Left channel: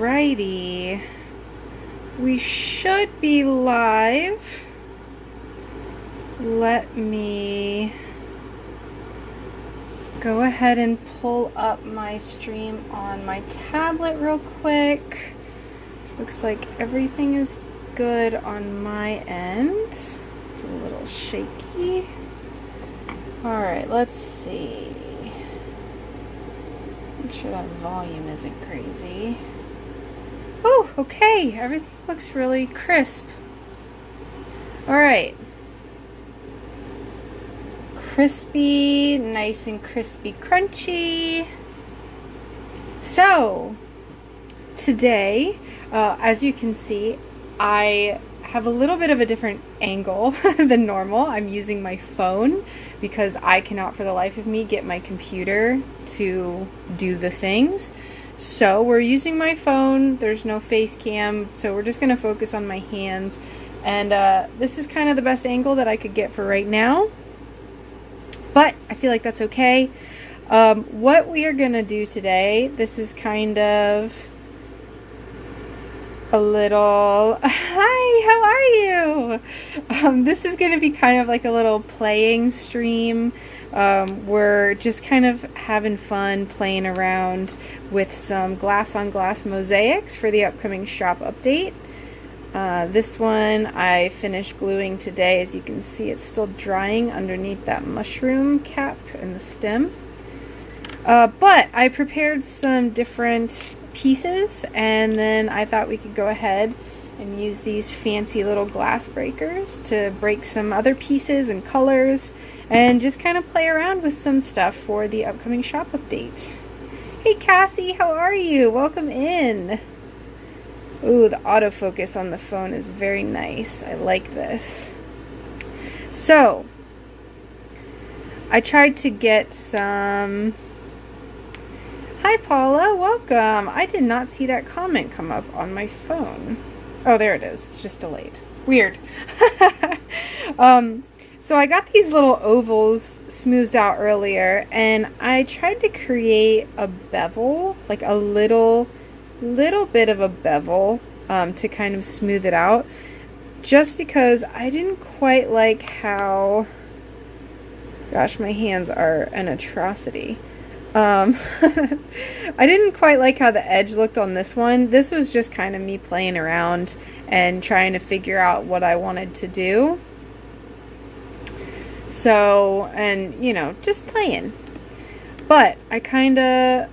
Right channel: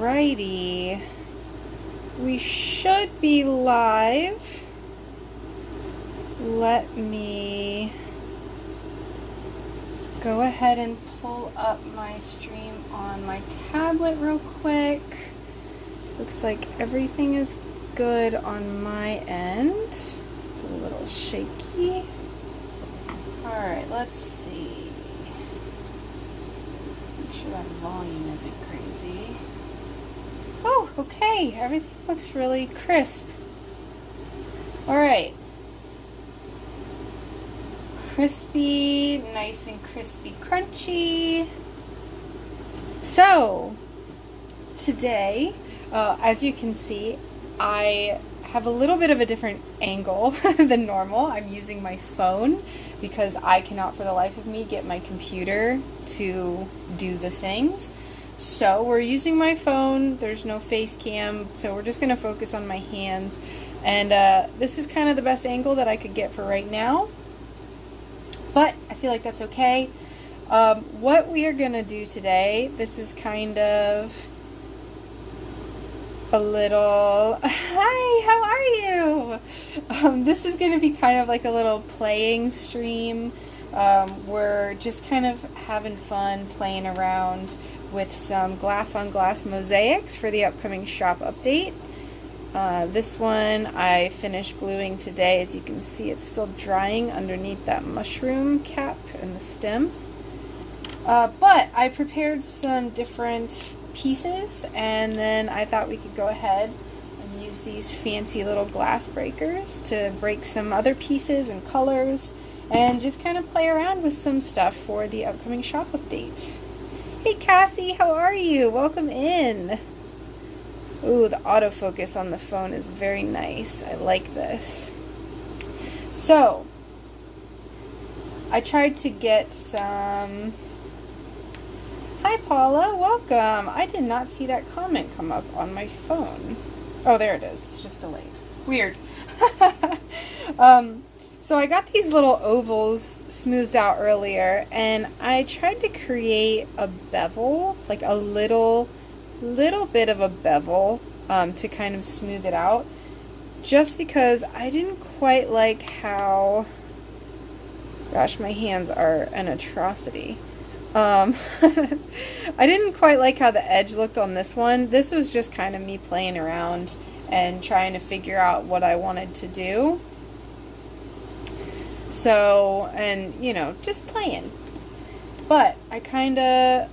Alrighty, we should be live. Let me go ahead and pull up my stream on my tablet real quick. Looks like everything is good on my end. It's a little shaky. Alright, let's see. Make sure that volume isn't crazy. Oh, okay. Everything looks really crisp. Alright. Crispy, nice and crispy, crunchy. So, today, as you can see, I have a little bit of a different angle than normal. I'm using my phone because I cannot for the life of me get my computer to do the things. So we're using my phone. There's no face cam, so we're just going to focus on my hands. And this is kind of the best angle that I could get for right now. But I feel like that's okay. What we are going to do today, this is kind of a little, hi, how are you? This is going to be kind of like a little playing stream. We're just kind of having fun playing around with some glass-on-glass mosaics for the upcoming shop update. This one I finished gluing today. As you can see, it's still drying underneath that mushroom cap and the stem. But I prepared some different pieces, and then I thought we could go ahead and use these fancy little glass breakers to break some other pieces and colors and just kind of play around with some stuff for the upcoming shop update. Hey Cassie, how are you? Welcome in. Ooh, the autofocus on the phone is very nice. I like this. So, I tried to get some... Hi Paula, welcome. I did not see that comment come up on my phone. Oh, there it is. It's just delayed. Weird. So I got these little ovals smoothed out earlier, and I tried to create a bevel, like a little bit of a bevel to kind of smooth it out, just because I didn't quite like how, gosh, my hands are an atrocity. I didn't quite like how the edge looked on this one. This was just kind of me playing around and trying to figure out what I wanted to do. So, and you know, just playing. But I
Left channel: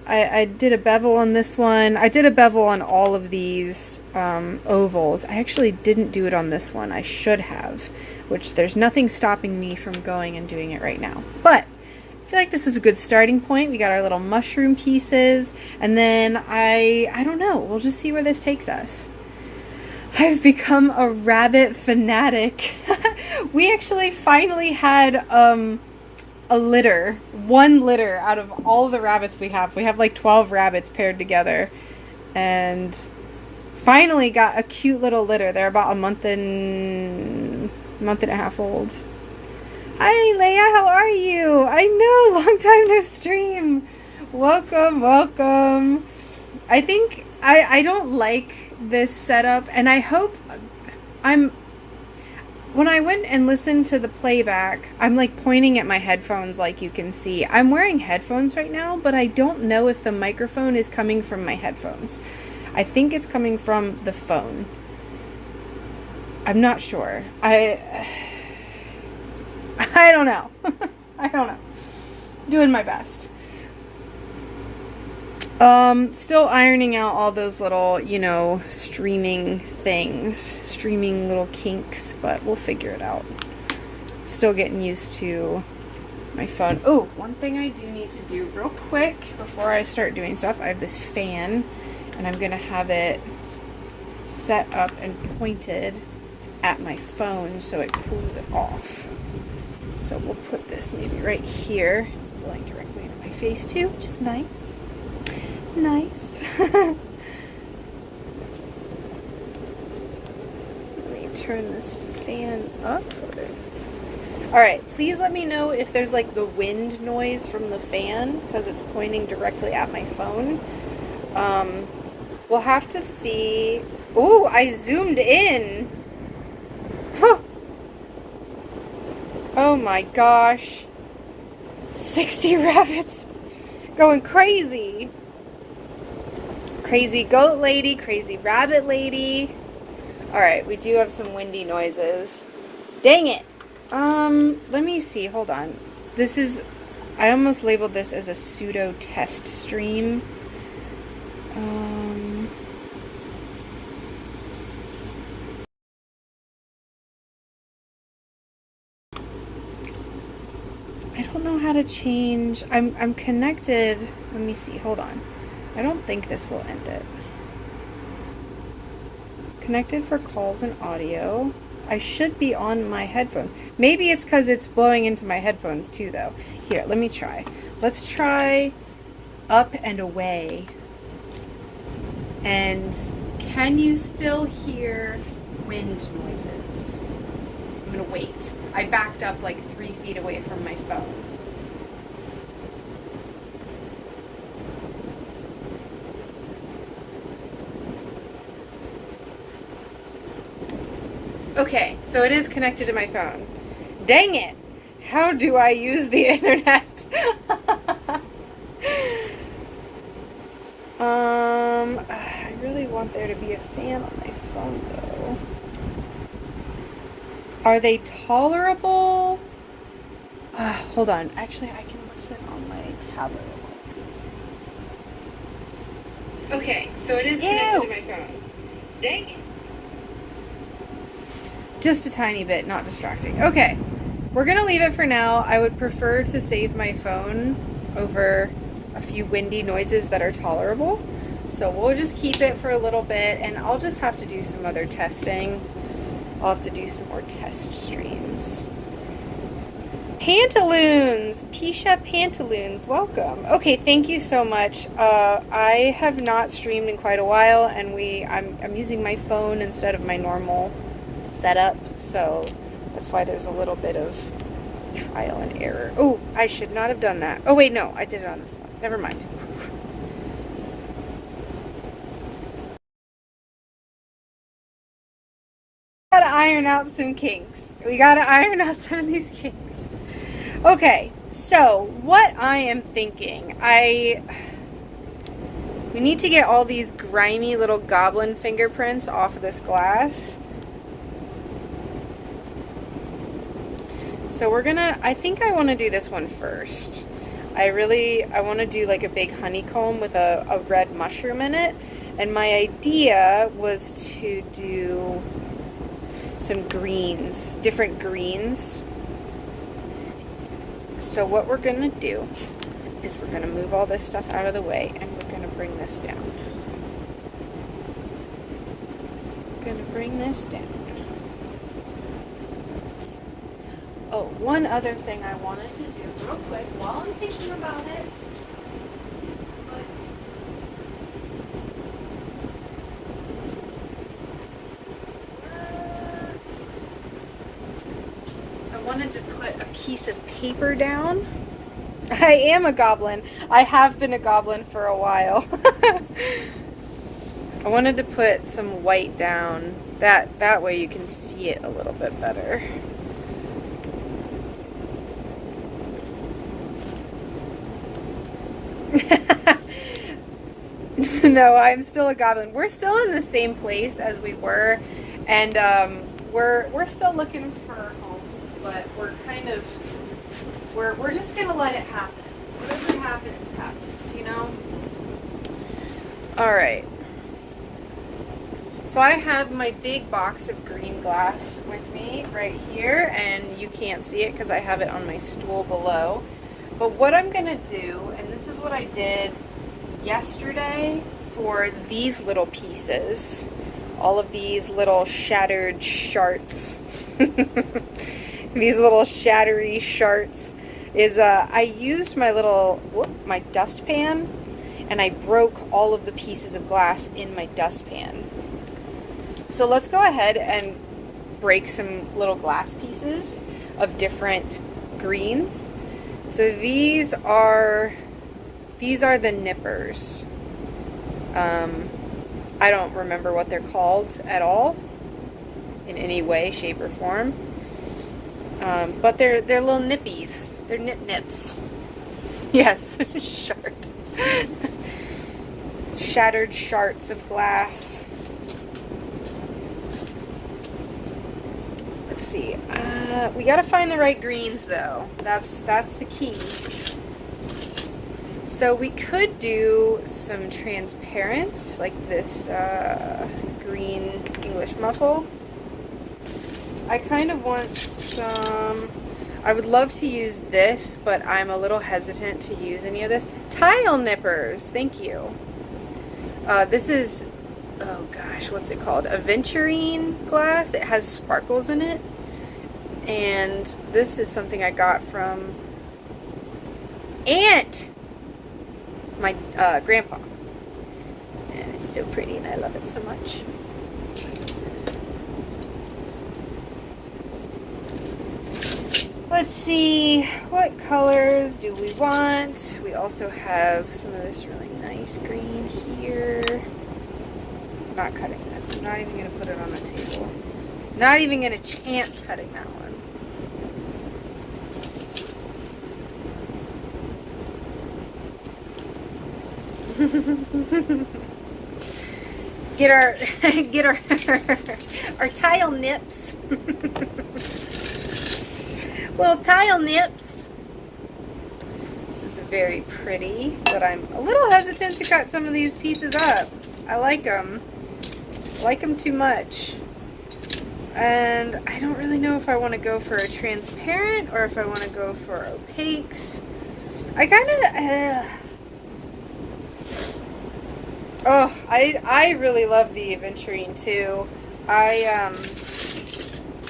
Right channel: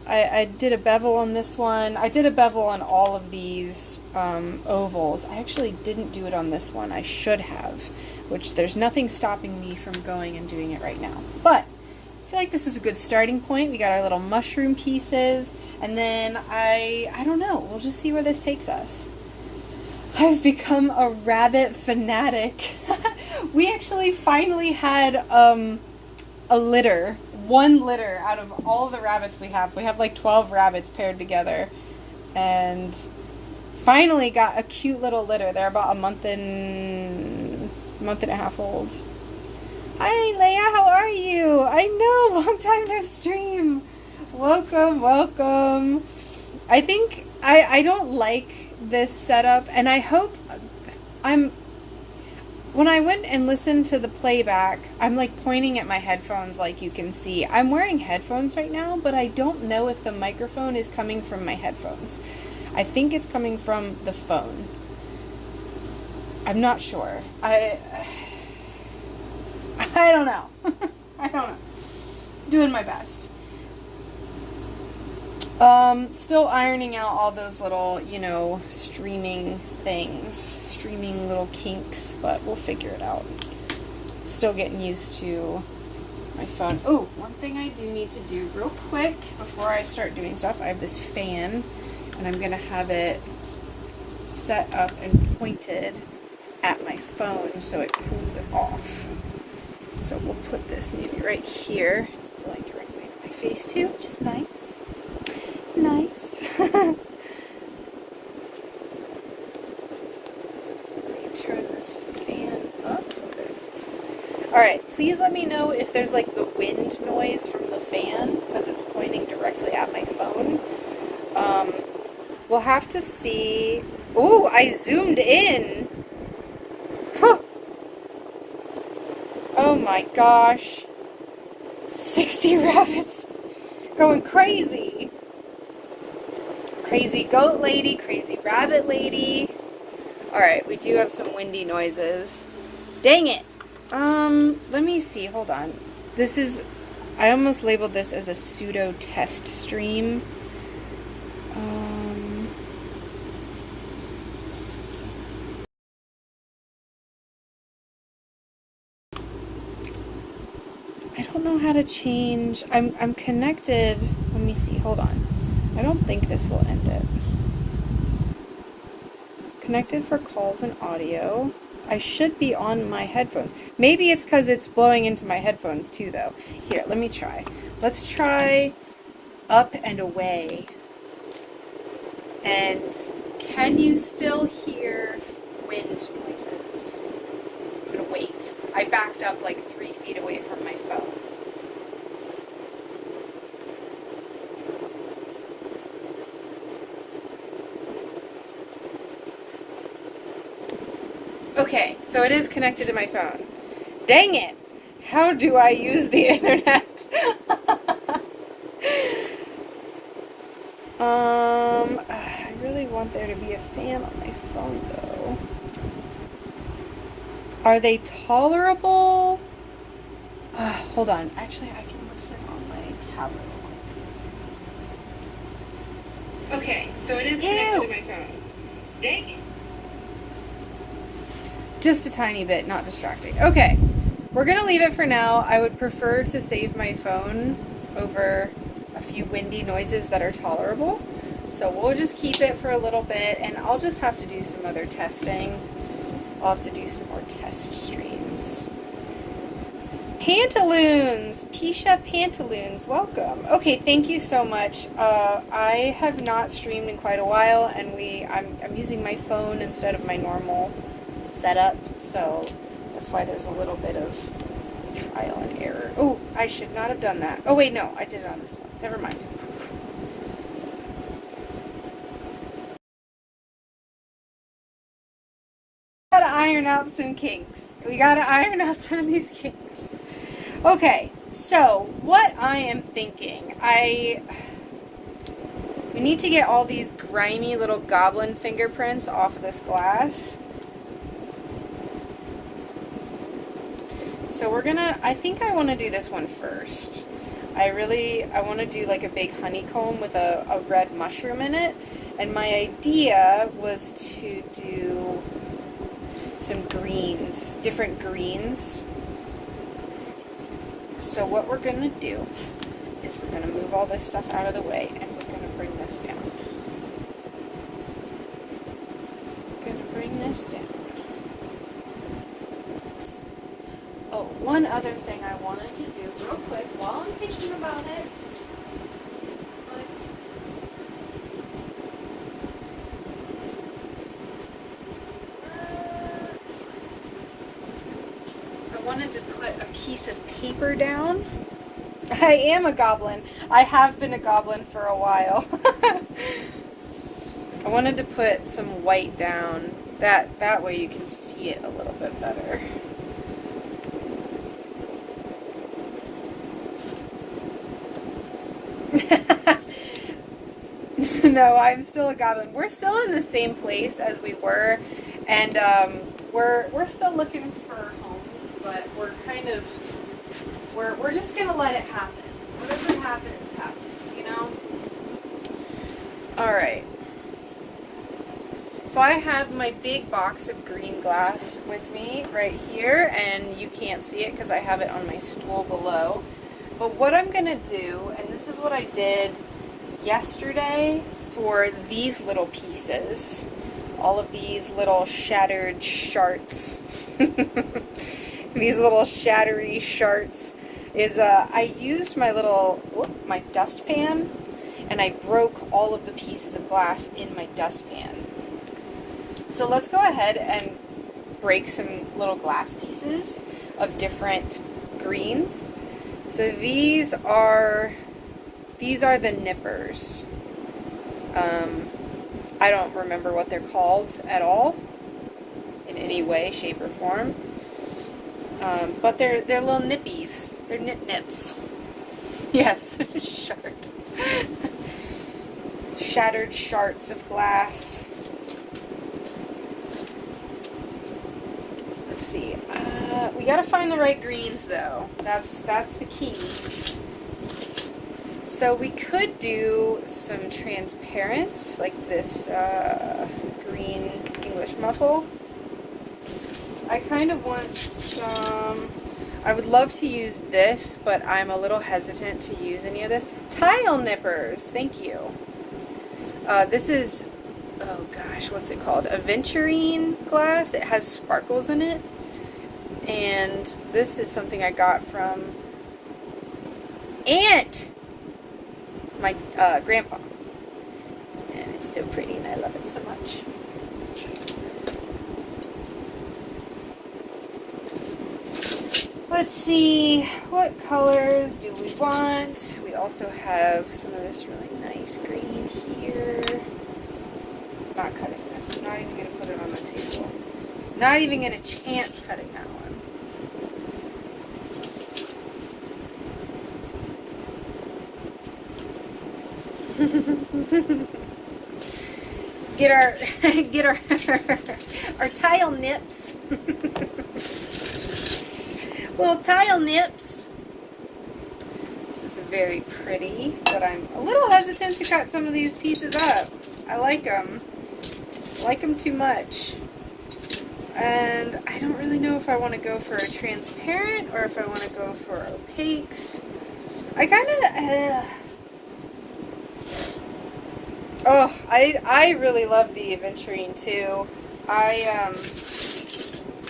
I did a bevel on this one. I did a bevel on all of these ovals. I actually didn't do it on this one. I should have, which there's nothing stopping me from going and doing it right now. But I feel like this is a good starting point. We got our little mushroom pieces, and then I don't know, we'll just see where this takes us. I've become a rabbit fanatic. We actually finally had a litter, one litter out of all the rabbits we have. We have like 12 rabbits paired together, and finally got a cute little litter. They're about a month and a half old. Hi Leia, how are you? I know, long time no stream. Welcome, welcome. I think I don't like this setup, and I hope when I went and listened to the playback, I'm like pointing at my headphones like you can see. I'm wearing headphones right now, but I don't know if the microphone is coming from my headphones. I think it's coming from the phone. I'm not sure. I don't know. I don't know. Doing my best. Still ironing out all those little, you know, streaming things. Streaming little kinks, but we'll figure it out. Still getting used to my phone. Oh, one thing I do need to do real quick before I start doing stuff. I have this fan, and I'm going to have it set up and pointed at my phone so it cools it off. So we'll put this maybe right here. It's blowing directly into my face too, which is nice. Nice. Let me turn this fan up. Alright, please let me know if there's like the wind noise from the fan, because it's pointing directly at my phone. We'll have to see. Ooh, I zoomed in. Huh. Oh my gosh. 60 rabbits. Going crazy. Crazy goat lady, crazy rabbit lady. Alright, we do have some windy noises. Dang it. Let me see. Hold on. This is... I almost labeled this as a pseudo test stream. I don't know how to change. I'm connected. Let me see. Hold on. I don't think this will end it. Connected for calls and audio. I should be on my headphones. Maybe it's because it's blowing into my headphones too, though. Here, let me try. Let's try up and away. And can you still hear wind noises? I'm gonna wait. I backed up like 3 feet away from my phone. Okay, so it is connected to my phone. Dang it! How do I use the internet? I really want there to be a fan on my phone, though. Are they tolerable? Hold on. Actually, I can listen on my tablet. Okay, so it is connected to my phone. Dang it. Just a tiny bit, not distracting. Okay, we're gonna leave it for now. I would prefer to save my phone over a few windy noises that are tolerable. So we'll just keep it for a little bit, and I'll just have to do some other testing. I'll have to do some more test streams. Pantaloons! Pisha Pantaloons, welcome. Okay, thank you so much. I have not streamed in quite a while, and I'm using my phone instead of my normal setup, so that's why there's a little bit of trial and error. Oh, I should not have done that. Oh wait, no, I did it on this one. Never mind. We gotta iron out some kinks. We gotta iron out some of these kinks. Okay, so what I am thinking, we need to get all these grimy little goblin fingerprints off of this glass. So I think I want to do this one first. I want to do like a big honeycomb with a red mushroom in it. And my idea was to do some greens, different greens. So what we're going to do is we're going to move all this stuff out of the way, and we're going to bring this down. We're going to bring this down. Oh, one other thing I wanted to do real quick while I'm thinking about it. I wanted to put a piece of paper down. I am a goblin. I have been a goblin for a while. I wanted to put some white down. That way you can see it a little bit better. No, I'm still a goblin. We're still in the same place as we were, and we're still looking for homes, but we're just gonna let it happen. Whatever happens, you know? Alright. So I have my big box of green glass with me right here, and you can't see it because I have it on my stool below. But what I'm gonna do, and this is what I did yesterday for these little pieces, all of these little shattered shards, these little shattery shards, is I used my my dustpan, and I broke all of the pieces of glass in my dustpan. So let's go ahead and break some little glass pieces of different greens. So these are the nippers. I don't remember what they're called at all in any way, shape, or form. But they're little nippies. They're nips. Yes, shart. Shattered shards of glass. Let's see. We gotta find the right greens though. That's the key. So we could do some transparents, like this green English muffle. I kind of want some, I would love to use this, but I'm a little hesitant to use any of this. Tile nippers, thank you. This is, oh gosh, what's it called? Aventurine glass. It has sparkles in it. And this is something I got from my grandpa. And it's so pretty and I love it so much. Let's see, what colors do we want? We also have some of this really nice green here. I'm not cutting this. I'm not even going to put it on the table. Not even going to chance cutting that one. get our tile nips. Little tile nips. This is very pretty, but I'm a little hesitant to cut some of these pieces up. I like them. I like them too much. And I don't really know if I want to go for a transparent or if I want to go for opaques. I kind of... Oh, I really love the aventurine too.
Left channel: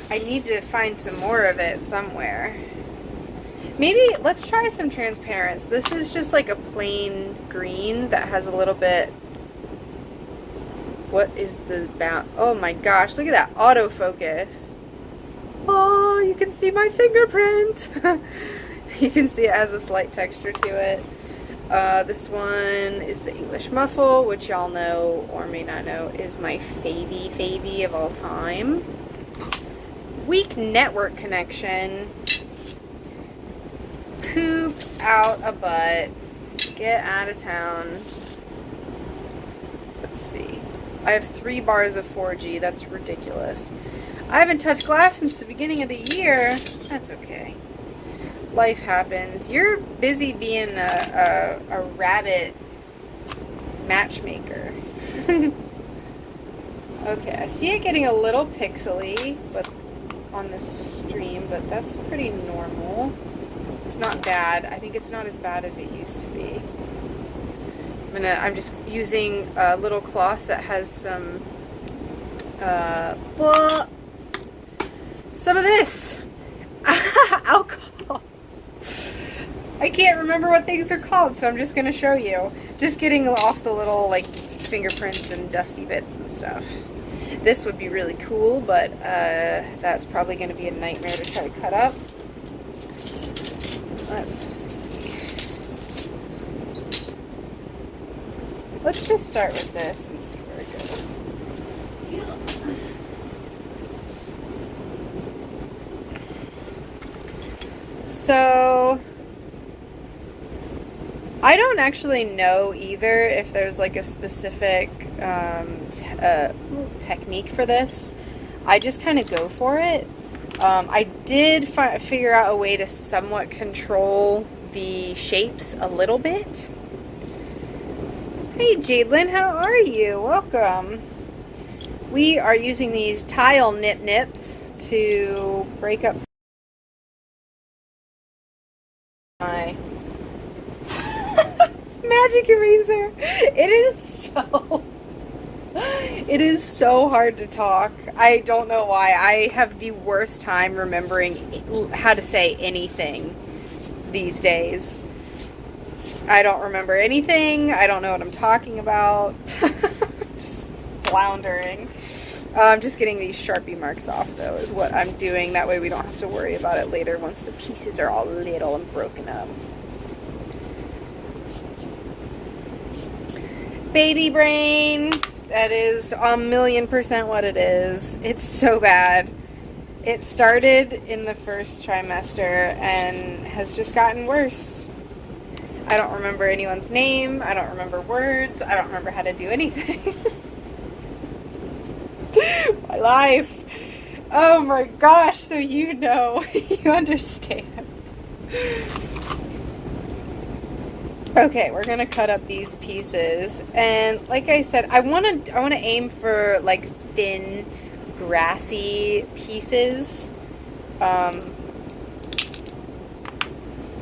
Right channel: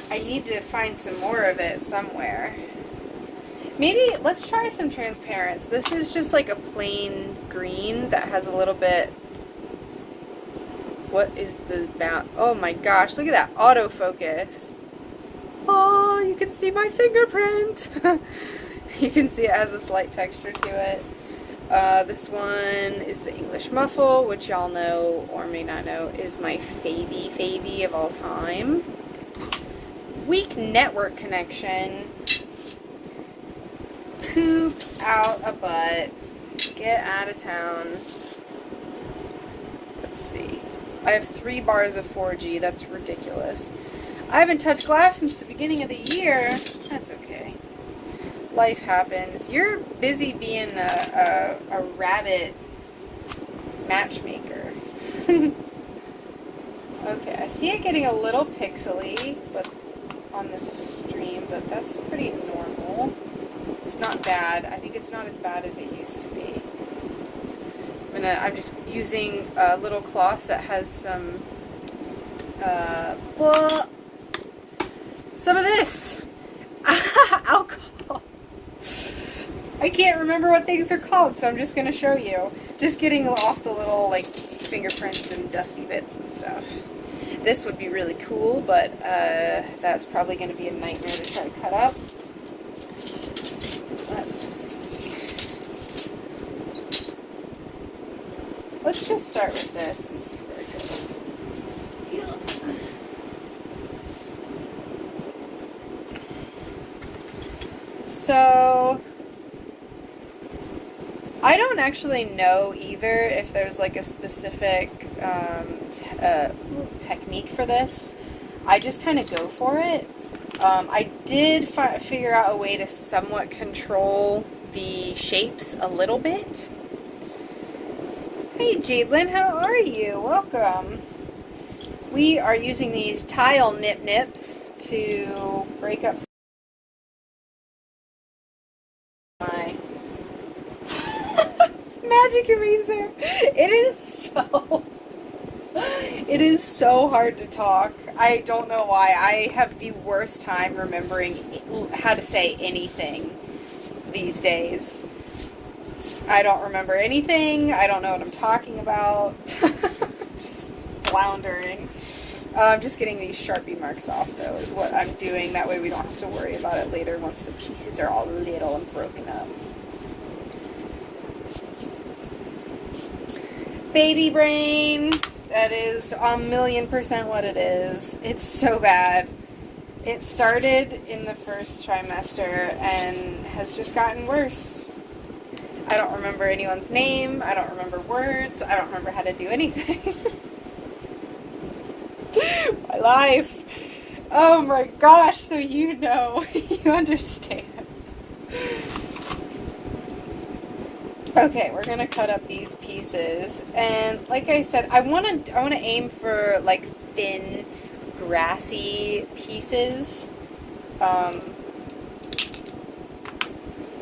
I need to find some more of it somewhere. Maybe let's try some transparents. This is just like a plain green that has a little bit. What is the bound? Oh my gosh, look at that autofocus. Oh, you can see my fingerprint. You can see it has a slight texture to it. This one is the English muffle, which y'all know or may not know is my favy of all time. Weak network connection. Poop out a butt. Get out of town. Let's see. I have 3 bars of 4G. That's ridiculous. I haven't touched glass since the beginning of the year. That's okay. Life happens. You're busy being a rabbit matchmaker. Okay, I see it getting a little pixely, but on the stream, but that's pretty normal. It's not bad. I think it's not as bad as it used to be. I'm just using a little cloth that has some of this alcohol. I can't remember what things are called, so I'm just going to show you. Just getting off the little like fingerprints and dusty bits and stuff. This would be really cool, but that's probably going to be a nightmare to try to cut up. Let's see. Let's just start with this and see where it goes. So, I don't actually know either if there's like a specific technique for this. I just kind of go for it. I did figure out a way to somewhat control the shapes a little bit. Hey Jadelyn, how are you? Welcome. We are using these tile nips to break up my magic eraser. It is so hard to talk. I don't know why. I have the worst time remembering how to say anything these days. I don't remember anything. I don't know what I'm talking about. Just floundering. I'm just getting these Sharpie marks off, though, is what I'm doing. That way we don't have to worry about it later once the pieces are all little and broken up. Baby brain. That is 1,000,000% what it is. It's so bad. It started in the first trimester and has just gotten worse. I don't remember anyone's name. I don't remember words. I don't remember how to do anything. My life. Oh my gosh, so you know, you understand. Okay, we're gonna cut up these pieces, and like I said, I wanna aim for like thin, grassy pieces.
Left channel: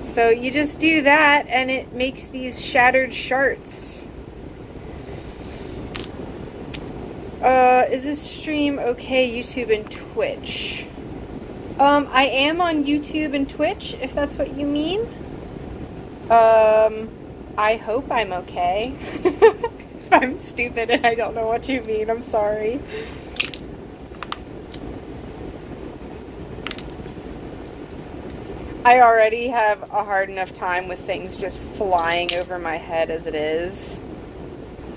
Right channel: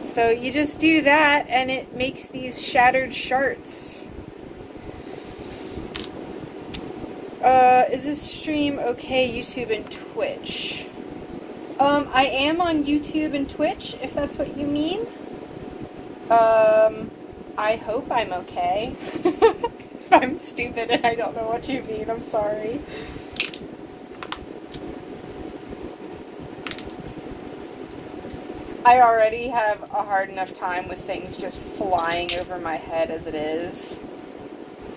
So you just do that, and it makes these shattered shards. Is this stream okay? YouTube and Twitch. I am on YouTube and Twitch, if that's what you mean. I hope I'm okay. If I'm stupid and I don't know what you mean, I'm sorry. I already have a hard enough time with things just flying over my head as it is.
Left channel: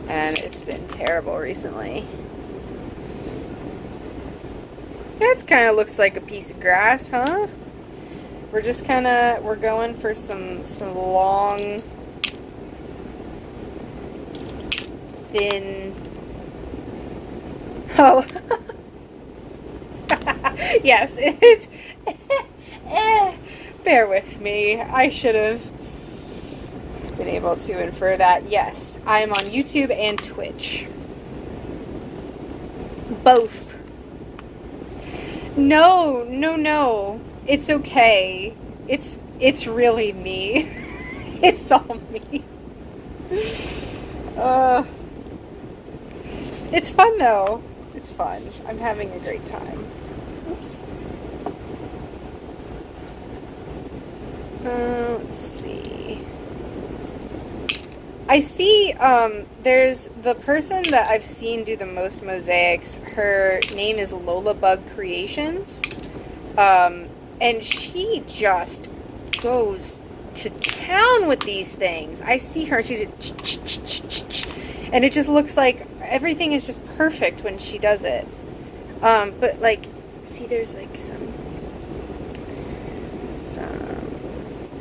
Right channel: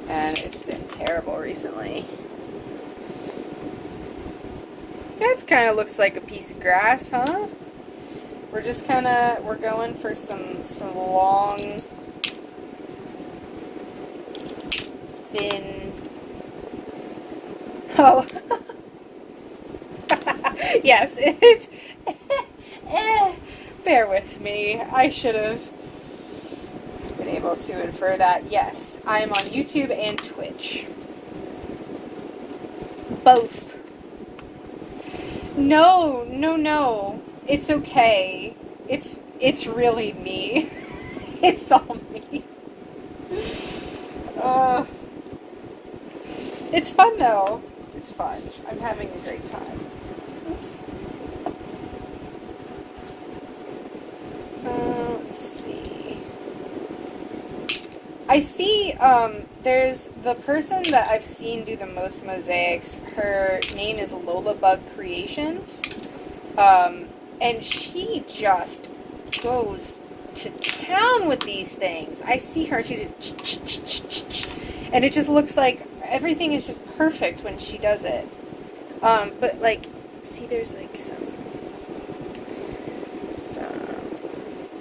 And it's been terrible recently. That kind of looks like a piece of grass, huh? We're just we're going for some long, thin, oh, yes, it's, bear with me, I should have been able to infer that. Yes, I am on YouTube and Twitch. Both. No. It's okay. It's really me. It's all me. It's fun though. It's fun. I'm having a great time. Oops. Let's see. I see, there's the person that I've seen do the most mosaics. Her name is Lola Bug Creations. And she just goes to town with these things. I see her, she did, and it just looks like everything is just perfect when she does it. But like, see, there's like some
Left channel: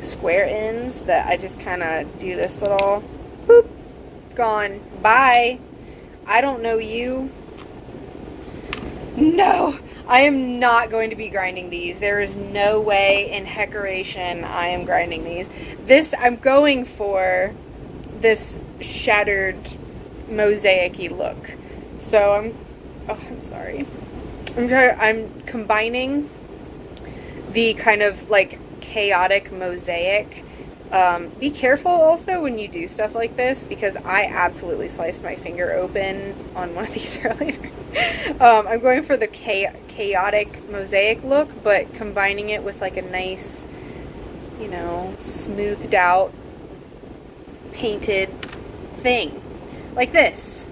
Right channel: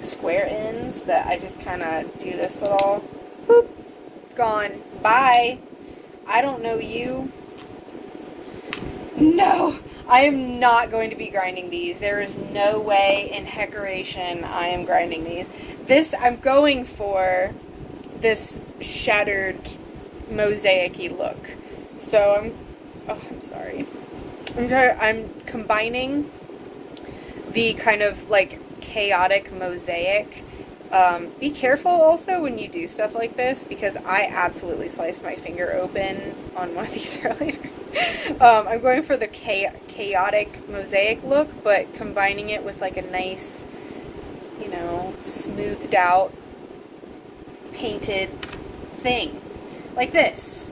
square ends that I just kind of do this little, boop, gone, bye. I don't know you. No. I am not going to be grinding these. There is no way in heckeration I am grinding these. I'm going for this shattered mosaic-y look. So I'm sorry. I'm combining the kind of like chaotic mosaic. Be careful also when you do stuff like this, because I absolutely sliced my finger open on one of these earlier. I'm going for the chaotic mosaic look, but combining it with like a nice, you know, smoothed out, painted thing. Like this.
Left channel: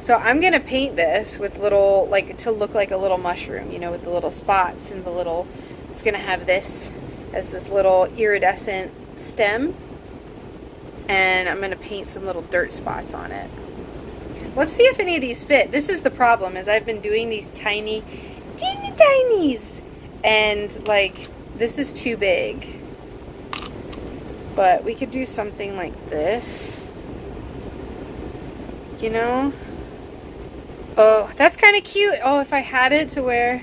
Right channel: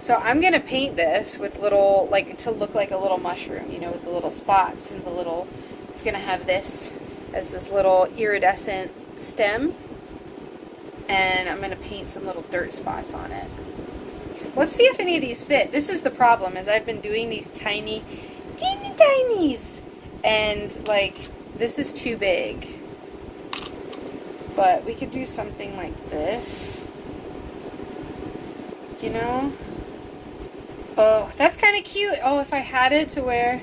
So I'm going to paint this with little, like, to look like a little mushroom, you know, with the little spots and the little, it's going to have this as this little iridescent stem. And I'm going to paint some little dirt spots on it. Let's see if any of these fit. This is the problem, is I've been doing these teeny tinies. And, like, this is too big. But we could do something like this. You know? Oh, that's kind of cute. Oh, if I had it to where...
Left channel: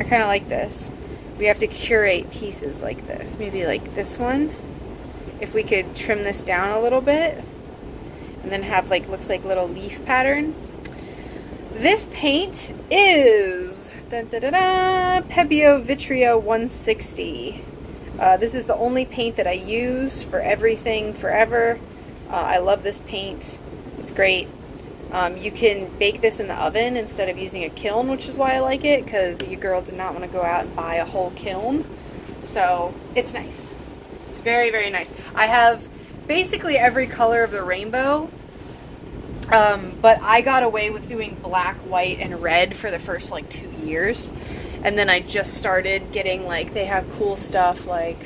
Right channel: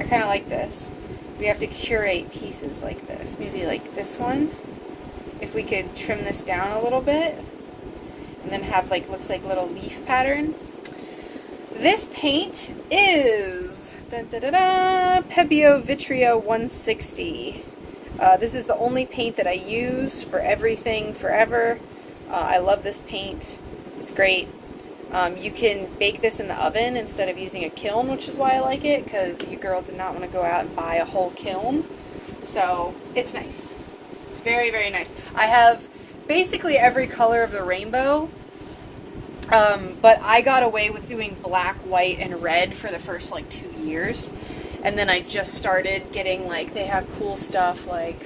I kind of like this. We have to curate pieces like this. Maybe like this one. If we could trim this down a little bit. And then have like, looks like little leaf pattern. This paint is Pebeo Vitrio 160. This is the only paint that I use for everything forever. I love this paint. It's great. You can bake this in the oven instead of using a kiln, which is why I like it, because you girl did not want to go out and buy a whole kiln. So it's nice. It's very, very nice. I have basically every color of the rainbow, but I got away with doing black, white, and red for the first like 2 years. And then I just started getting, like, they have cool stuff like,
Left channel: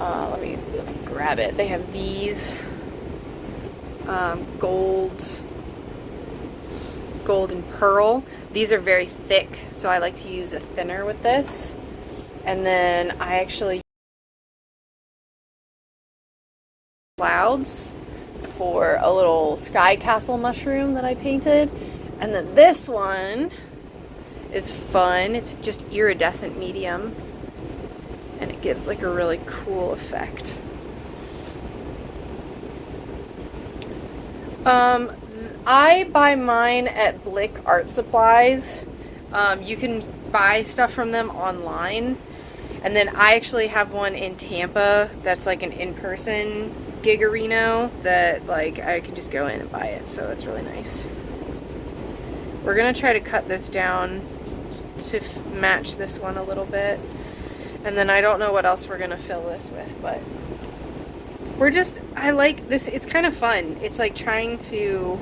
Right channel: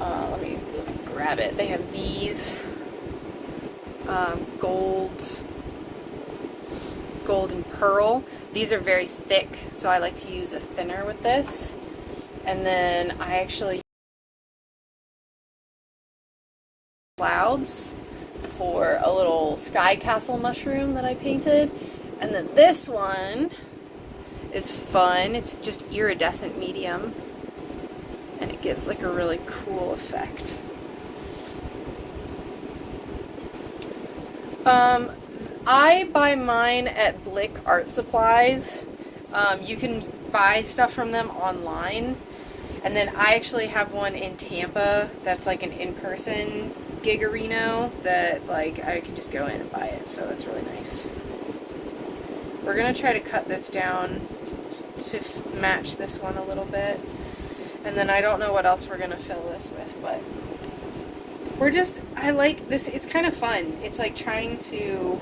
let me grab it. They have these. gold and pearl. These are very thick, so I like to use a thinner with this. And then I actually use clouds for a little sky castle mushroom that I painted. And then this one is fun. It's just iridescent medium, and it gives like a really cool effect. I buy mine at Blick Art Supplies. You can buy stuff from them online. And then I actually have one in Tampa that's like an in-person Gigarino that like I can just go in and buy it. So that's really nice. We're going to try to cut this down to match this one a little bit. And then I don't know what else we're going to fill this with, but I like this. It's kind of fun. It's like trying to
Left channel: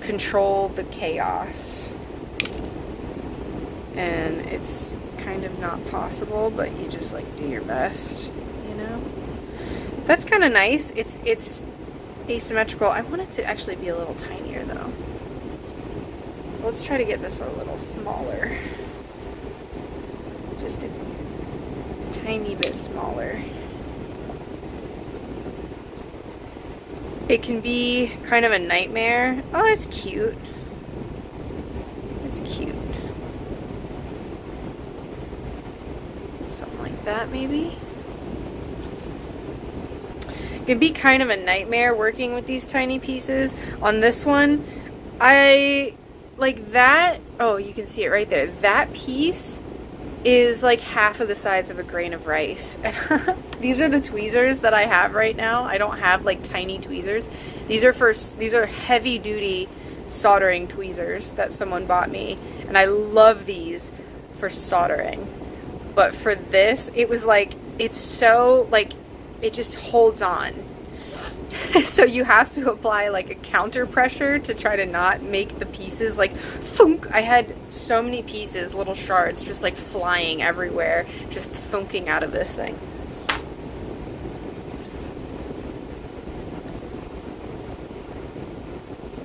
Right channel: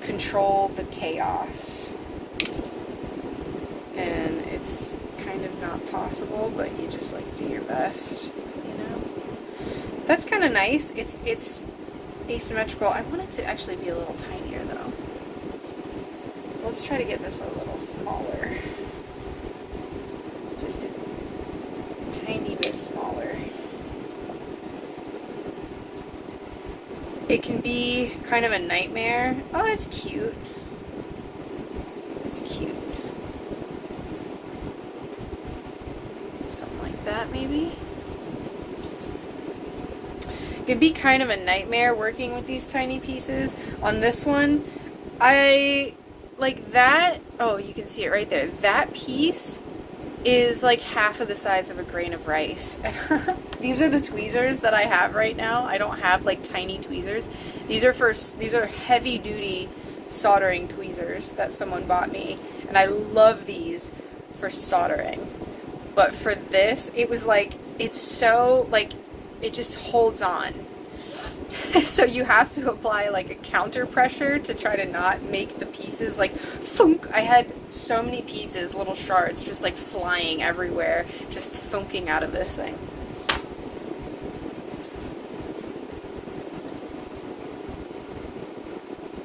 control the chaos. And it's kind of not possible, but you just like do your best, you know? That's kind of nice. It's asymmetrical. I want it to actually be a little tinier though. So let's try to get this a little smaller. Just a tiny bit smaller. It can be kind of a nightmare. Oh, that's cute. It's cute. Something like that, maybe. It can be kind of a nightmare working with these tiny pieces. On this one, I like that. Oh, you can see it right there. That piece is like half of the size of a grain of rice. These are the tweezers that I have right now. I don't have like tiny tweezers. These are heavy duty soldering tweezers that someone bought me, and I love these for soldering. But for this, it was like, it's so like, it just holds on. So you have to apply like a counter pressure to try to not make the pieces like thunk. I had so many pieces, little shards, just like flying everywhere, just thunking out of this thing.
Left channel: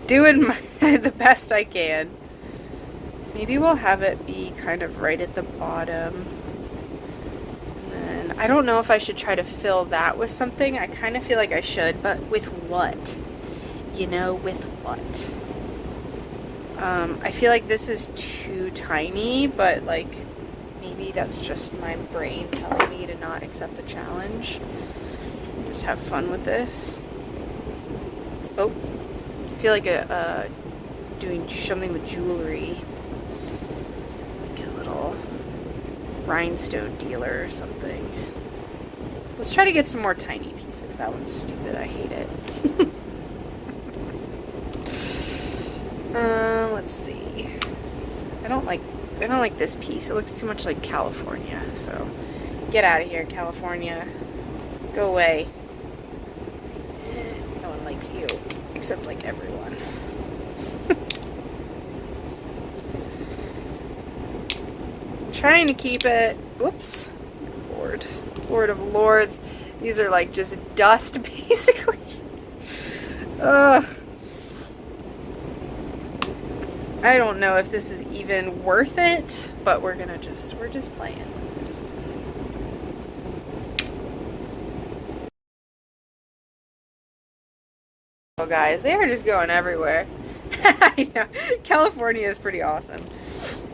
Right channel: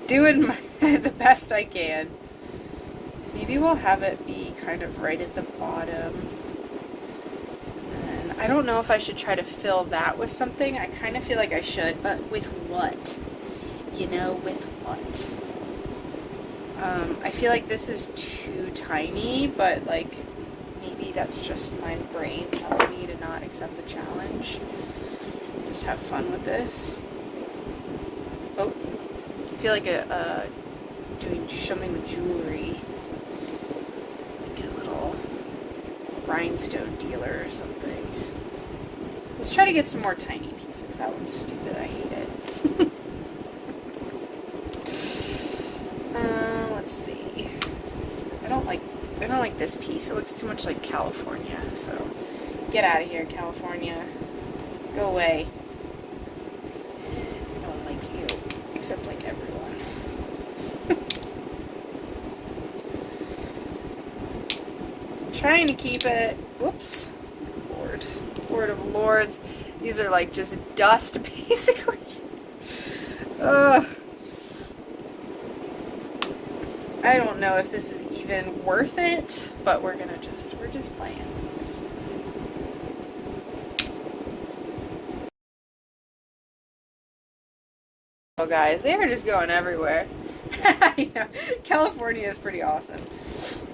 Doing the best I can. Maybe we'll have it be kind of right at the bottom. I don't know if I should try to fill that with something. I kind of feel like I should, but with what? You know, with what? I feel like this is too tiny, but like maybe that's just my brain telling me to not accept the challenge. Just have fun with this. Oh, I feel like doing something with jewelry. Like a little rhinestone dealer or something. Let's try to get some more tiny pieces. That one's stupid. I hate it. Let's see. I don't like this piece. It looks too much like California. So get out of here, California. Go away. No one likes you, except like everyone. Trying to keep it. Whoops. Lord of Lords. These are like just dust, basically. Ugh. I don't know if this is even worth it, but we're just playing. Oh, guys, they are just going everywhere. I know. California is pretty awesome.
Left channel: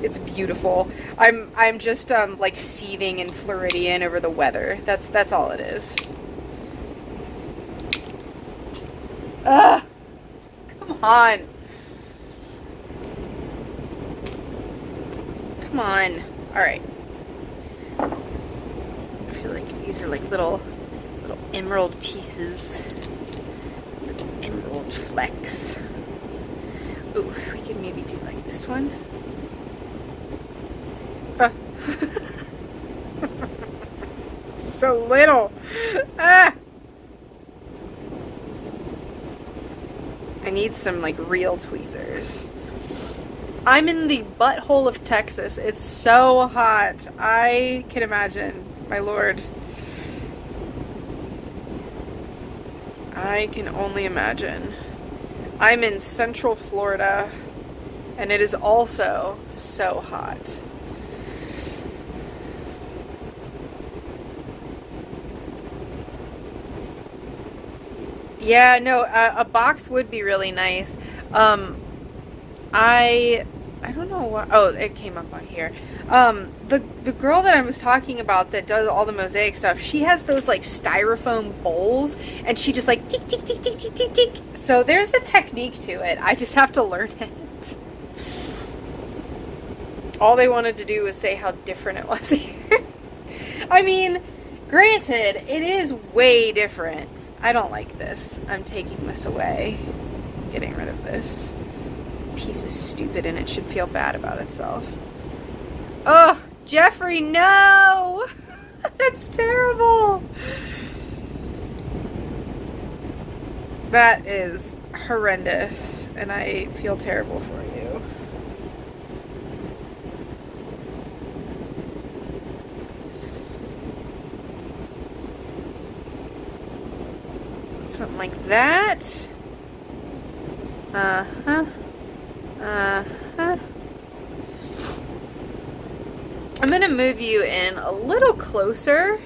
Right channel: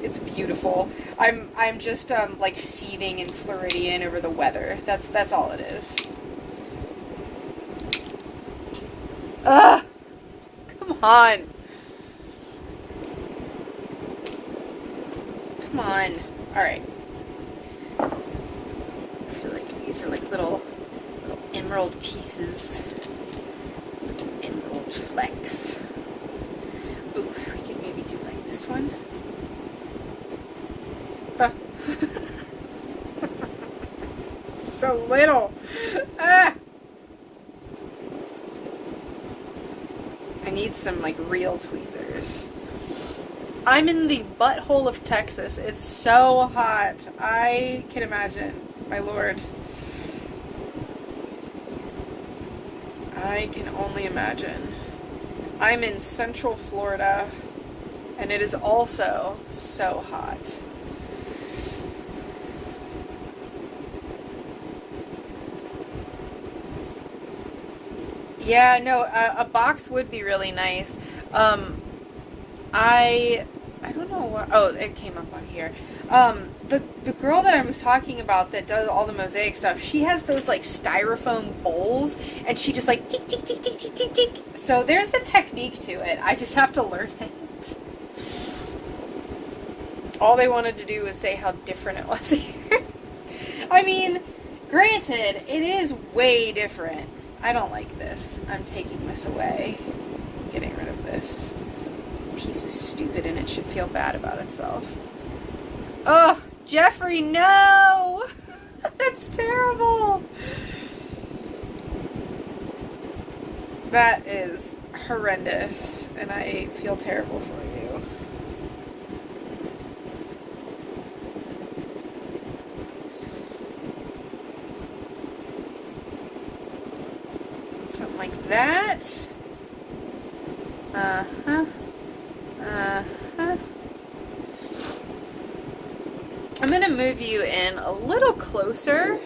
It's beautiful. I'm just like seething in Floridian over the weather. That's all it is. Ugh. Come on. Come on. All right. I feel like these are like little emerald pieces. Little emerald flecks. Ooh, we could maybe do like this one. So little. Ah. I need some like real tweezers. I'm in the butthole of Texas. It's so hot. I can imagine. My lord. I can only imagine. I'm in Central Florida, and it is also so hot. Yeah, no, a box would be really nice. I don't know what. Oh, it came up on here. The girl that I was talking about that does all the Mosaic stuff, she has those like styrofoam bowls, and she just like tick tick tick tick tick tick tick. So there's a technique to it. I just have to learn it. All they wanted to do was say how different it was here. I mean, granted, it is way different. I don't like this. I'm taking this away. Getting rid of this. Piece is stupid and it should feel bad about itself. Oh, Jeffrey, no! That's terrible. That is horrendous, and I feel terrible for you. Something like that. Uh-huh. Uh-huh. I'm going to move you in a little closer,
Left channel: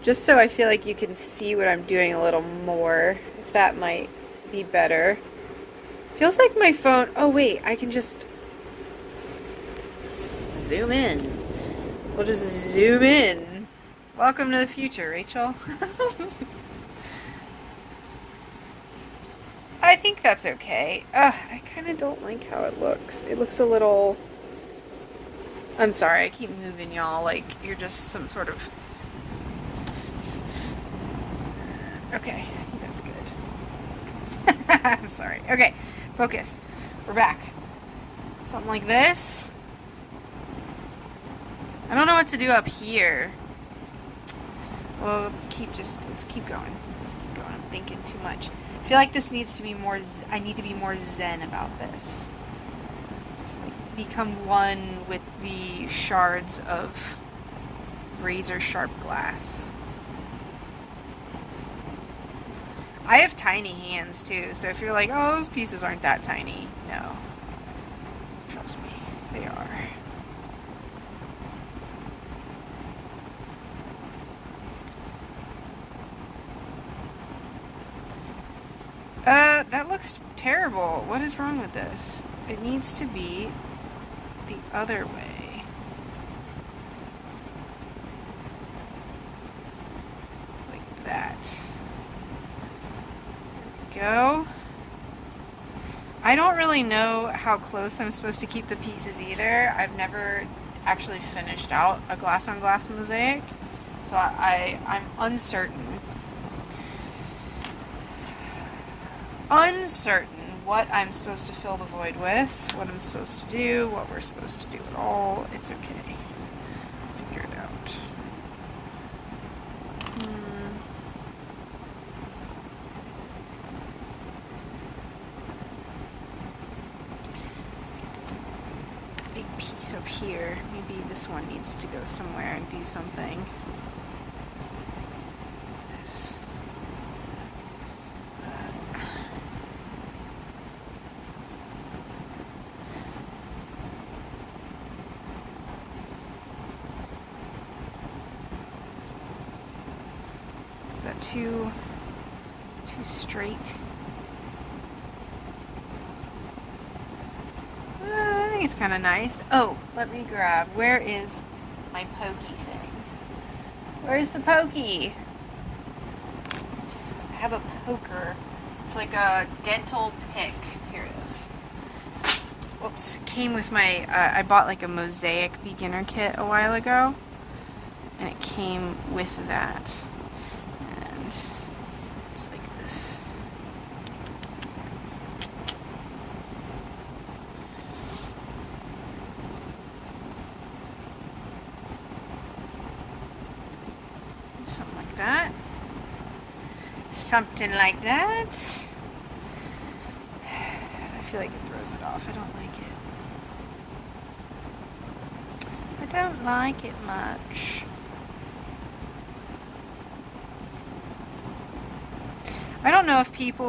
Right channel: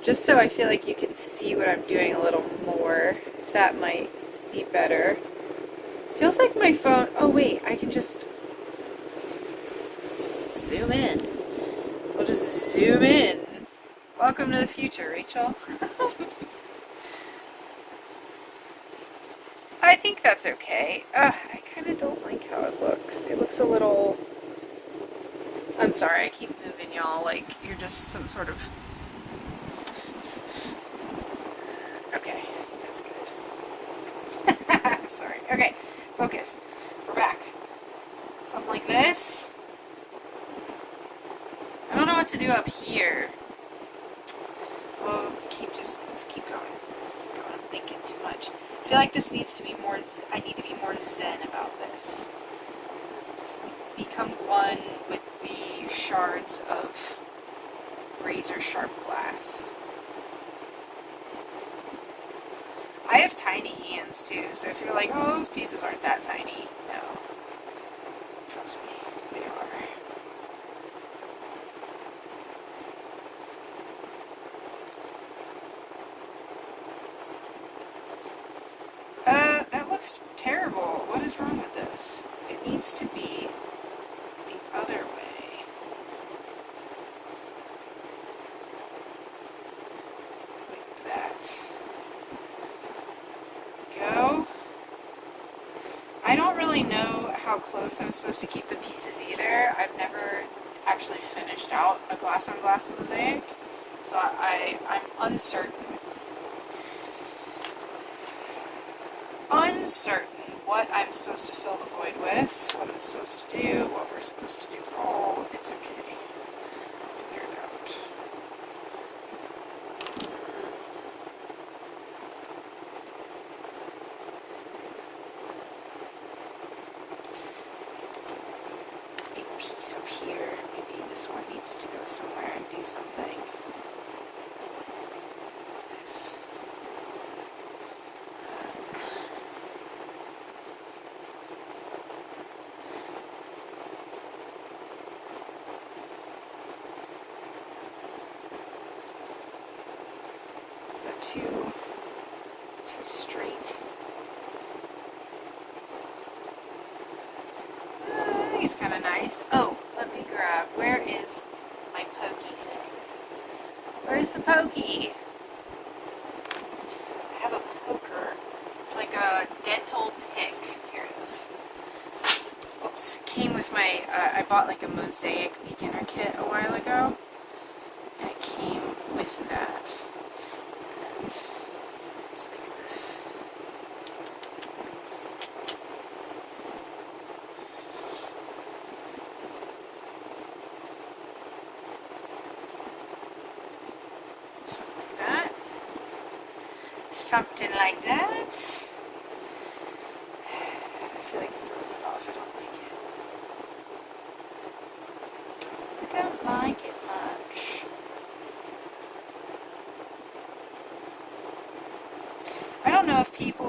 just so I feel like you can see what I'm doing a little more, if that might be better. Feels like my phone... Oh, wait, I can just zoom in. We'll just zoom in. Welcome to the future, Rachel. I think that's okay. I kind of don't like how it looks. It looks a little... I'm sorry, I keep moving y'all like you're just some sort of... Okay, I think that's good. I'm sorry. Okay, focus. We're back. Something like this. I don't know what to do up here. Well, let's keep going. Let's keep going. I'm thinking too much. I feel like this needs to be more, I need to be more zen about this. Just like become one with the shards of razor sharp glass. I have tiny hands too, so if you're like, oh, those pieces aren't that tiny, no. Trust me, they are. That looks terrible. What is wrong with this? It needs to be the other way. Like that. There we go. I don't really know how close I'm supposed to keep the pieces either. I've never actually finished out a glass-on-glass mosaic, so I'm uncertain. Uncertain what I'm supposed to fill the void with, what I'm supposed to do, what we're supposed to do. Oh, it's okay. I'll figure it out. Big piece up here. Maybe this one needs to go somewhere and do something. Too straight. I think it's kind of nice. Oh, let me grab. Where is my pokey thing? Where's the pokey? I have a poker. It's like a dental pick. Here it is. Whoops. Came with my, I bought like a Mosaic beginner kit a while ago. And it came with that. It's like this. Something like that. Something like that. I feel like it throws it off. I don't like it. I don't like it much.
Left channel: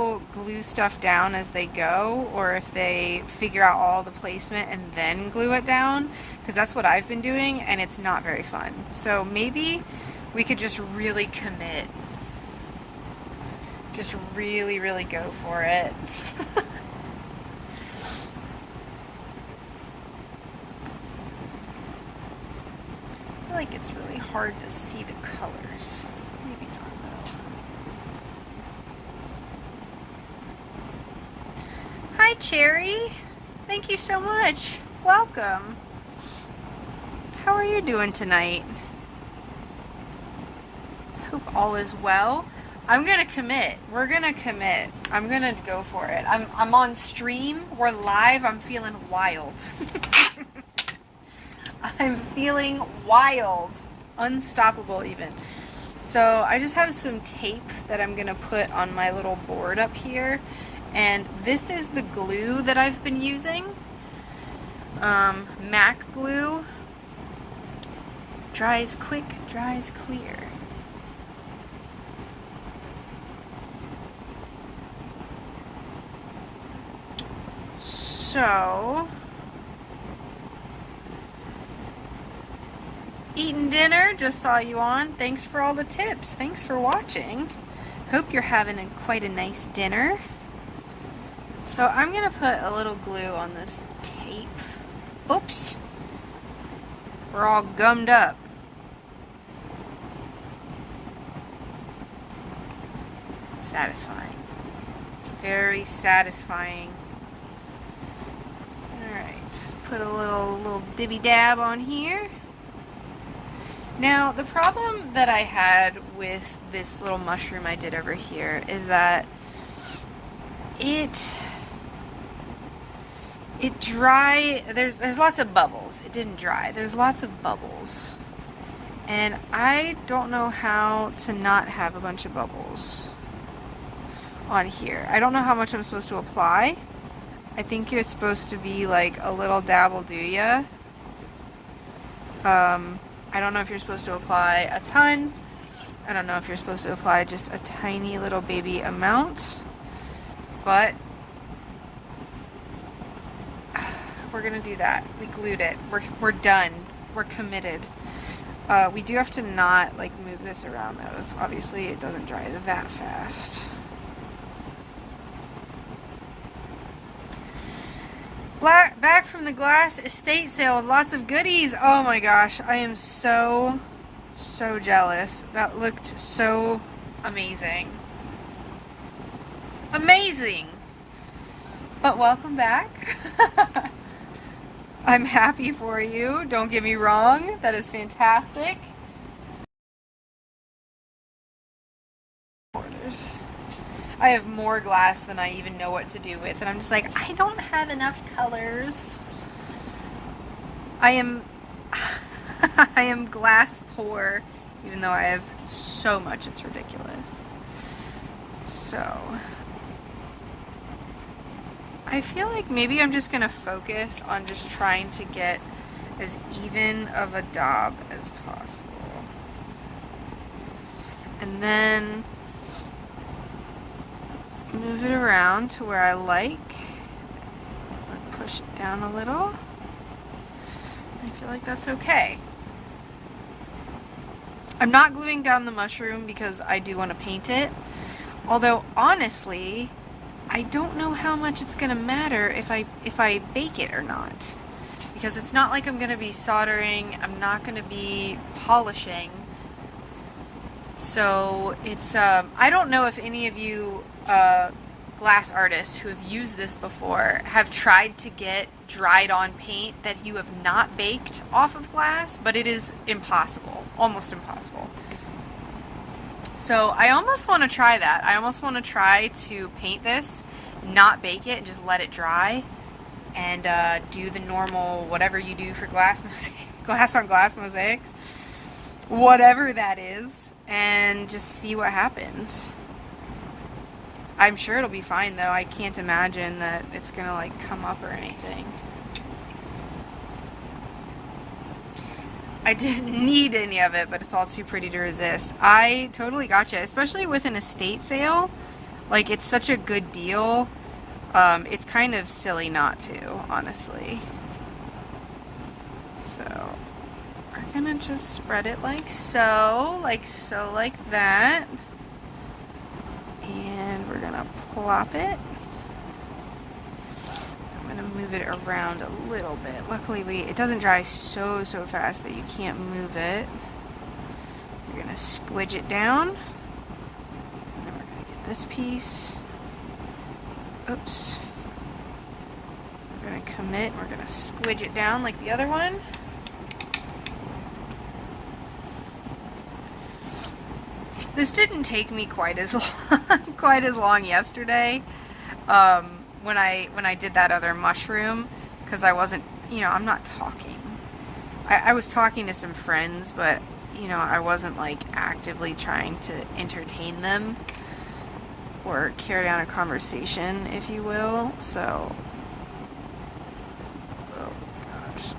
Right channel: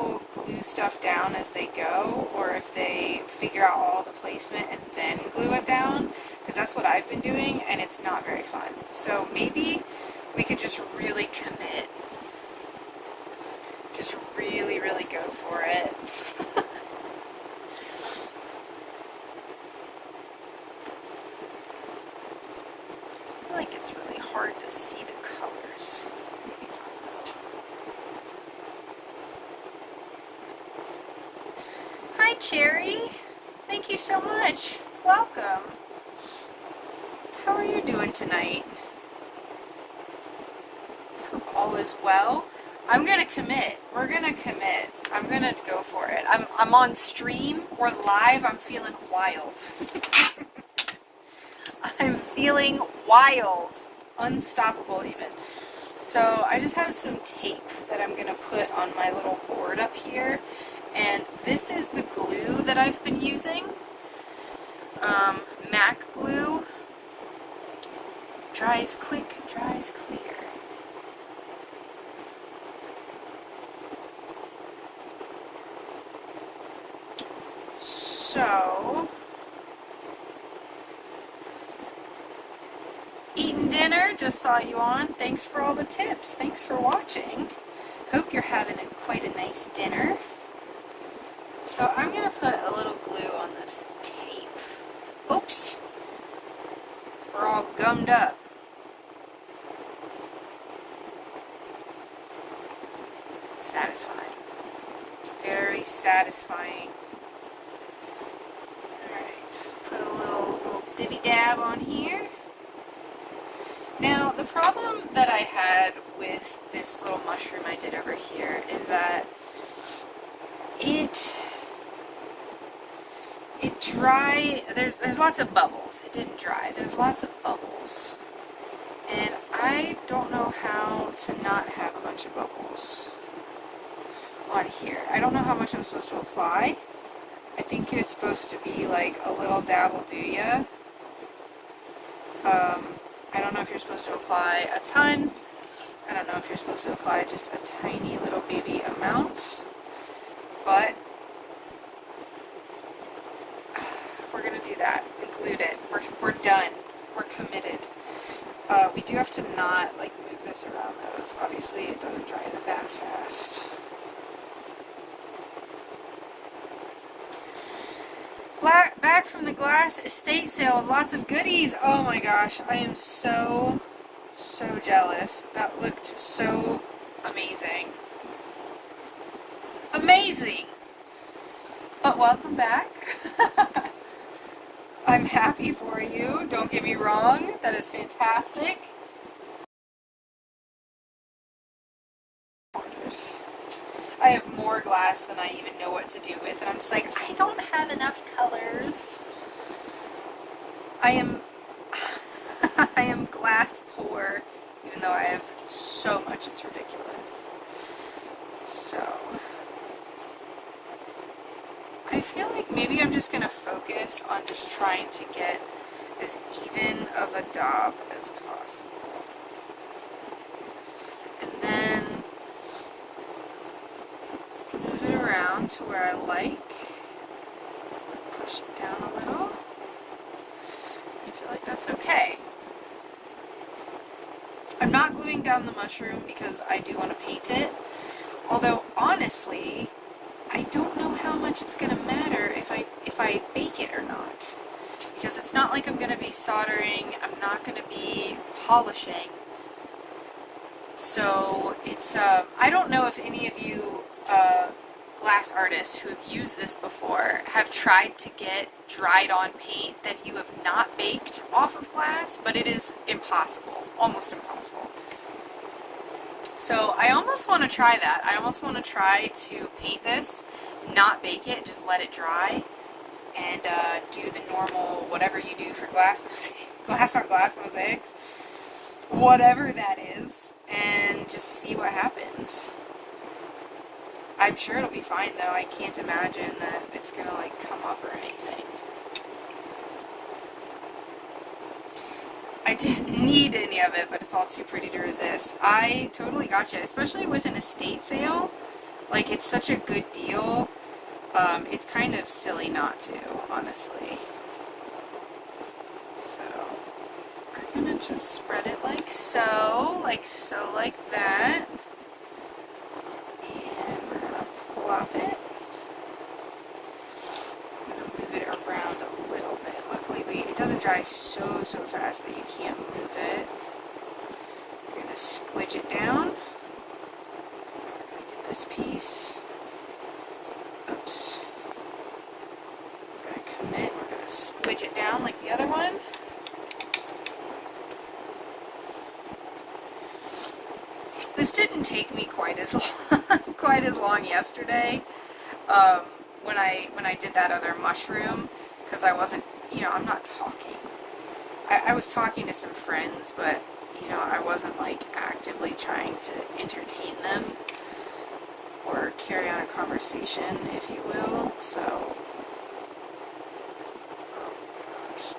people glue stuff down as they go, or if they figure out all the placement and then glue it down, because that's what I've been doing, and it's not very fun. So maybe we could just really commit. Just really, really go for it. I feel like it's really hard to see the colors. Maybe not. Hi, Cherry. Thank you so much. Welcome. How are you doing tonight? Hope all is well. I'm gonna commit. We're gonna commit. I'm gonna go for it. I'm on stream. We're live. I'm feeling wild. I'm feeling wild. Unstoppable even. So I just have some tape that I'm gonna put on my little board up here. And this is the glue that I've been using. MAC glue. Dries quick, dries clear. So, eating dinner, just saw you on. Thanks for all the tips. Thanks for watching. Hope you're having quite a nice dinner. So I'm going to put a little glue on this tape. Oops. We're all gummed up. Satisfying. Very satisfying. Put a little dibby dab on here. Now, the problem that I had with this little mushroom I did over here is that it dry. There's lots of bubbles. It didn't dry. There's lots of bubbles, and I don't know how to not have a bunch of bubbles on here. I don't know how much I'm supposed to apply. I think it's supposed to be like a little dab will do ya. I don't know if you're supposed to apply a ton. I don't know if you're supposed to apply just a tiny little baby amount. But we're gonna do that. We glued it. We're done. We're committed. We do have to not like move this around though. It's obviously it doesn't dry that fast. Back from the glass estate sale with lots of goodies. Oh my gosh, I am so jealous. That looked so amazing. Amazing! But welcome back. I'm happy for you. Don't get me wrong. That is fantastic. I have more glass than I even know what to do with, and I'm just like, I don't have enough colors. I am glass poor, even though I have so much, it's ridiculous. So, I feel like maybe I'm just going to focus on just trying to get as even of a daub as possible. And then move it around to where I like. Push it down a little. I feel like that's okay. I'm not gluing down the mushroom because I do want to paint it. Although honestly, I don't know how much it's going to matter if I bake it or not. Because it's not like I'm going to be soldering, I'm not going to be polishing. So it's, I don't know if any of you glass artists who have used this before have tried to get dried on paint that you have not baked off of glass, but it is impossible, almost impossible. So I almost want to try that. I almost want to try to paint this, not bake it, just let it dry, and do the normal whatever you do for glass on glass mosaics, whatever that is, and just see what happens. I'm sure it'll be fine though. I can't imagine that it's gonna like come up or anything. I didn't need any of it, but it's all too pretty to resist. I totally gotcha, especially with an estate sale. Like, it's such a good deal. It's kind of silly not to, honestly. So, we're gonna just spread it like so, like that. And we're gonna plop it. I'm gonna move it around a little bit. Luckily, it doesn't dry so fast that you can't move it. We're gonna squidge it down. And then we're gonna get this piece. Oops. We're gonna commit. We're gonna squidge it down like the other one. This didn't take me quite as long yesterday when I did that other mushroom, because I wasn't, I'm not talking. I was talking to some friends, but I wasn't like actively trying to entertain them or carry on a conversation, if you will. So, oh gosh.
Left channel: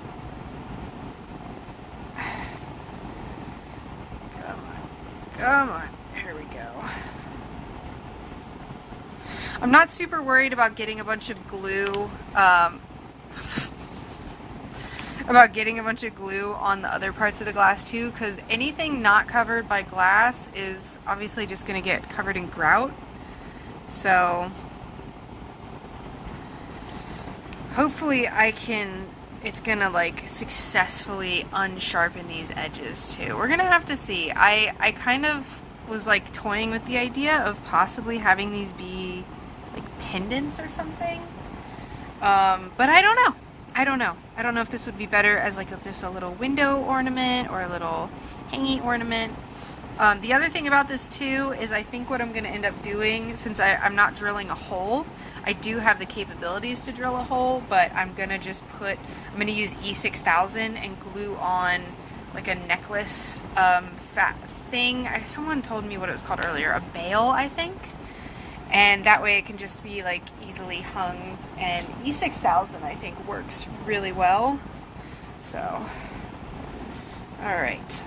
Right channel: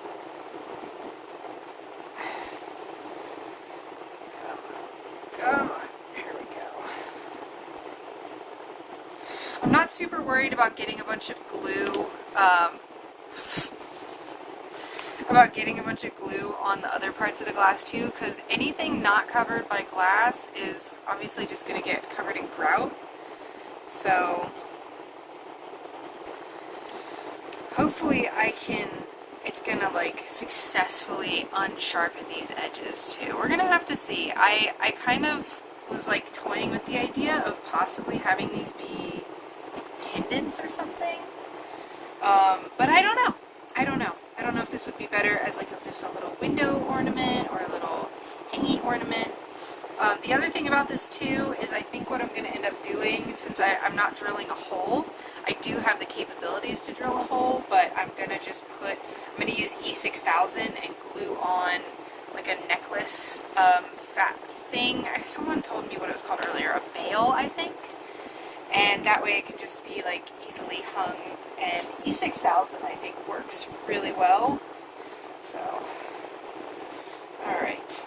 Come on. Here we go. I'm not super worried about getting a bunch of glue, on the other parts of the glass too, because anything not covered by glass is obviously just going to get covered in grout. So, hopefully it's going to like successfully unsharpen these edges too. We're going to have to see. I kind of was like toying with the idea of possibly having these be like pendants or something. But I don't know. I don't know if this would be better as like just a little window ornament or a little hanging ornament. The other thing about this too is I think what I'm going to end up doing, since I'm not drilling a hole, I do have the capabilities to drill a hole, but I'm going to use E6000 and glue on like a necklace fat thing. Someone told me what it was called earlier, a bail, I think. And that way it can just be like easily hung, and E6000 I think works really well. So, alright.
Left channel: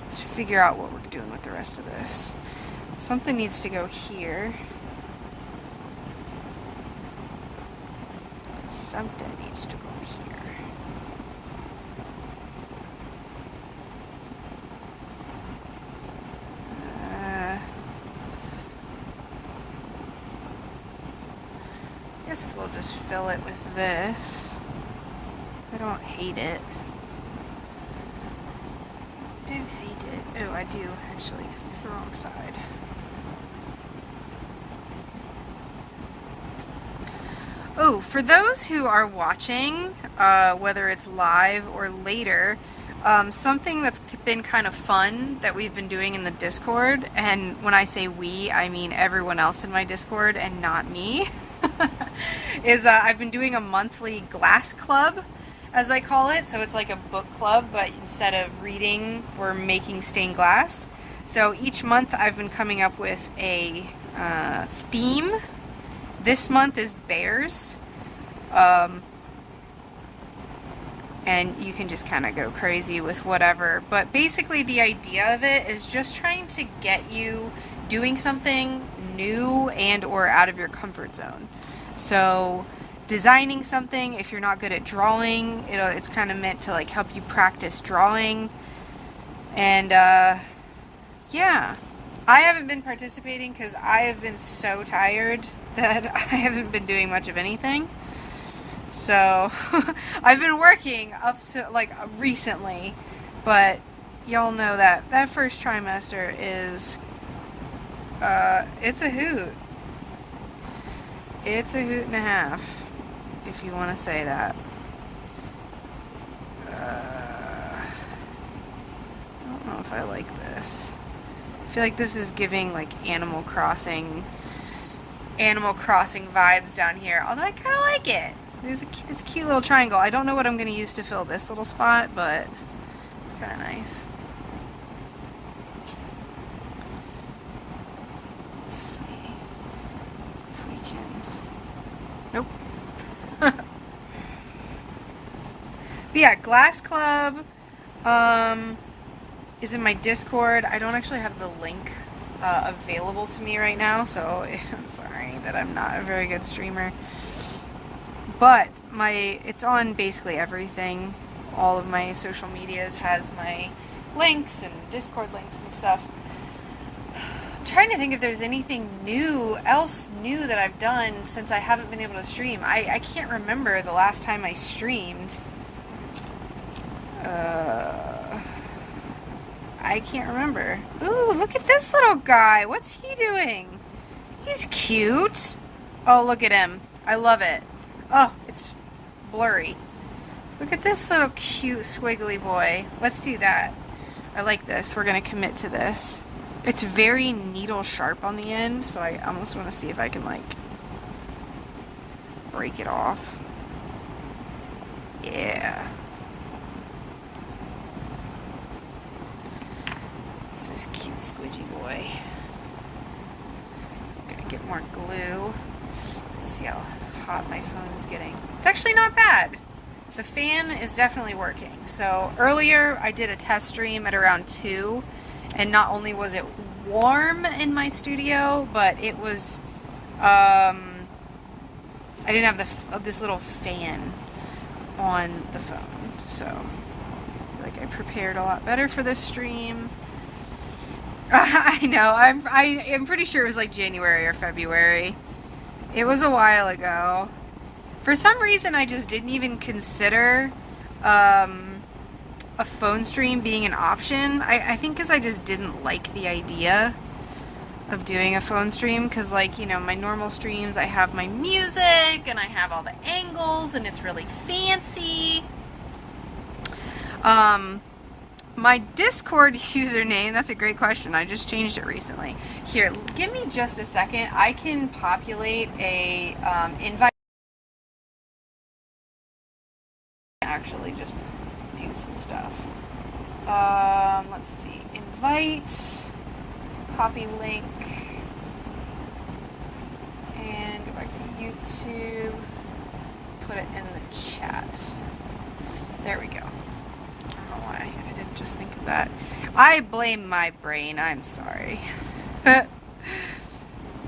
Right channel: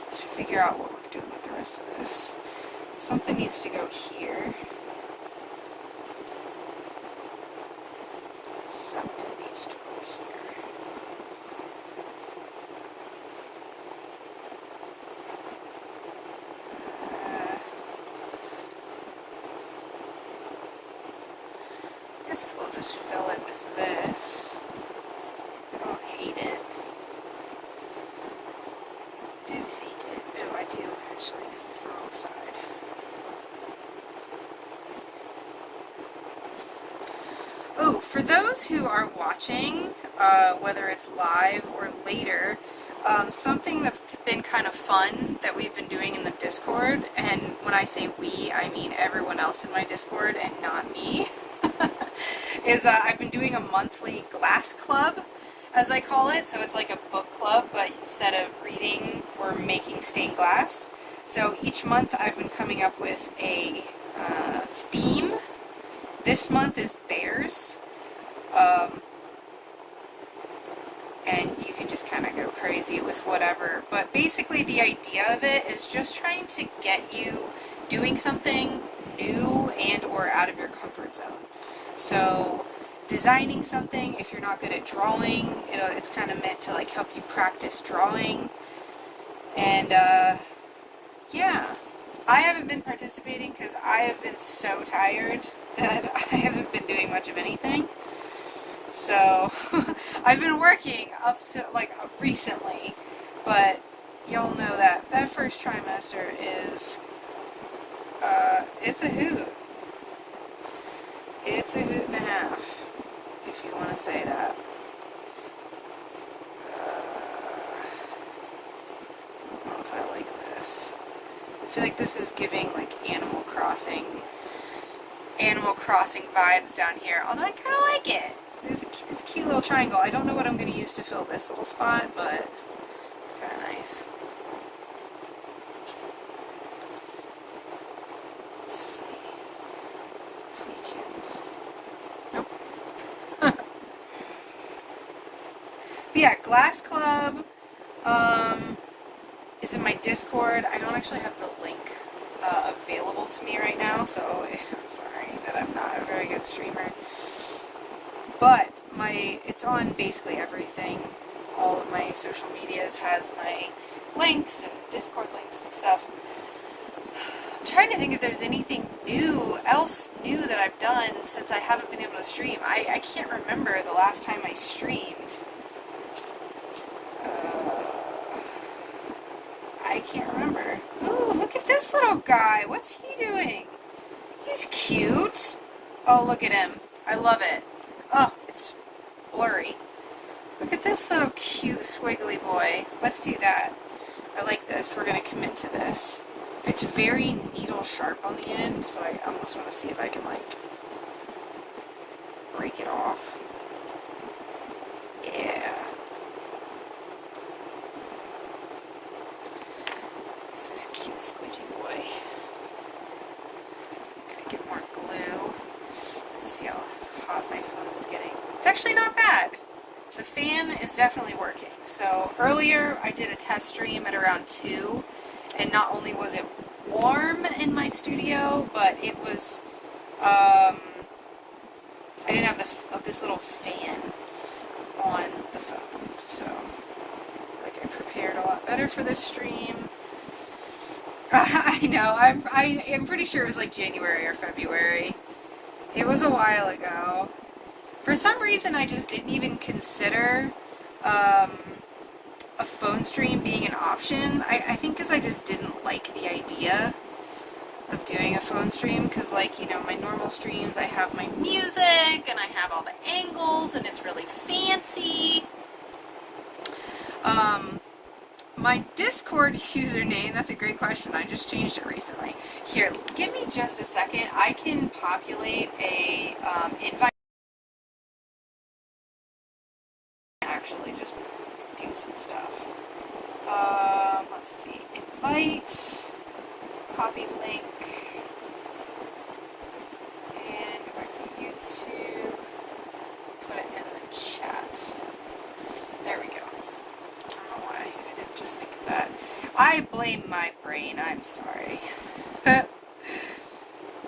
Let's figure out what we're doing with the rest of this. Something needs to go here. Something needs to go here. I guess we'll just fill it with this. I don't hate it. I do hate it. Oh, I do actually, because it's the wrong side. Oh, for those who are watching, whether it's live or later, something that's been kind of fun that we've been doing in the Discord, and when I say we, I mean everyone else in my Discord and not me, is I've been doing a monthly glass club, as I call it. So it's like a book club, but instead of reading, we're making stained glass. So each month I've been coming up with a theme. This month is bears. And you can just kind of go crazy with whatever. But basically the idea of it is just trying to get you doing something new and or out of your comfort zone. So designing something, if you're not good at drawing, it's kind of meant to like help you practice drawing. And yeah, I haven't been participating because I have been so tired that I haven't been doing much of anything. So I've been working up to like recently, but y'all know that that first trimester is it's a hoot. It's a hoot and a half, if you want to say that. I don't know if I like this. I feel like this is giving like Animal Crossing vibes down here, although I kind of like it. It's a cute little triangle. I don't know what I'm going to use to fill this little spot, but it's kind of nice. Let's see if we can... Nope. But yeah, Glass Club is in my Discord. I don't actually have the link available to me right now, so I'm sorry that I'm not a very good streamer. But it's on basically everything. All of my social medias has my links and Discord links and stuff. I'm trying to think if there's anything else new that I've done since I haven't been able to stream. I can't remember the last time I streamed. I can't remember. Ooh, look at this little guy. What's he doing? He's cute. Oh, look at him. I love it. Oh, it's blurry. Look at this little cute squiggly boy. Let's do that. I like this. We're going to commit to this. It's very needle sharp on the end, so I almost want to see if I can, like, break it off. Yeah. This is cute squidgy boy. I'm going to get more glue. Let's see how hot my phone is getting. It's actually not bad. The fan is definitely working. So earlier I did a test stream at around 2, and not only was it warm in my studio, but it was, I didn't have this little fan on the phone. So I feel like I prepared a lot better for this stream. I know, I'm pretty sure it was like January or February. It was a while ago. For some reason, I just didn't even consider a phone stream being an option. I think because I just didn't like the idea of doing a phone stream, because, like, you know, my normal streams, I have my music, and I have all the angles, and it's really fancy. My Discord username, that's a great question. I just changed it recently. Here, give me just a second. I can populate a invite. Actually just do some stuff. Let's see. Invite, copy link, and go back to YouTube, put it in the chat. There we go. I don't know why I didn't just think of that. I blame my brain, I'm sorry.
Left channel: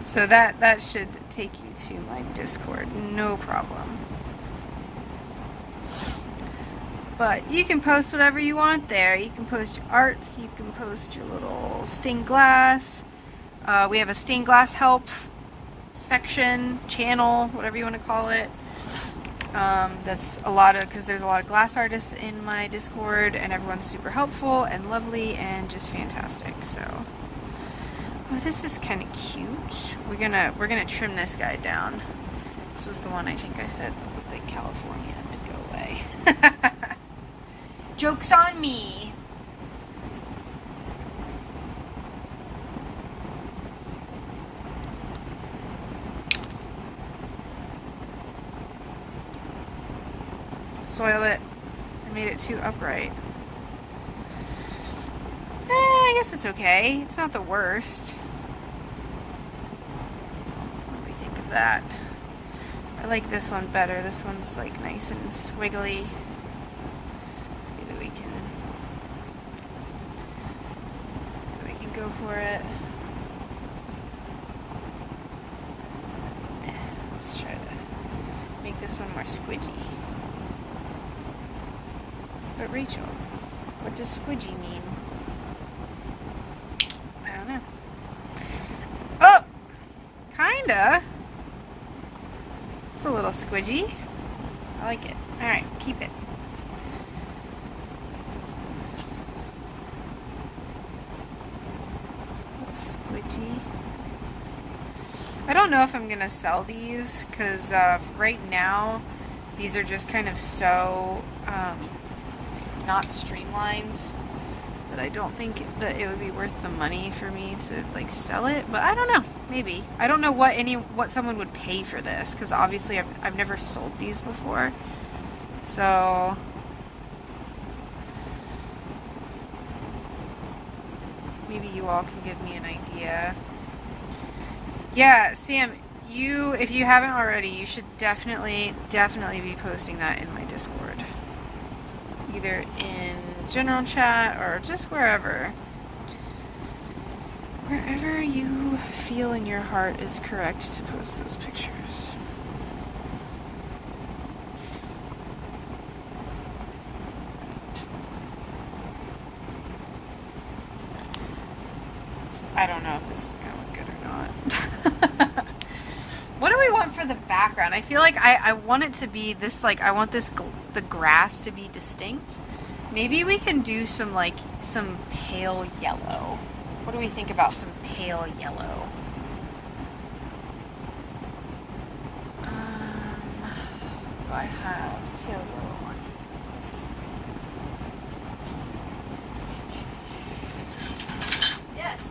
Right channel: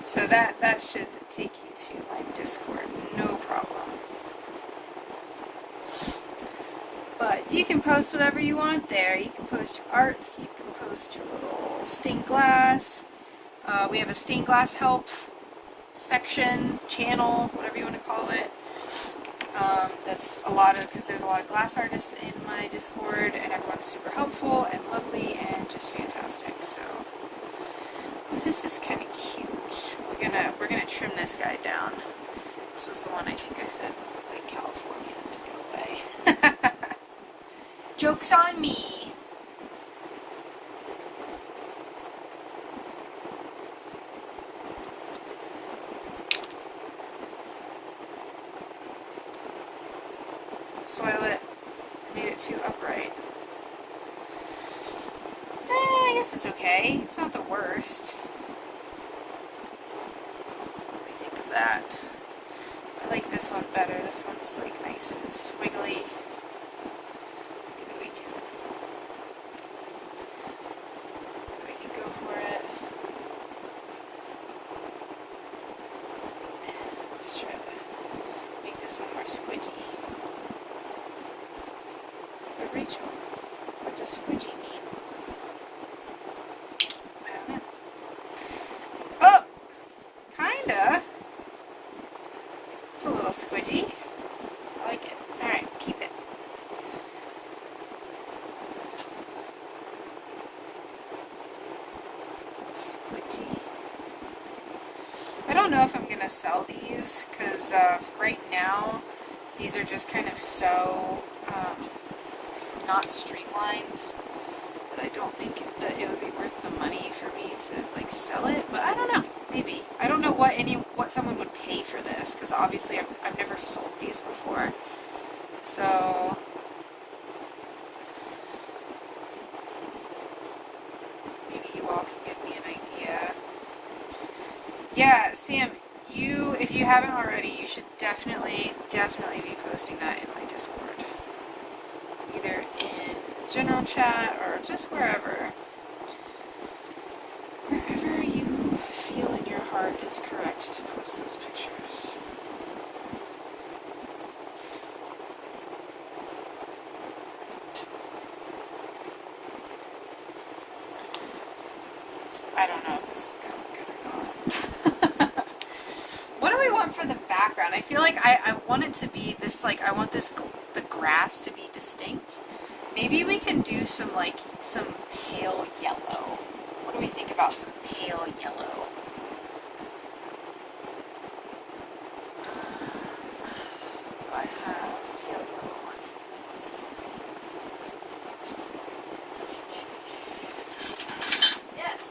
So that should take you to my Discord, no problem. But you can post whatever you want there. You can post your arts, you can post your little stained glass. We have a stained glass help section, channel, whatever you want to call it. That's a lot of, because there's a lot of glass artists in my Discord, and everyone's super helpful and lovely and just fantastic. So, oh, this is kind of cute. We're gonna trim this guy down. This was the one I think I said like California to go away. Joke's on me. Soil it. I made it too upright. I guess it's okay. It's not the worst. What do we think of that? I like this one better. This one's like nice and squiggly. Go for it. Let's try to make this one more squidgy. But Rachel, what does squidgy mean? I don't know. Oh! Kinda. It's a little squidgy. I like it. Alright, keep it. I don't know if I'm going to sell these, because right now these are just kind of so not streamlined that I don't think that it would be worth the money for me to like sell it, but I don't know, maybe. I don't know what someone would pay for this, because obviously I've never sold these before, so maybe you all can give me an idea. Yeah, Sam, if you haven't already, you should definitely be posting that in my Discord. Either in general chat or just wherever. Wherever you feel in your heart is correct to post those pictures. I don't know if this is going good or not. What do we want for the background? I feel like I want it to be this, like, I want this, the grass to be distinct. Maybe we can do some pale yellow. What do we think about some pale yellow? Do I have pale yellow? Yes.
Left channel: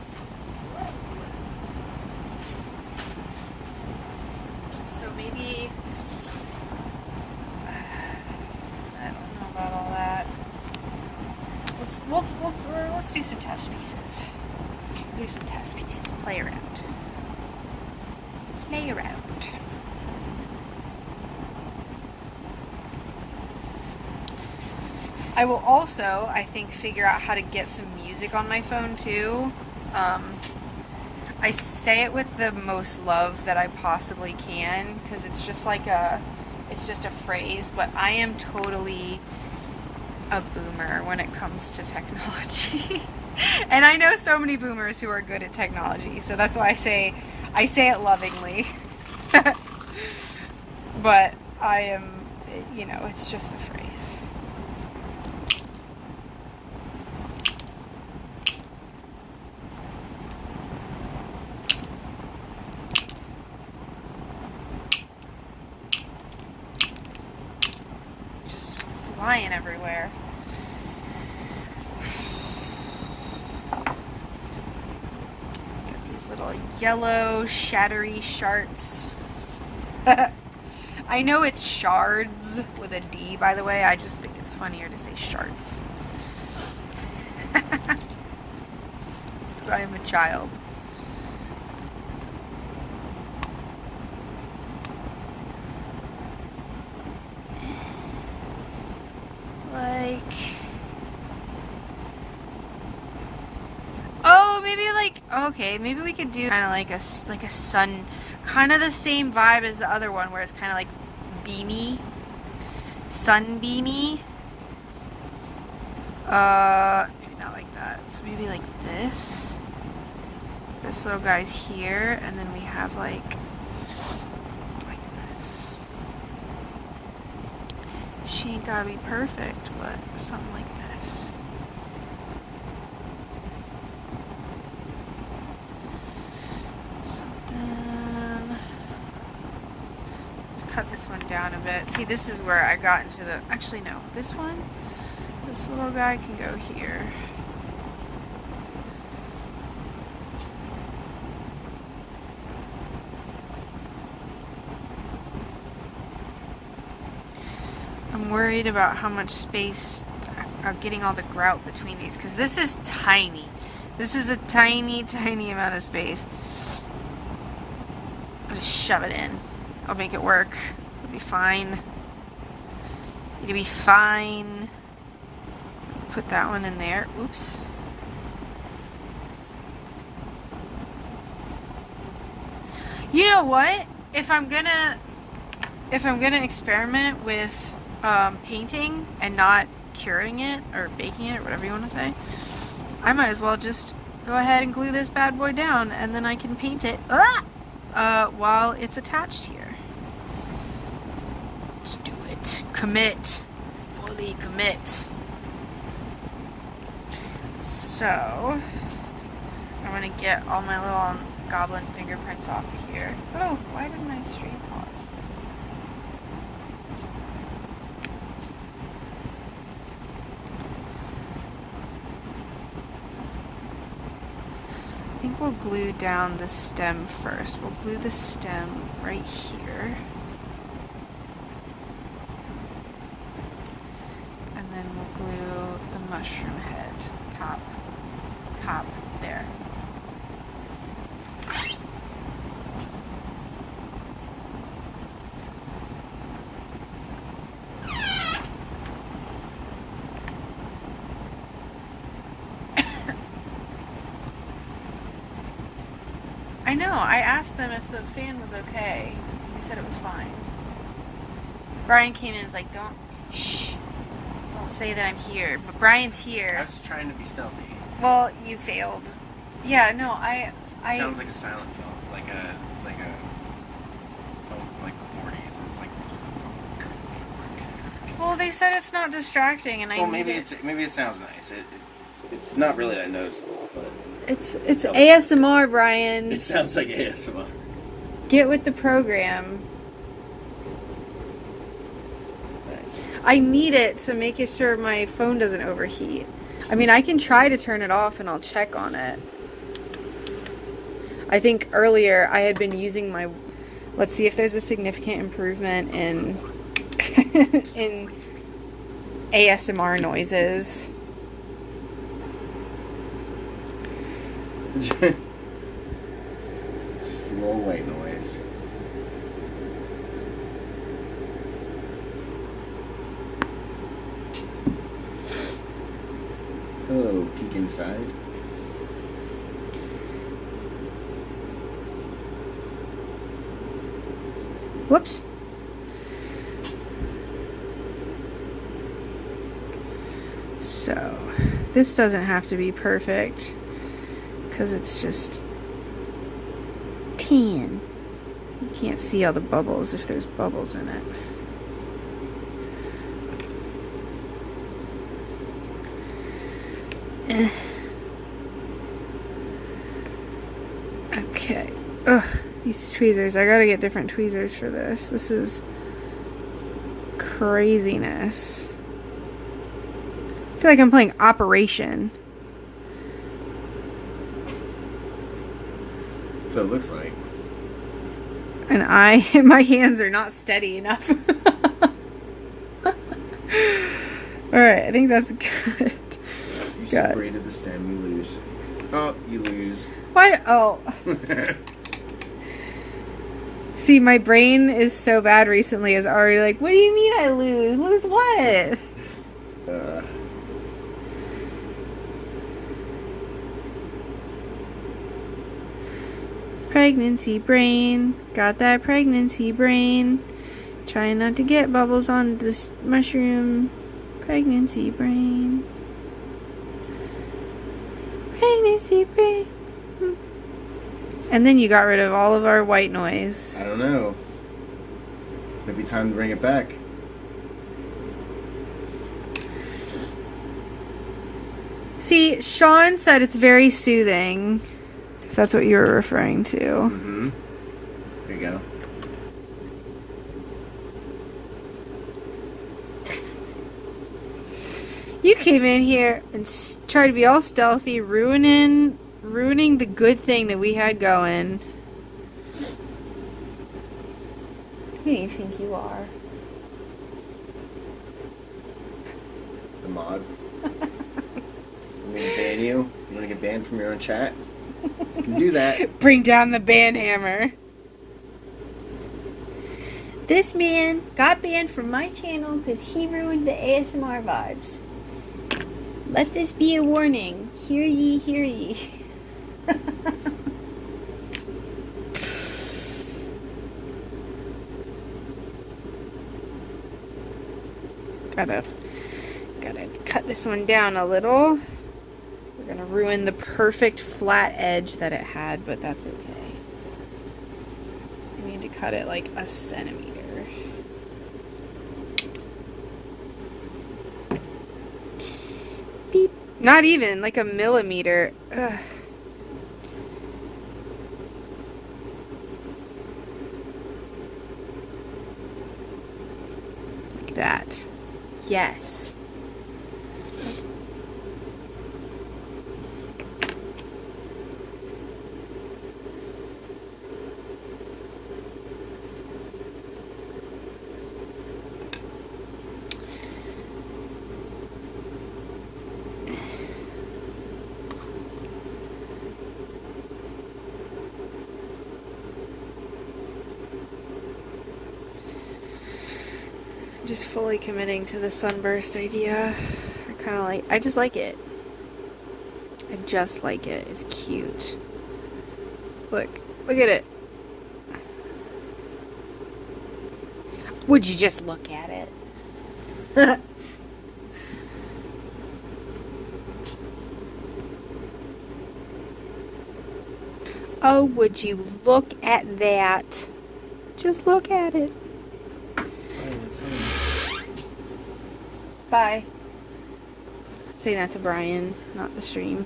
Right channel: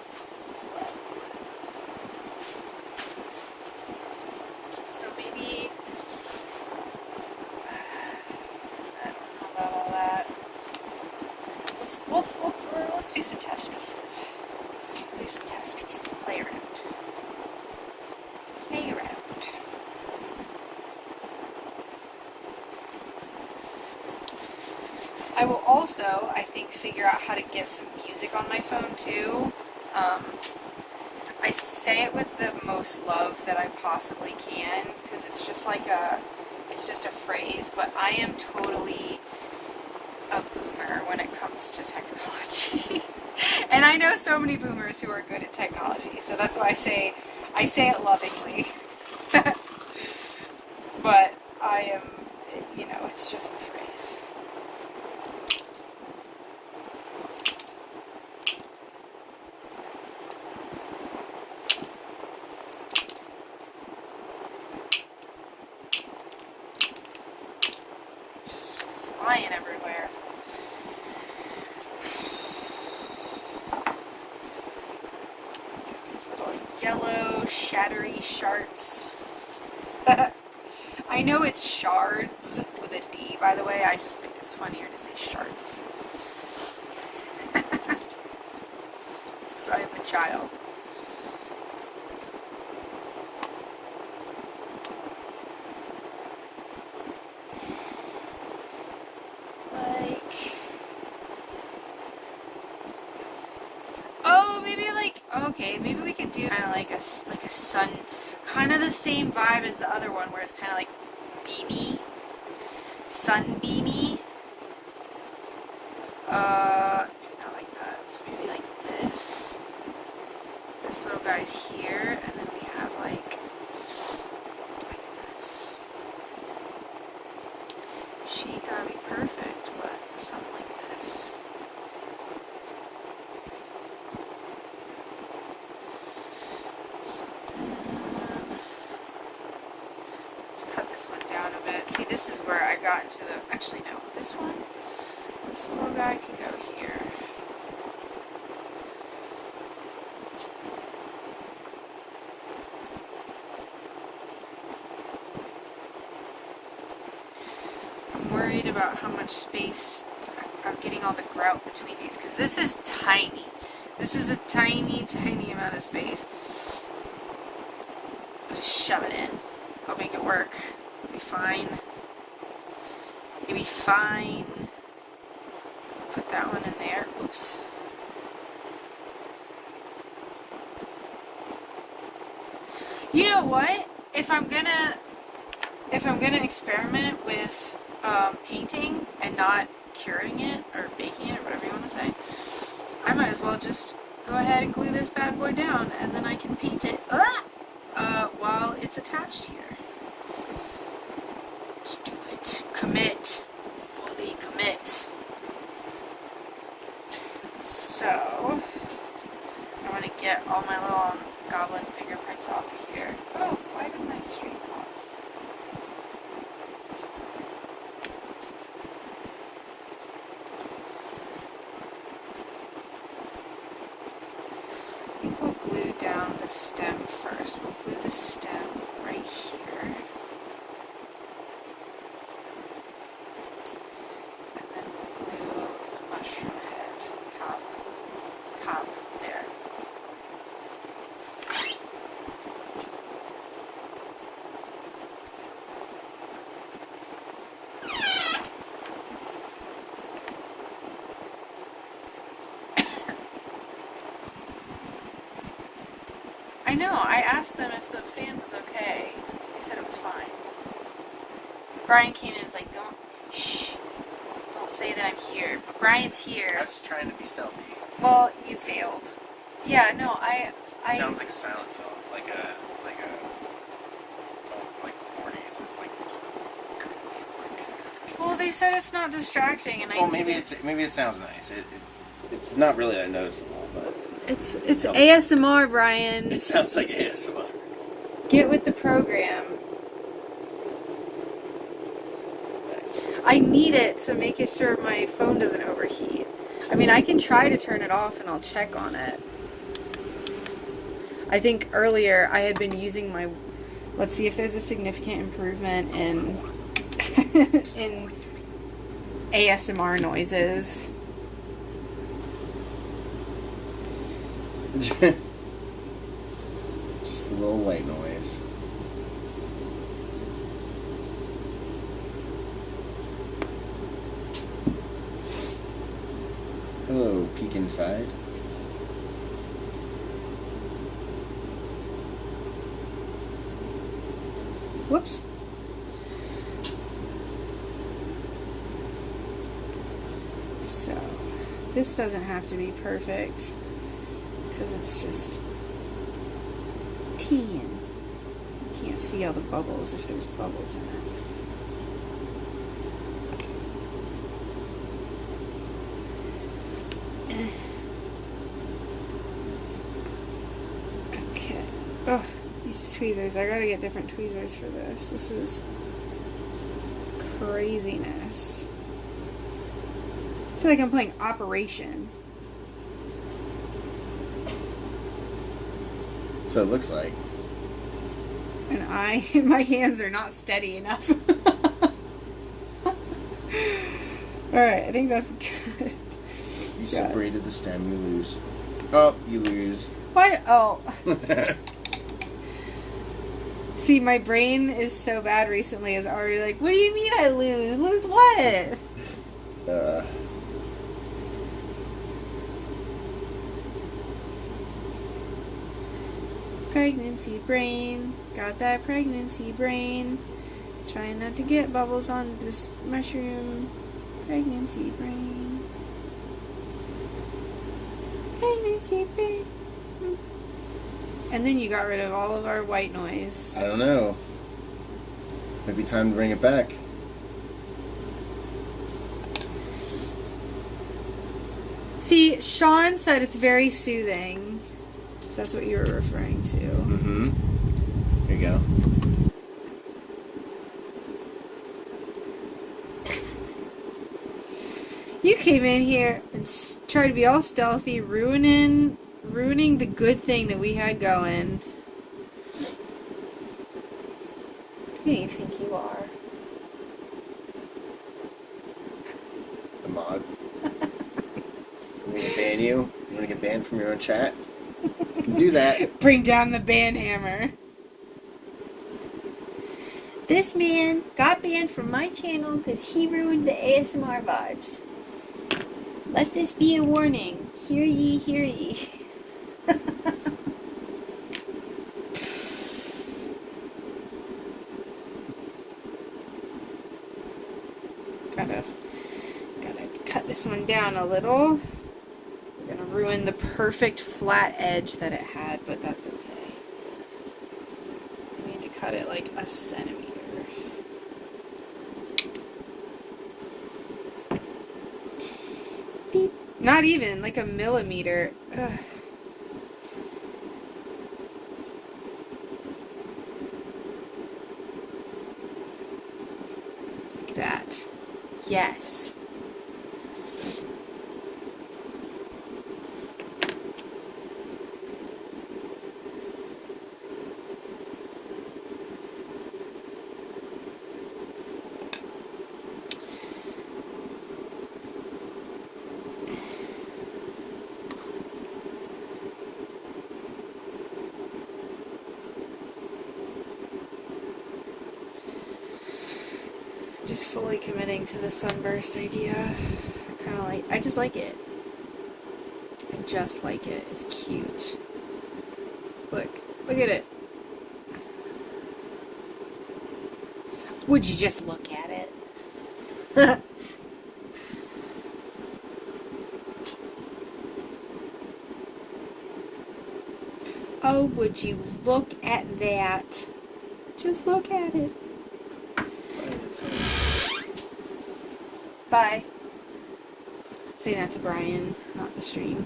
So maybe I don't know about all that. Let's do some test pieces. Do some test pieces. Play around. Play around. I will also, I think, figure out how to get some music on my phone too. I say it with the most love that I possibly can because it's just like it's just a phrase, but I am totally a boomer when it comes to technology. And I know so many boomers who are good at technology, so that's why I say it lovingly. But I am, it's just the phrase. Just flying everywhere. Yellow shattery shards. I know it's shards with a D, by the way. I just think it's funnier to say shards. So I'm a child. Okay, maybe we could do kind of like a sun, kind of the same vibe as the other one, where it's kind of like beamy, sunbeamy. Not like that. So maybe like this. This little guy's here, and then we have like this. She ain't gotta be perfect, but something like this. Down a bit. See, this is where I got into the, actually no, this one, this little guy can go here. I'm worried about how much space I'm getting all the grout between these, because this is tiny. This is a tiny, tiny amount of space. I'll just shove it in. I'll make it work. It'll be fine. It'll be fine. Put that one in there. Oops. You know what? If I'm gonna experiment with painting and not curing it or baking it, whatever you want to say, I might as well just go ahead and glue this bad boy down, and then I can paint it while it's attached here. Let's do it. Commit. Fully commit. So, I'm going to get all my little goblin fingerprints off of here. Oh, why did my stream pause? I think we'll glue down the stem first. We'll glue the stem right here. And then we'll glue the mushroom head top there. know. I asked them if the fan was okay. They said it was fine. Brian came in and was like, don't say that I'm here. But Brian's here. I was just trying to be stealthy. Well, you failed. Yeah, no, I Sounds like a silent film, like a film from like the 40s. It's like. Well, they said it's not distracting, and maybe it sounds nice. It's not really that noticeable, but it's ASMR, Brian. it sounds like ASMR. Get with the program. I need it to make sure my phone doesn't overheat. I mean, I can try to turn it off, and I'll check on it. I think earlier I had been using my. Let's see if there's a significant improvement in in ASMR noises. Just a little white noise. Hello, peek inside. Whoops. So, this doesn't have to be perfect because it's just tan. You can't see all the bubbles if there's bubbles in it. Okay. Ugh, these tweezers. I gotta get different tweezers for this. This is craziness. I feel like I'm playing Operation. So it looks like. And my hands are not steady enough. Alright, I think that's good. You separated the stem, you lose. Oh, you lose. Why? Oh. See, my brain is so bad recently is already like, what do you mean I lose? Lose what? Pregnancy brain. Got that pregnancy brain. Trying not to get bubbles on this mushroom. Pregnancy brain. Pregnancy brain. And then you got rid of all of our white noise. I don't know. Maybe time to bring it back. See, Sean said it's very soothing. If that's what you were referring to. Mm-hmm. There you go. You came in here and tried to be all stealthy, ruining the good thing that we had going. Who do you think you are? The mod. I'm gonna ban you. You wanna get banned from your own chat? You can do that. Bring down the ban hammer. This man got banned from my channel because he ruined the ASMR vibes. Let this be a warning. Hear ye, hear ye. Gotta cut this one down a little. We're gonna ruin the perfect flat edge that it had, but that's okay. I need to cut it like a centimeter. Beep. Not even, like a millimeter. Ugh. Like that. Yes. Just fully committing to the sunburst idea. I just like it. I just like it. It's cute. Look, Look at it. Would you just look at it? Oh, would you look at that? Just look at it. Bye. Say that to Brian, not the stream.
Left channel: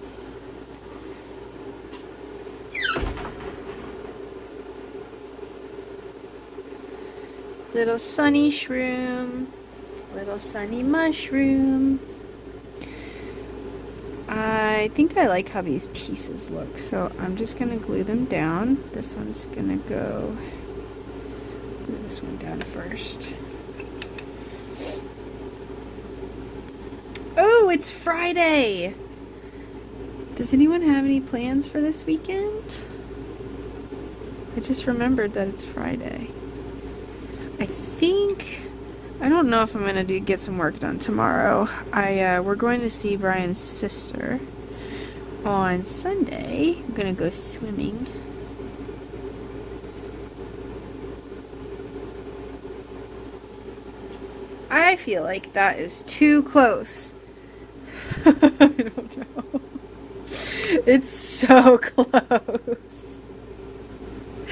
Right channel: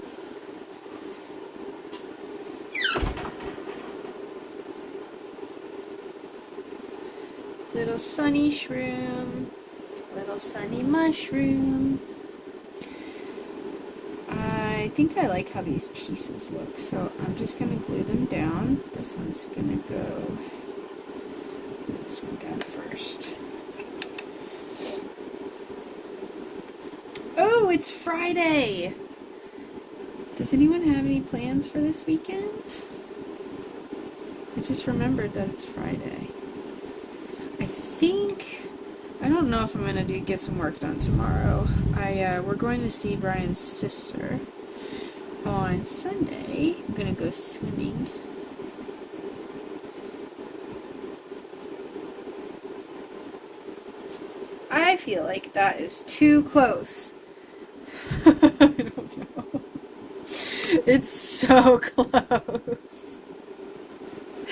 Little sunny shroom. Little sunny mushroom. I think I like how these pieces look, so I'm just going to glue them down. This one's going to go, glue this one down first. Oh, it's Friday! Does anyone have any plans for this weekend? I just remembered that it's Friday. I don't know if I'm going to get some work done tomorrow. We're going to see Brian's sister on Sunday. I'm going to go swimming. I feel like that is too close. I don't know. It's so close.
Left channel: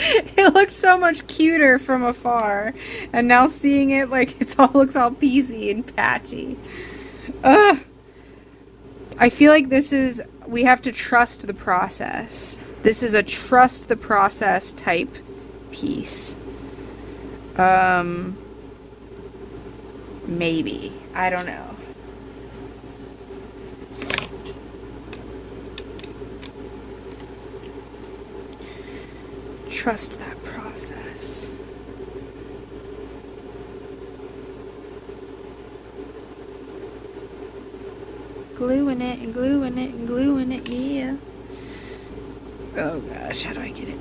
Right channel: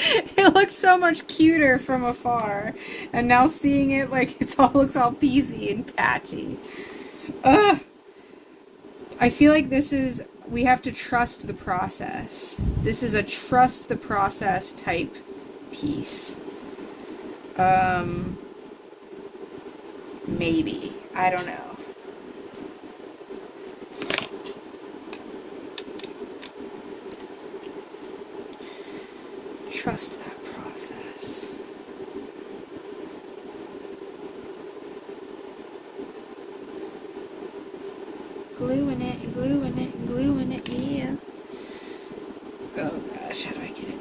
It looks so much cuter from afar, and now seeing it, like, looks all peasy and patchy. Ugh. I feel like we have to trust the process. This is a trust the process type piece. Maybe. I don't know. Trust that process. Gluing it and gluing it and gluing it, yeah. Oh gosh, how do I get it?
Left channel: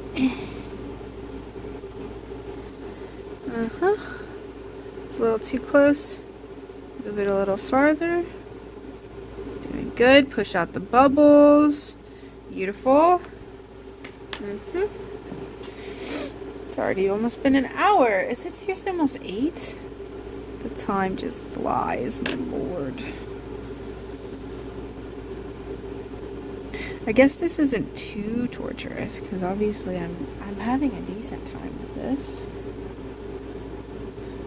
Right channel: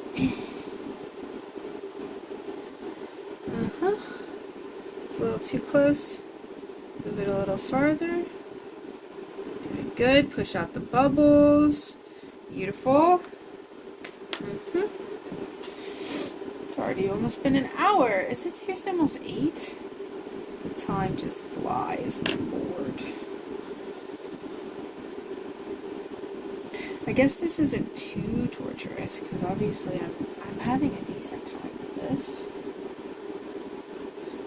Uh-huh. It's a little too close. Move it a little farther. Doing good. Push out the bubbles. Beautiful. It's already almost been an hour. Is it seriously almost 8? The time just flies, my lord. I guess this isn't too torturous, because obviously I'm having a decent time with this.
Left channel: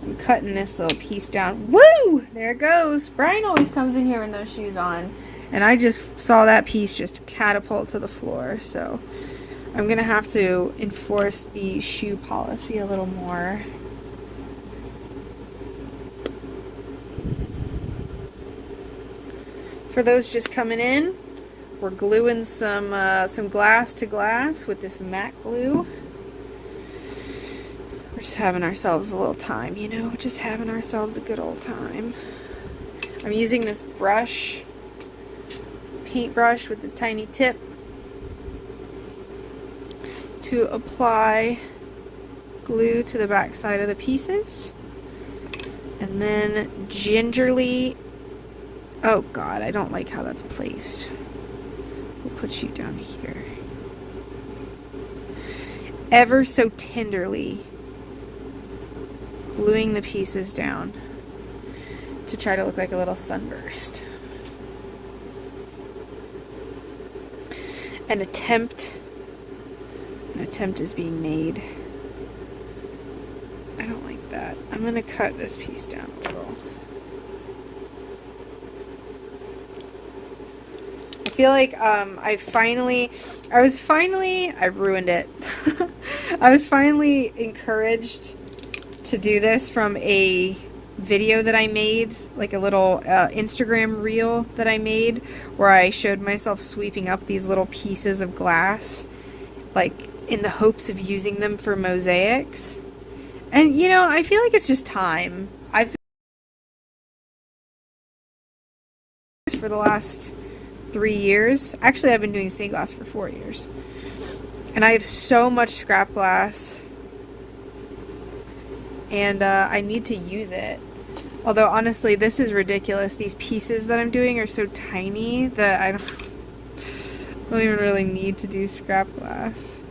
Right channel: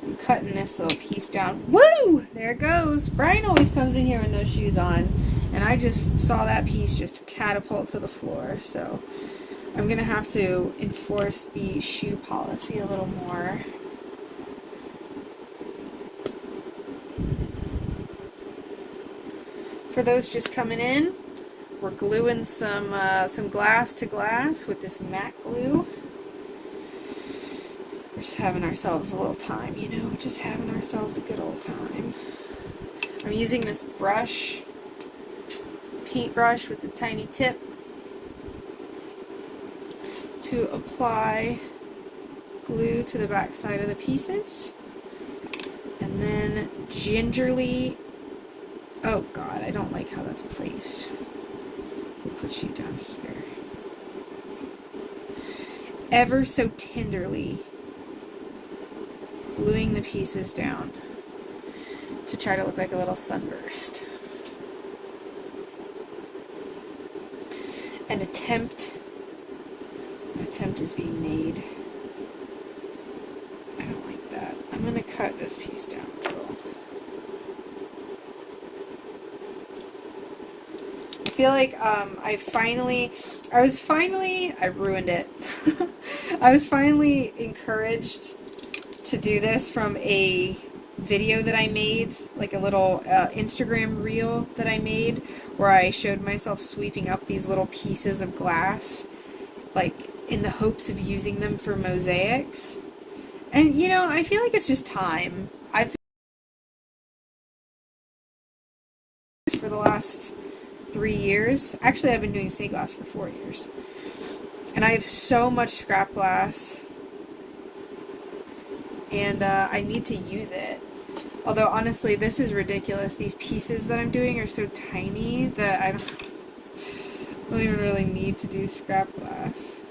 I'm cutting this little piece down. Woo! There it goes. Brian always comes in here with those shoes on, and I just saw that piece just catapult to the floor, so I'm gonna have to enforce the shoe policy a little more. For those just coming in, we're gluing some glass to glass with this matte glue. We're just having ourselves a little time, you know, just having ourselves a good old time. I'm using this brush, paintbrush with the tiny tip, to apply glue to the back side of the pieces, and then gingerly, oh god, I don't like how that's placed. We'll put you down here. Ever so tenderly gluing the pieces down to try to look like a little sunburst. An attempt is being made. I don't like that. I'm going to cut this piece down a little. I feel like I ruined it. I was finally encouraged to do this from a video that I made, like a little Instagram reel that I made, where I showed myself sweeping up these little pieces of glass, like in the hopes of using them for mosaics. And you know, I feel like it's just time. I've been for the last 3 years. Actually, I've been doing stained glass for 4 years. And I have so much scrap glass. And I need to use it. Although, honestly, this is ridiculous. These pieces that I'm doing are so tiny that I don't even really need to do scrap glass.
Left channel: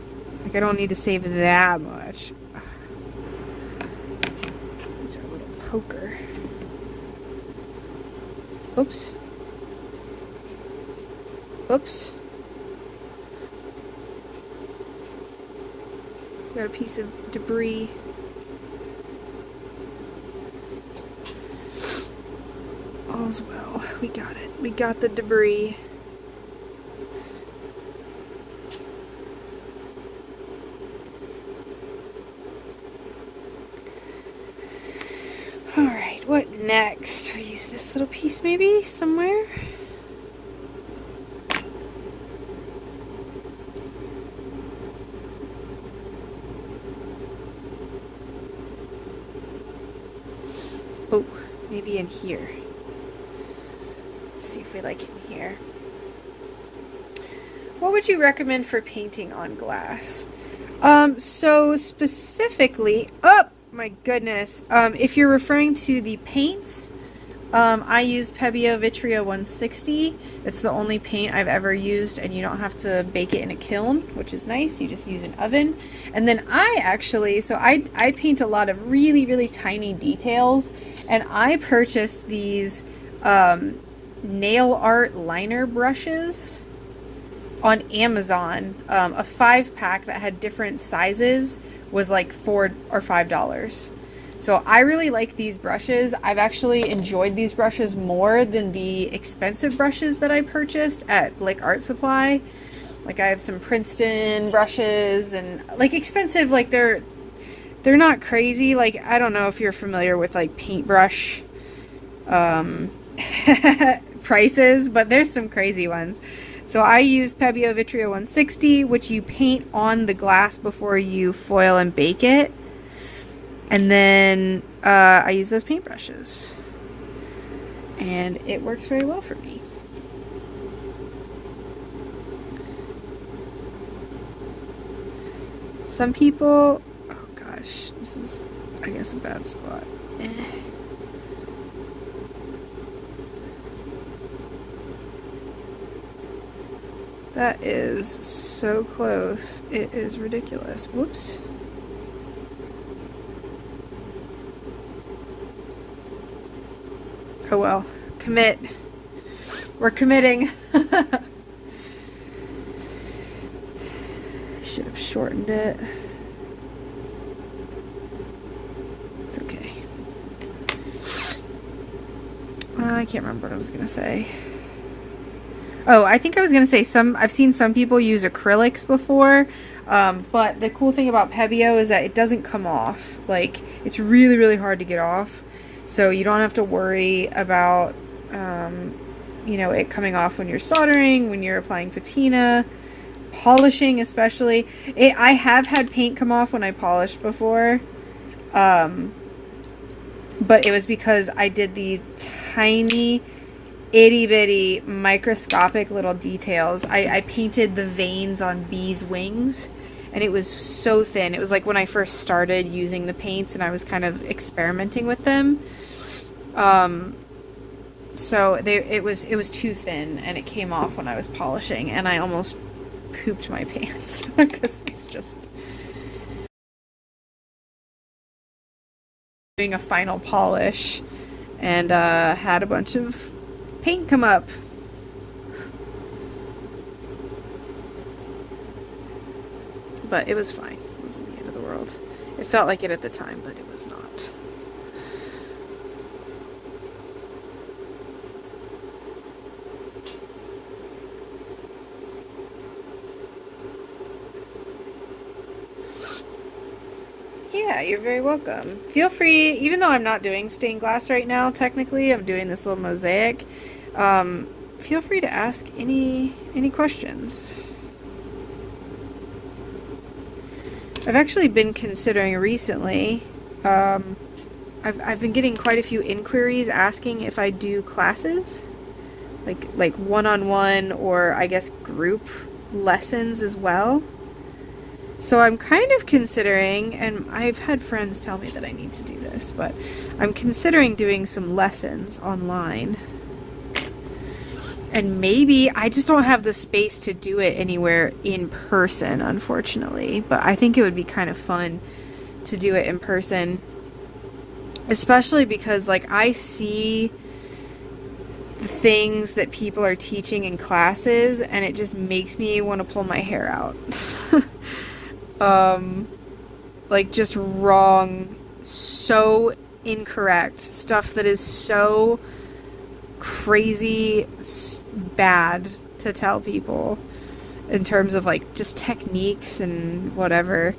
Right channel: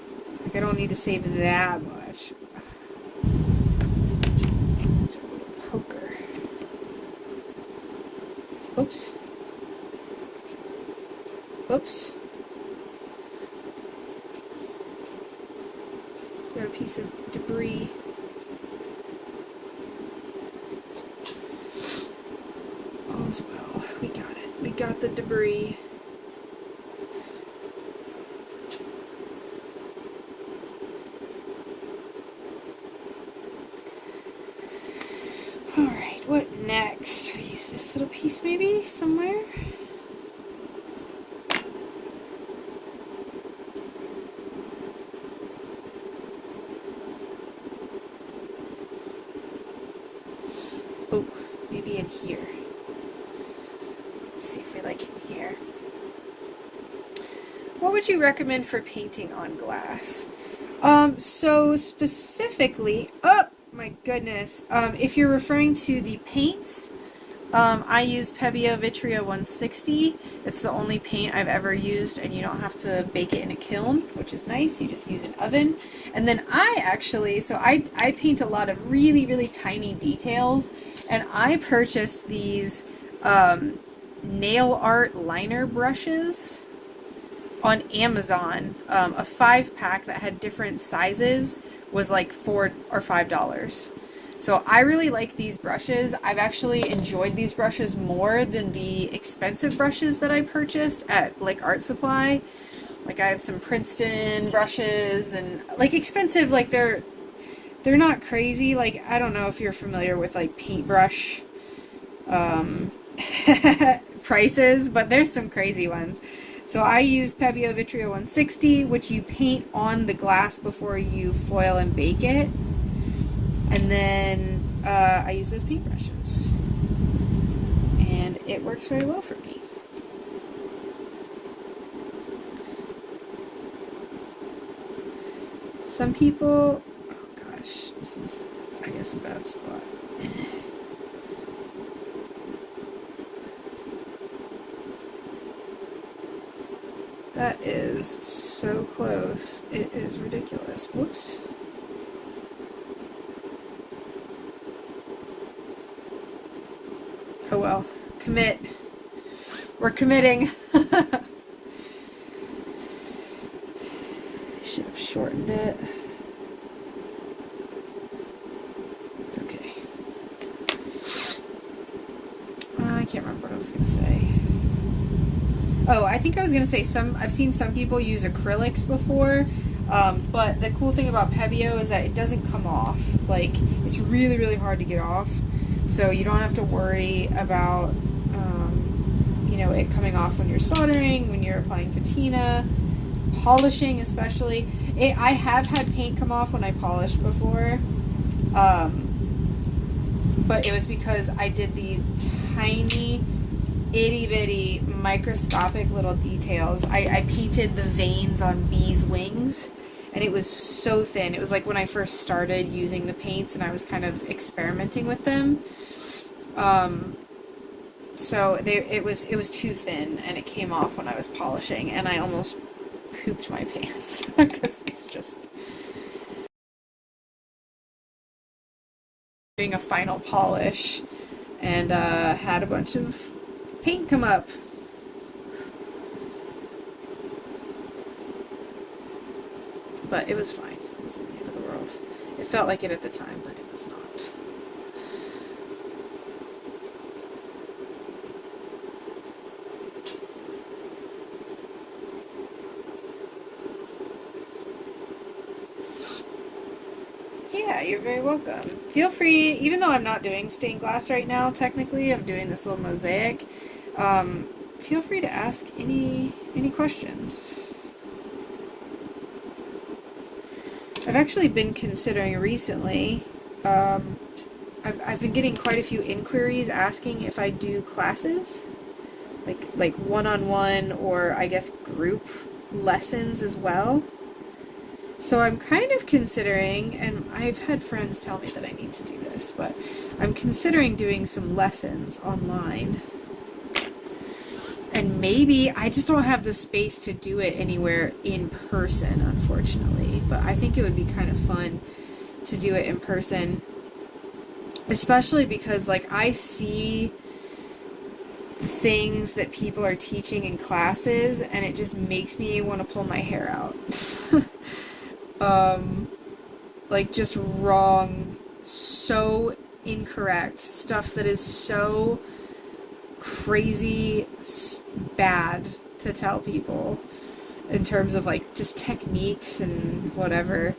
Like, I don't need to save that much. Use our little poker. Oops. Oops. Got a piece of debris. All's well. We got it. We got the debris. Alright, what next? We use this little piece maybe somewhere? Oh, maybe in here. Let's see if we like it in here. What would you recommend for painting on glass? So specifically, oh my goodness, if you're referring to the paints, I use Pebeo Vitrio 160. It's the only paint I've ever used, and you don't have to bake it in a kiln, which is nice. You just use an oven. And then I paint a lot of really, really tiny details, and I purchased these nail art liner brushes on Amazon. A 5-pack that had different sizes was like $4 or $5. So I really like these brushes. I've actually enjoyed these brushes more than the expensive brushes that I purchased at like Art Supply. Like I have some Princeton brushes and like expensive, like they're not crazy. Like I don't know if you're familiar with like paintbrush prices, but there's some crazy ones. So I use Pebeo Vitrio 160, which you paint on the glass before you foil and bake it. And then I use those paintbrushes. And it works very well for me. Some people, oh gosh, this is, I guess, a bad spot. That is so close. It is ridiculous. Whoops. Oh well. Commit. We're committing. Should have shortened it. It's okay. I can't remember what I was going to say. Oh, I think I was going to say I've seen some people use acrylics before, but the cool thing about Pebeo is that it doesn't come off. Like, it's really, really hard to get off, so you don't have to worry about, you know, it coming off when you're soldering, when you're applying patina, polishing especially. I have had paint come off when I polished before, but it was because I did these tiny itty bitty microscopic little details. I painted the veins on bees' wings, and it was so thin. It was like when I first started using the paints and I was kind of experimenting with them. So it was too thin, and it came off when I was polishing, and I almost pooped my pants because it's just doing a final polish and had a bunch of paint come up. But it was fine. It wasn't the end of the world. It felt like it at the time, but it was not. Yeah, you're very welcome. Feel free, even though I'm not doing stained glass right now, technically, I'm doing this little mosaic. Feel free to ask any questions. I've actually been considering recently, I've been getting quite a few inquiries asking if I do classes, like one-on-one or I guess group lessons as well. So I'm kind of considering, and I've had friends tell me that I need to do this, but I'm considering doing some lessons online. And maybe I just don't have the space to do it anywhere in person, unfortunately. But I think it would be kind of fun to do it in person. Especially because, like, I see things that people are teaching in classes and it just makes me want to pull my hair out. Like, just wrong, so incorrect, stuff that is so crazy bad to tell people in terms of, like, just techniques and whatever.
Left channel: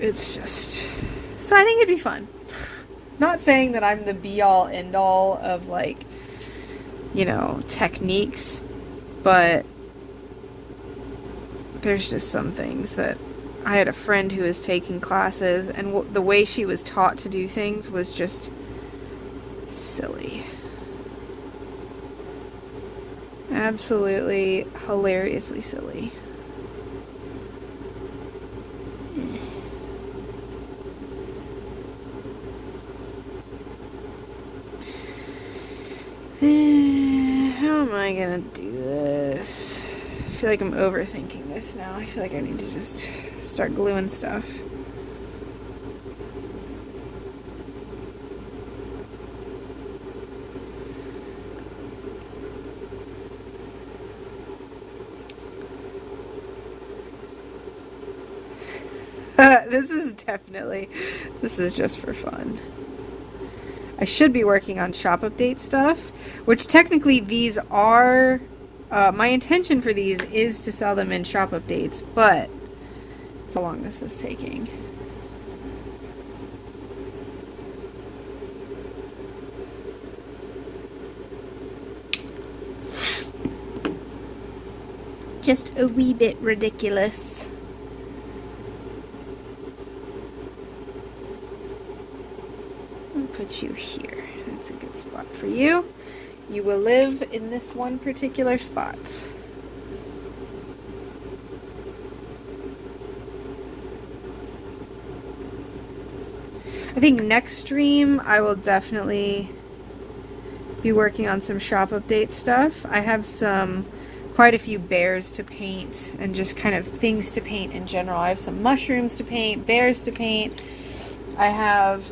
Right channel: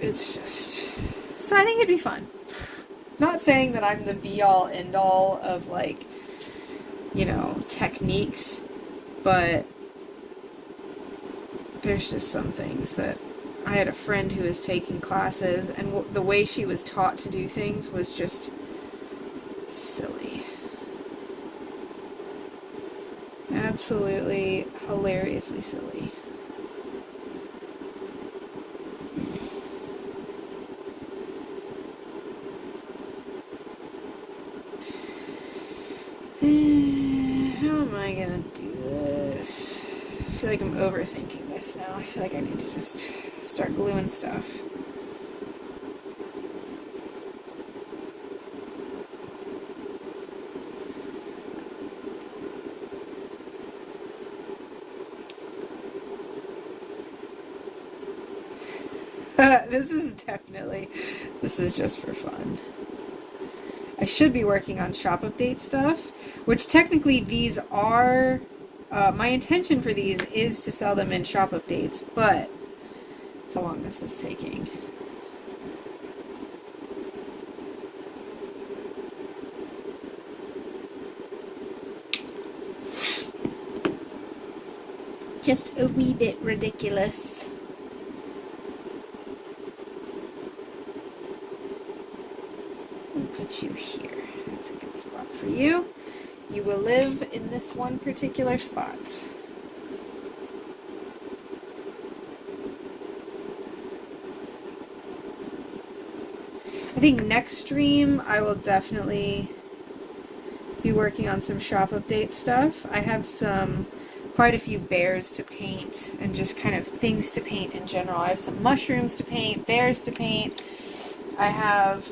It's just, so I think it'd be fun. Not saying that I'm the be-all, end-all of, like, you know, techniques, but there's just some things that I had a friend who was taking classes, and the way she was taught to do things was just silly. Absolutely hilariously silly. How am I gonna do this? I feel like I'm overthinking this now. I feel like I need to just start gluing stuff. This is just for fun. I should be working on shop update stuff, which technically these are, my intention for these is to sell them in shop updates, but it's how long this is taking. Just a wee bit ridiculous. Put you here. That's a good spot for you. You will live in this one particular spot. I think next stream I will definitely be working on some shop update stuff. I have quite a few bears to paint and just kind of things to paint in general. I have some mushrooms to paint, bears to paint. I have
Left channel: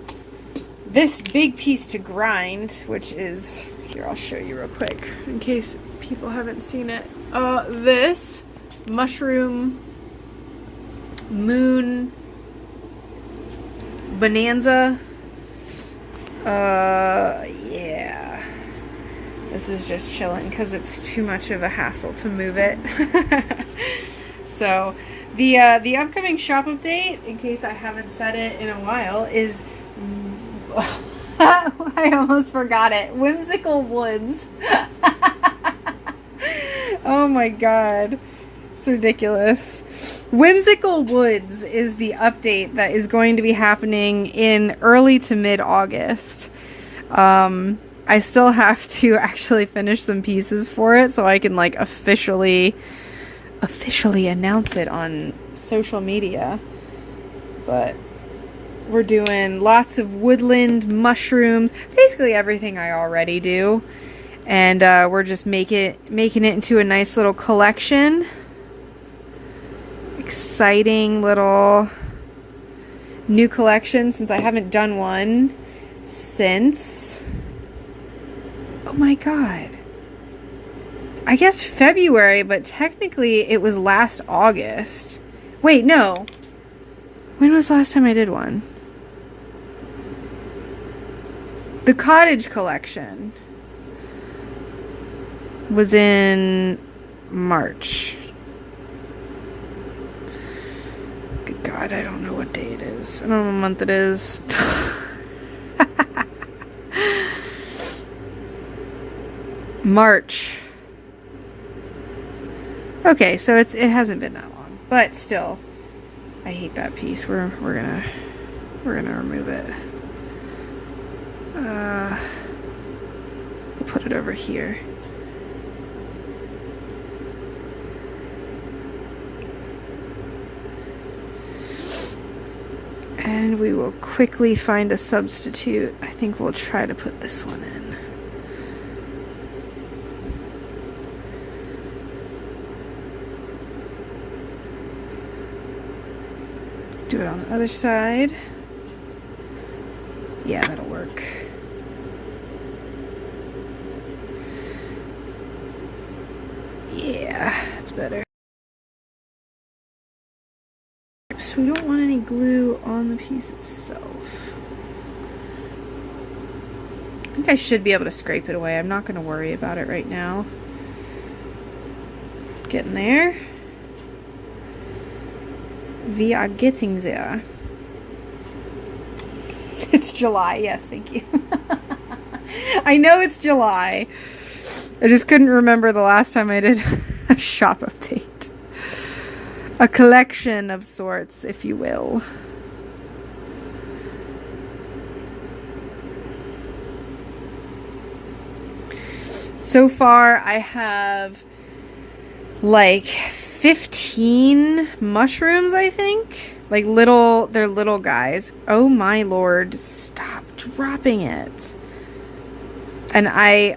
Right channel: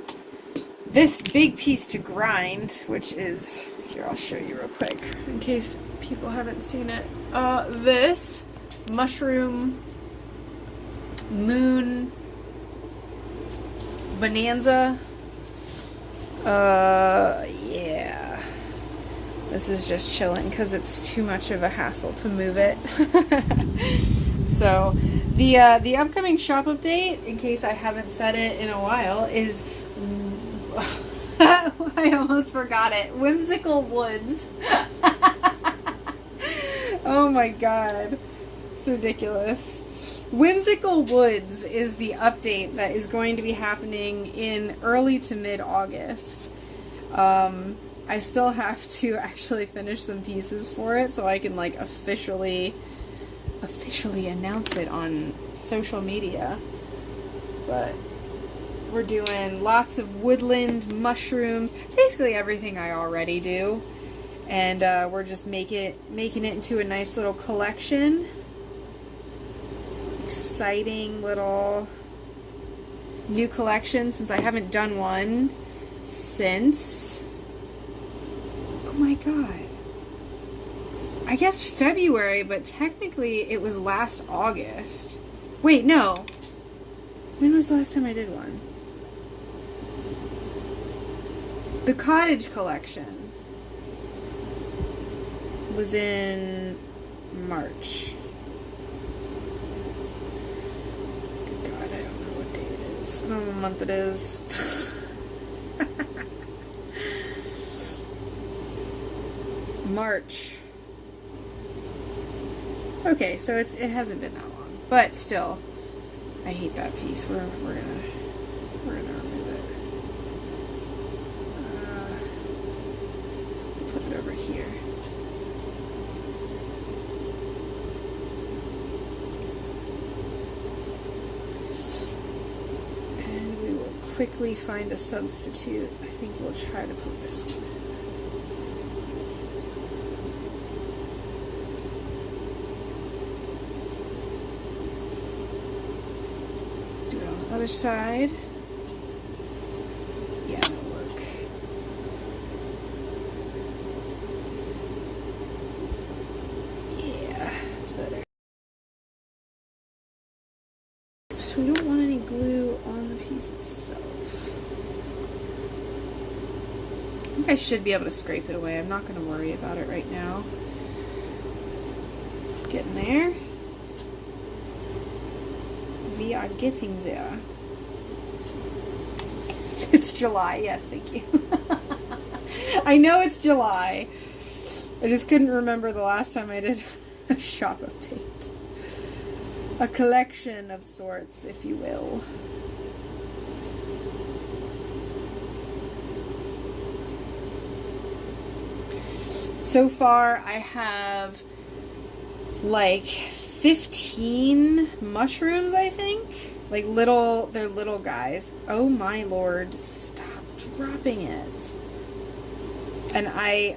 this big piece to grind, which is, here, I'll show you real quick in case people haven't seen it. This mushroom moon bonanza. Yeah. This is just chilling because it's too much of a hassle to move it. So the upcoming shop update, in case I haven't said it in a while, is I almost forgot it. Whimsical Woods. Oh my god. It's ridiculous. Whimsical Woods is the update that is going to be happening in early to mid-August. I still have to actually finish some pieces for it so I can, like, officially announce it on social media. But we're doing lots of woodland mushrooms, basically everything I already do, and we're just making it into a nice little collection. Exciting little new collection since I haven't done one since, oh my god, I guess February, but technically it was last August. Wait, no. When was the last time I did one? The cottage collection was in March. Good God, I don't know what day it is. I don't know what month it is. March. Okay, so it hasn't been that long, but still, I hate that piece. We're gonna remove it. Put it over here. And we will will quickly find a substitute. I think we'll try to put this one in. Do it on the other side. Yeah, that'll work. Yeah, that's better. So we don't want any glue on the piece itself. I think I should be able to scrape it away. I'm not going to worry about it right now. Getting there. We are getting there. It's July. Yes, thank you. I know it's July. I just couldn't remember the last time I did a shop update. A collection of sorts, if you will. So far, I have like 15 mushrooms, I think. Like they're little guys. Oh my lord, stop dropping it. And I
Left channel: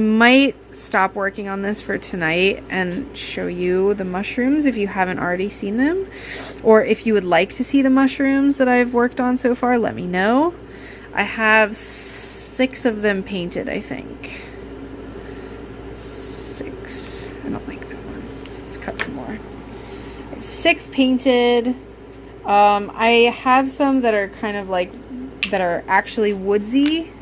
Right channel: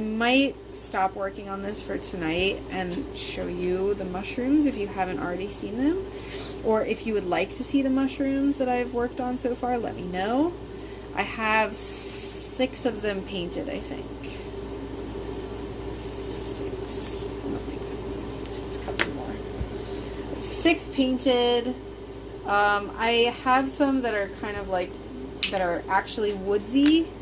might stop working on this for tonight and show you the mushrooms if you haven't already seen them. Or if you would like to see the mushrooms that I've worked on so far, let me know. I have 6 of them painted, I think. 6. I don't like that one. Let's cut some more. I have 6 painted. I have some that are kind of like, that are actually woodsy.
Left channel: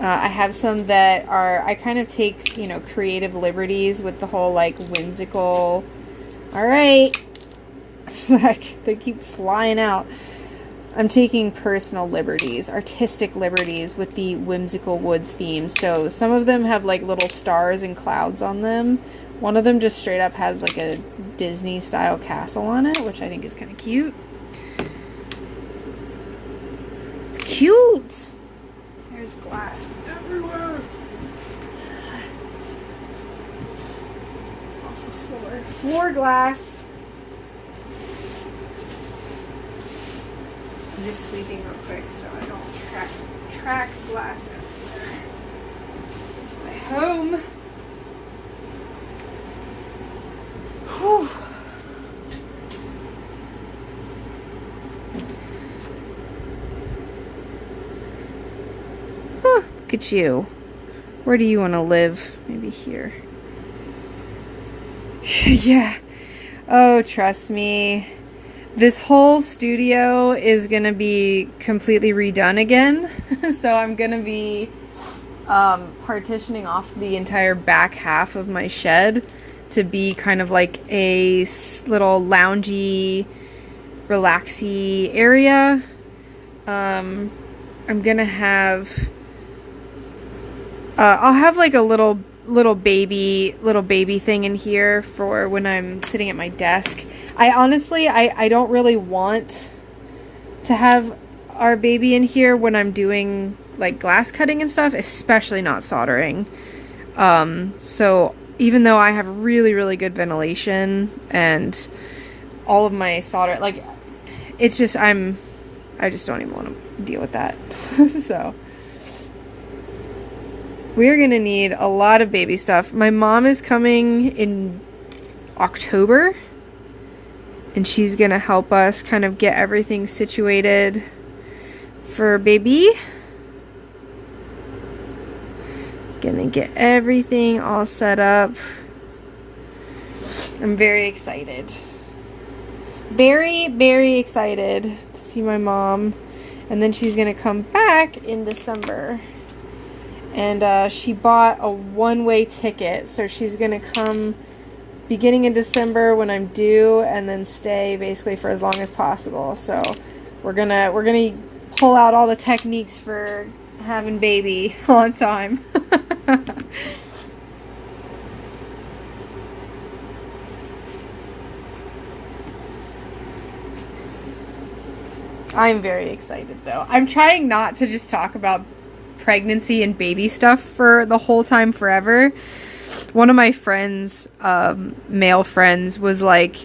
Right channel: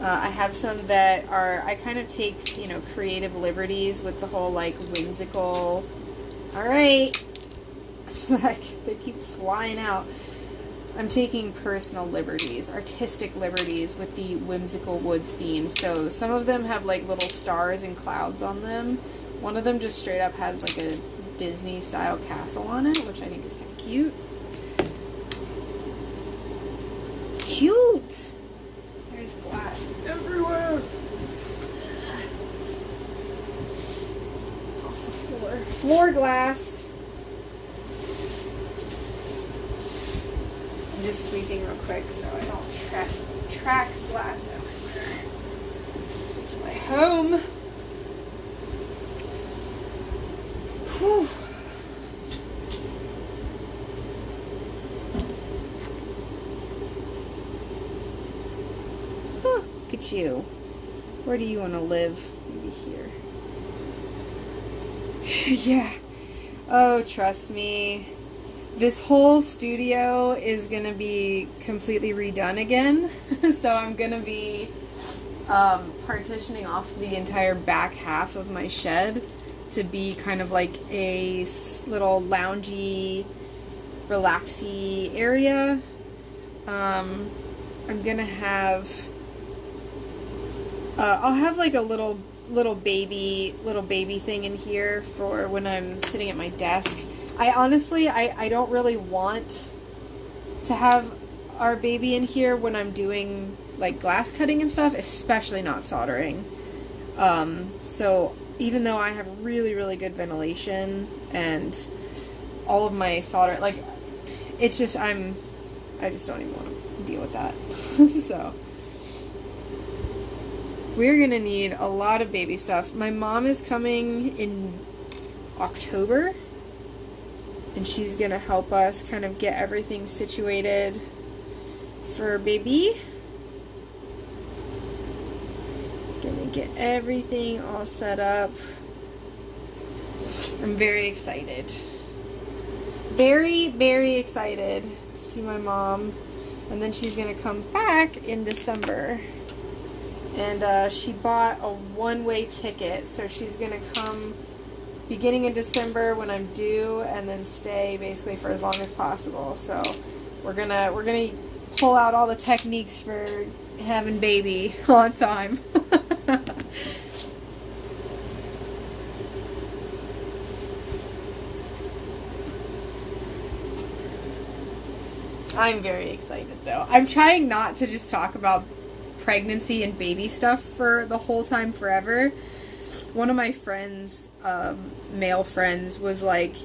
I have some that are, I kind of take, you know, creative liberties with the whole, like, whimsical, alright, they keep flying out. I'm taking personal liberties, artistic liberties with the whimsical woods theme. So some of them have, like, little stars and clouds on them. One of them just straight up has, like, a Disney-style castle on it, which I think is kind of cute. It's cute! There's glass everywhere. It's off the floor. Floor glass. I'm just sweeping real quick so I don't track glass everywhere. It's my home. Whew. Look at you. Where do you want to live? Maybe here. Yeah. Oh, trust me. This whole studio is going to be completely redone again. So I'm going to be partitioning off the entire back half of my shed to be kind of like a little loungy, relaxy area. I'm going to have... I'll have like a little baby thing in here for when I'm sitting at my desk. I honestly, I don't really want to have our baby in here when I'm doing like glass cutting and stuff, especially not soldering. So even though I have really, really good ventilation and all of my solder, like it's just, I just don't even want to deal with that. So we're gonna need a lot of baby stuff. My mom is coming in October, and she's gonna help us kind of get everything situated for baby. Gonna get everything all set up. I'm very excited. Very, very excited to see my mom. And then she's gonna come back in December. And she bought a one-way ticket, so she's gonna come beginning in December when I'm due, and then stay basically for as long as possible. So we're gonna pull out all the techniques for having baby on time. I'm very excited though. I'm trying not to just talk about pregnancy and baby stuff for the whole time forever. One of my friends, male friends, was like,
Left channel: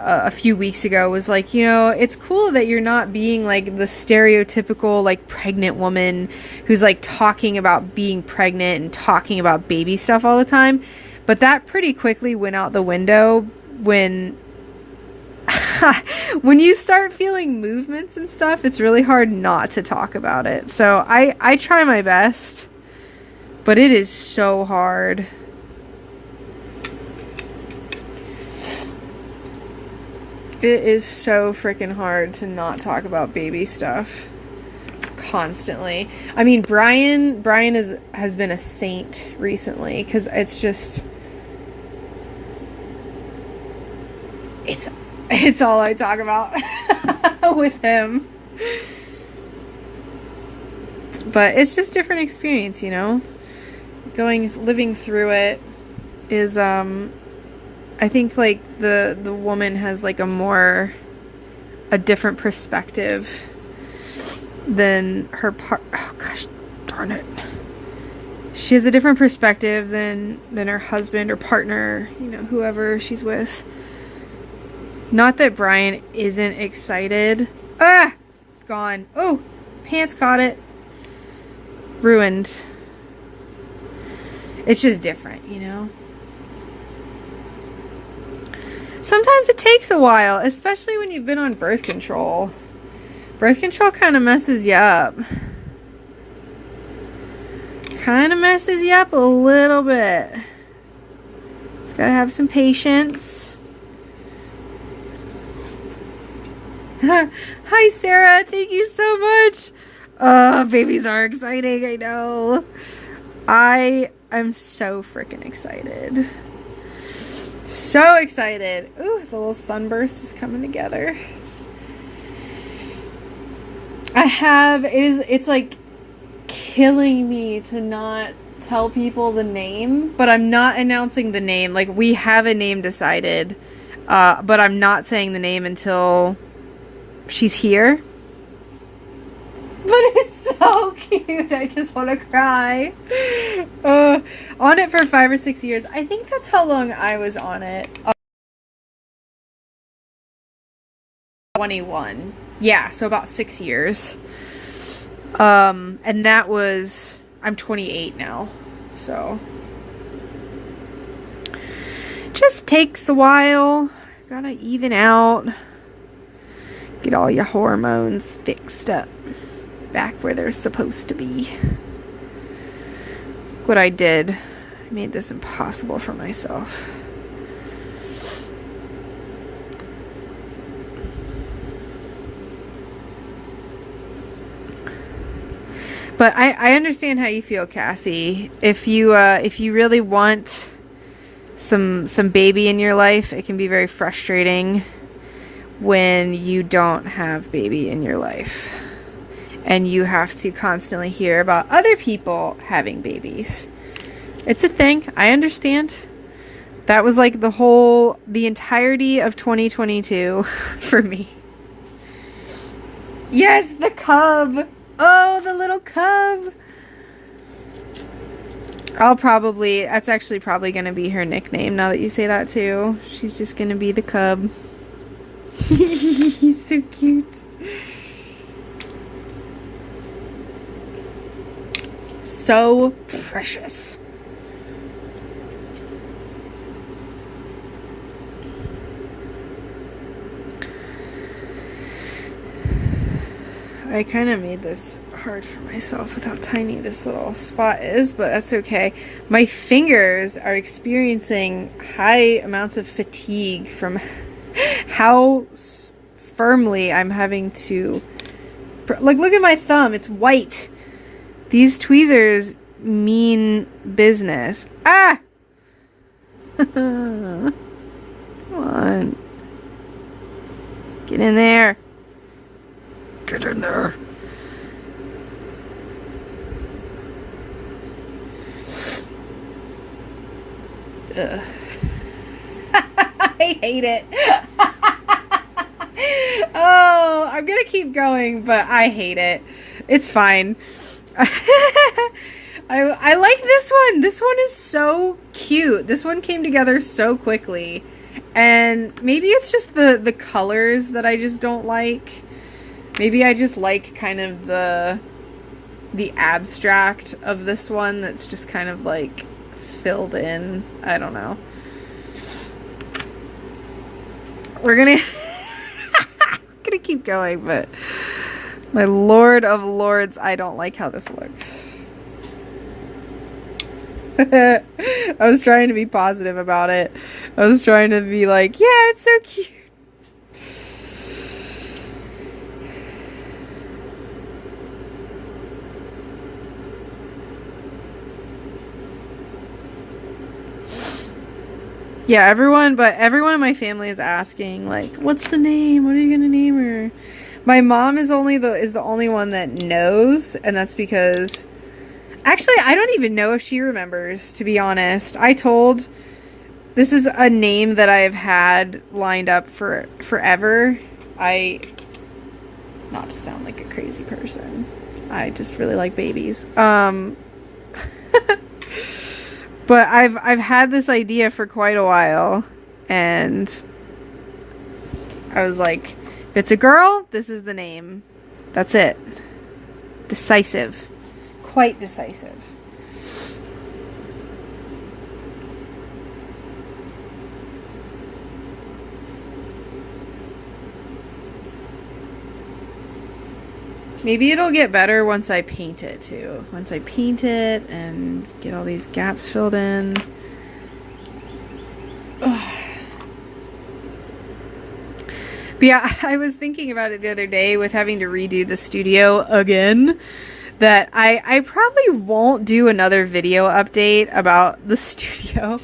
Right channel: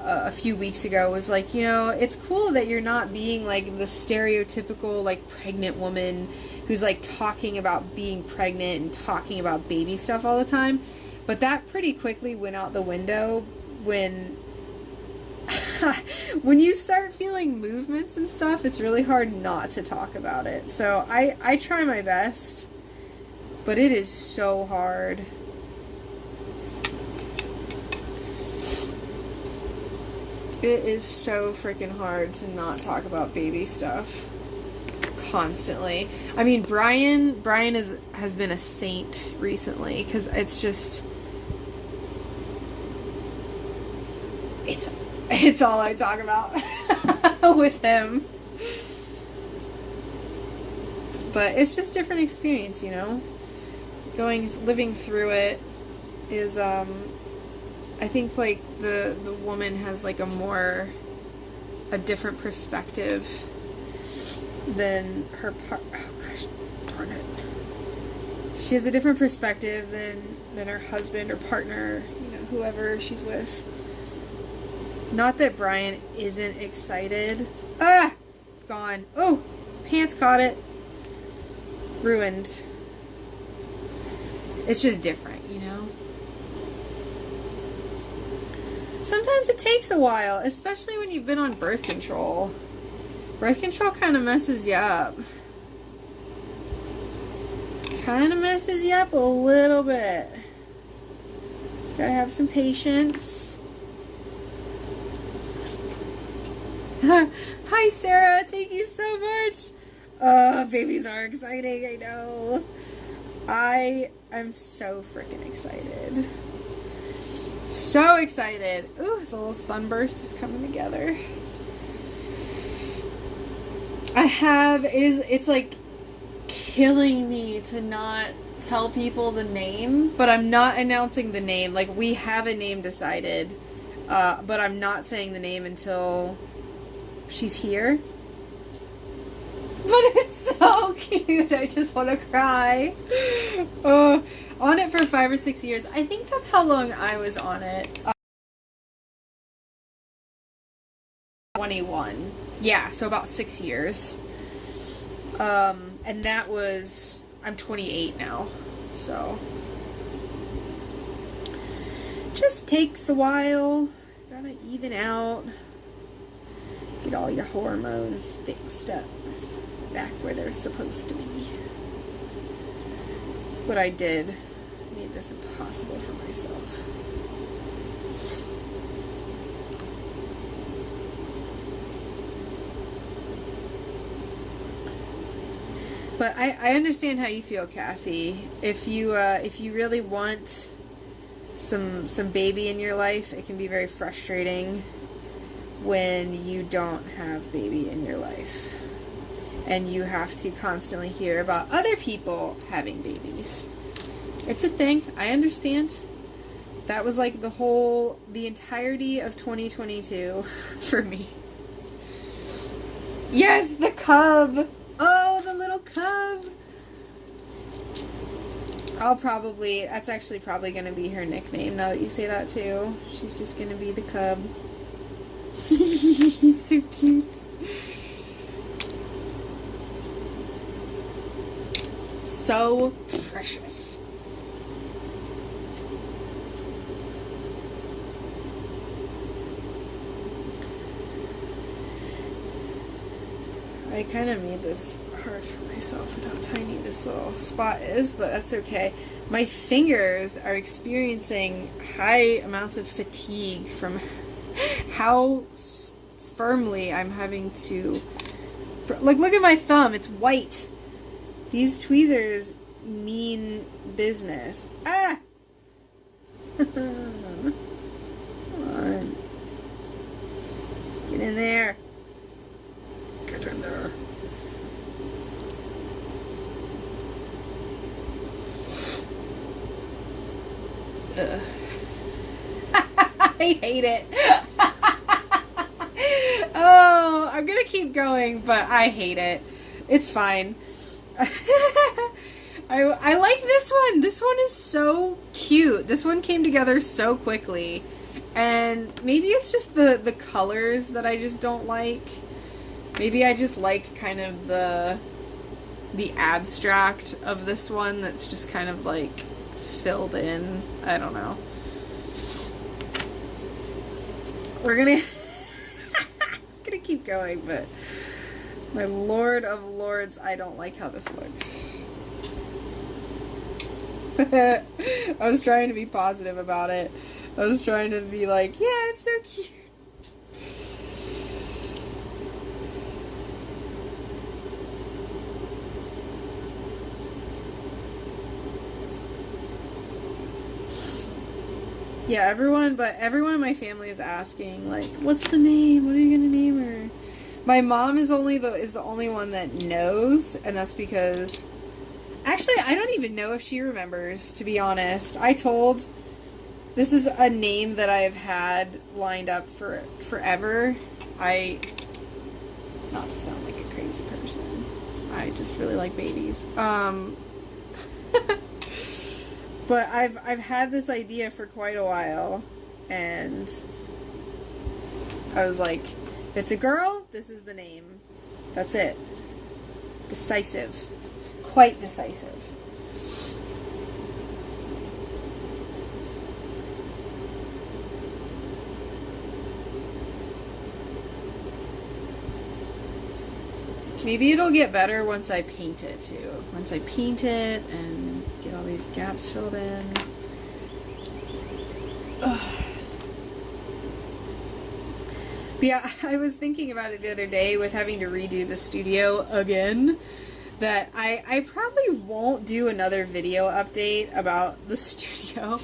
a few weeks ago was like, you know, it's cool that you're not being like the stereotypical like pregnant woman who's like talking about being pregnant and talking about baby stuff all the time. But that pretty quickly went out the window when when you start feeling movements and stuff, it's really hard not to talk about it. So I try my best, but it is so hard. It is so freaking hard to not talk about baby stuff constantly. I mean, Brian has been a saint recently, because it's all I talk about with him. But it's just different experience, you know? Living through it is, I think like the woman has like a different perspective than her oh gosh darn it. She has a different perspective than her husband or partner, you know, whoever she's with. Not that Brian isn't excited. Ah! It's gone. Oh! Pants caught it. Ruined. It's just different, you know? Sometimes it takes a while, especially when you've been on birth control. Birth control kind of messes you up. Kind of messes you up a little bit. Just gotta have some patience. Hi, Sarah. Thank you so much. Babies are exciting. I know. I'm so freaking excited. So excited. Ooh, the little sunburst is coming together. It's like killing me to not tell people the name, but I'm not announcing the name. Like, we have a name decided, but I'm not saying the name until she's here. But it's so cute. I just want to cry. On it for 5 or 6 years. I think that's how long I was on it. 21. Yeah, so about 6 years. And that was... I'm 28 now. So... just takes a while. Gotta even out. Get all your hormones fixed up. Back where they're supposed to be. What I did. I made this impossible for myself. But I understand how you feel, Cassie. If you really want some baby in your life, it can be very frustrating when you don't have baby in your life. And you have to constantly hear about other people having babies. It's a thing. I understand. That was like the entirety of 2022 for me. Yes, the cub. Oh, the little cub. That's actually probably going to be her nickname now that you say that too. She's just going to be the cub. He's so cute. So precious. I kind of made this hard for myself with how tiny this little spot is, but that's okay. My fingers are experiencing high amounts of fatigue from how firmly I'm having to... Like, look at my thumb. It's white. These tweezers mean business. Ah! Come on. Get in there. Get in there. Ugh. I hate it. Oh, I'm gonna keep going, but I hate it. It's fine. I like this one. This one is so cute. This one came together so quickly. And maybe it's just the colors that I just don't like. Maybe I just like kind of the abstract of this one that's just kind of like filled in. I don't know. We're gonna gonna keep going, but my lord of lords, I don't like how this looks. I was trying to be positive about it. I was trying to be like, yeah, it's so cute. Yeah, everyone in my family is asking, like, what's the name? What are you gonna name her? My mom is the only one that knows, and that's because actually I don't even know if she remembers, to be honest. This is a name that I've had lined up for forever. Not to sound like a crazy person, I just really like babies. But I've had this idea for quite a while, and I was like, if it's a girl, this is the name. That's it. Decisive. Quite decisive. Maybe it'll get better once I paint it too. Once I paint it and get all these gaps filled in. Ugh. But yeah, I was thinking about it the other day with having to redo the studio again, that I probably won't do another video update about the studio.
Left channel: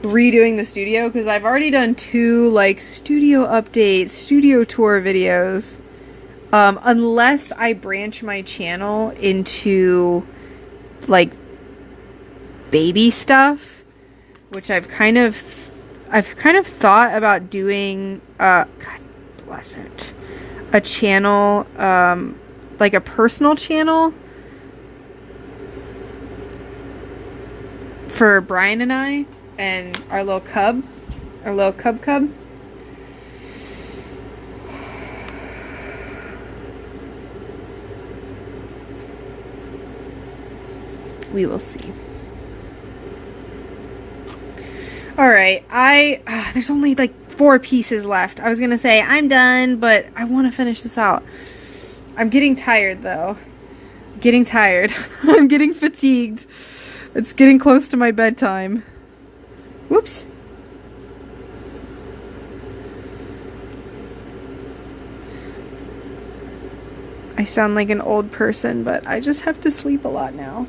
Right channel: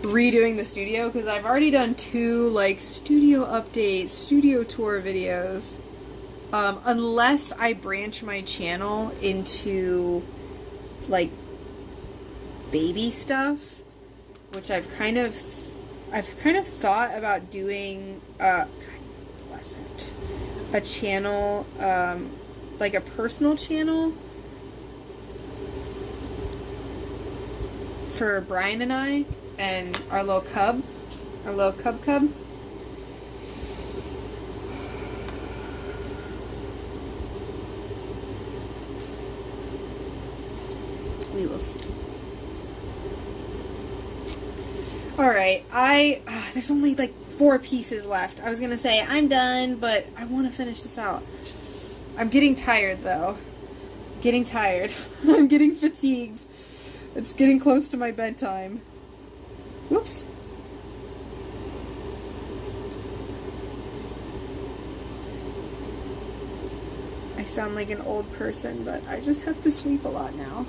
Redoing the studio, because I've already done 2 like studio updates, studio tour videos. Unless I branch my channel into like baby stuff, which I've kind of thought about doing, God bless it, a channel, like a personal channel for Brian and I and our little cub. We will see. Alright, there's only like 4 pieces left. I was gonna say I'm done, but I want to finish this out. I'm getting tired though. Getting tired. I'm getting fatigued. It's getting close to my bedtime. Whoops. I sound like an old person, but I just have to sleep a lot now.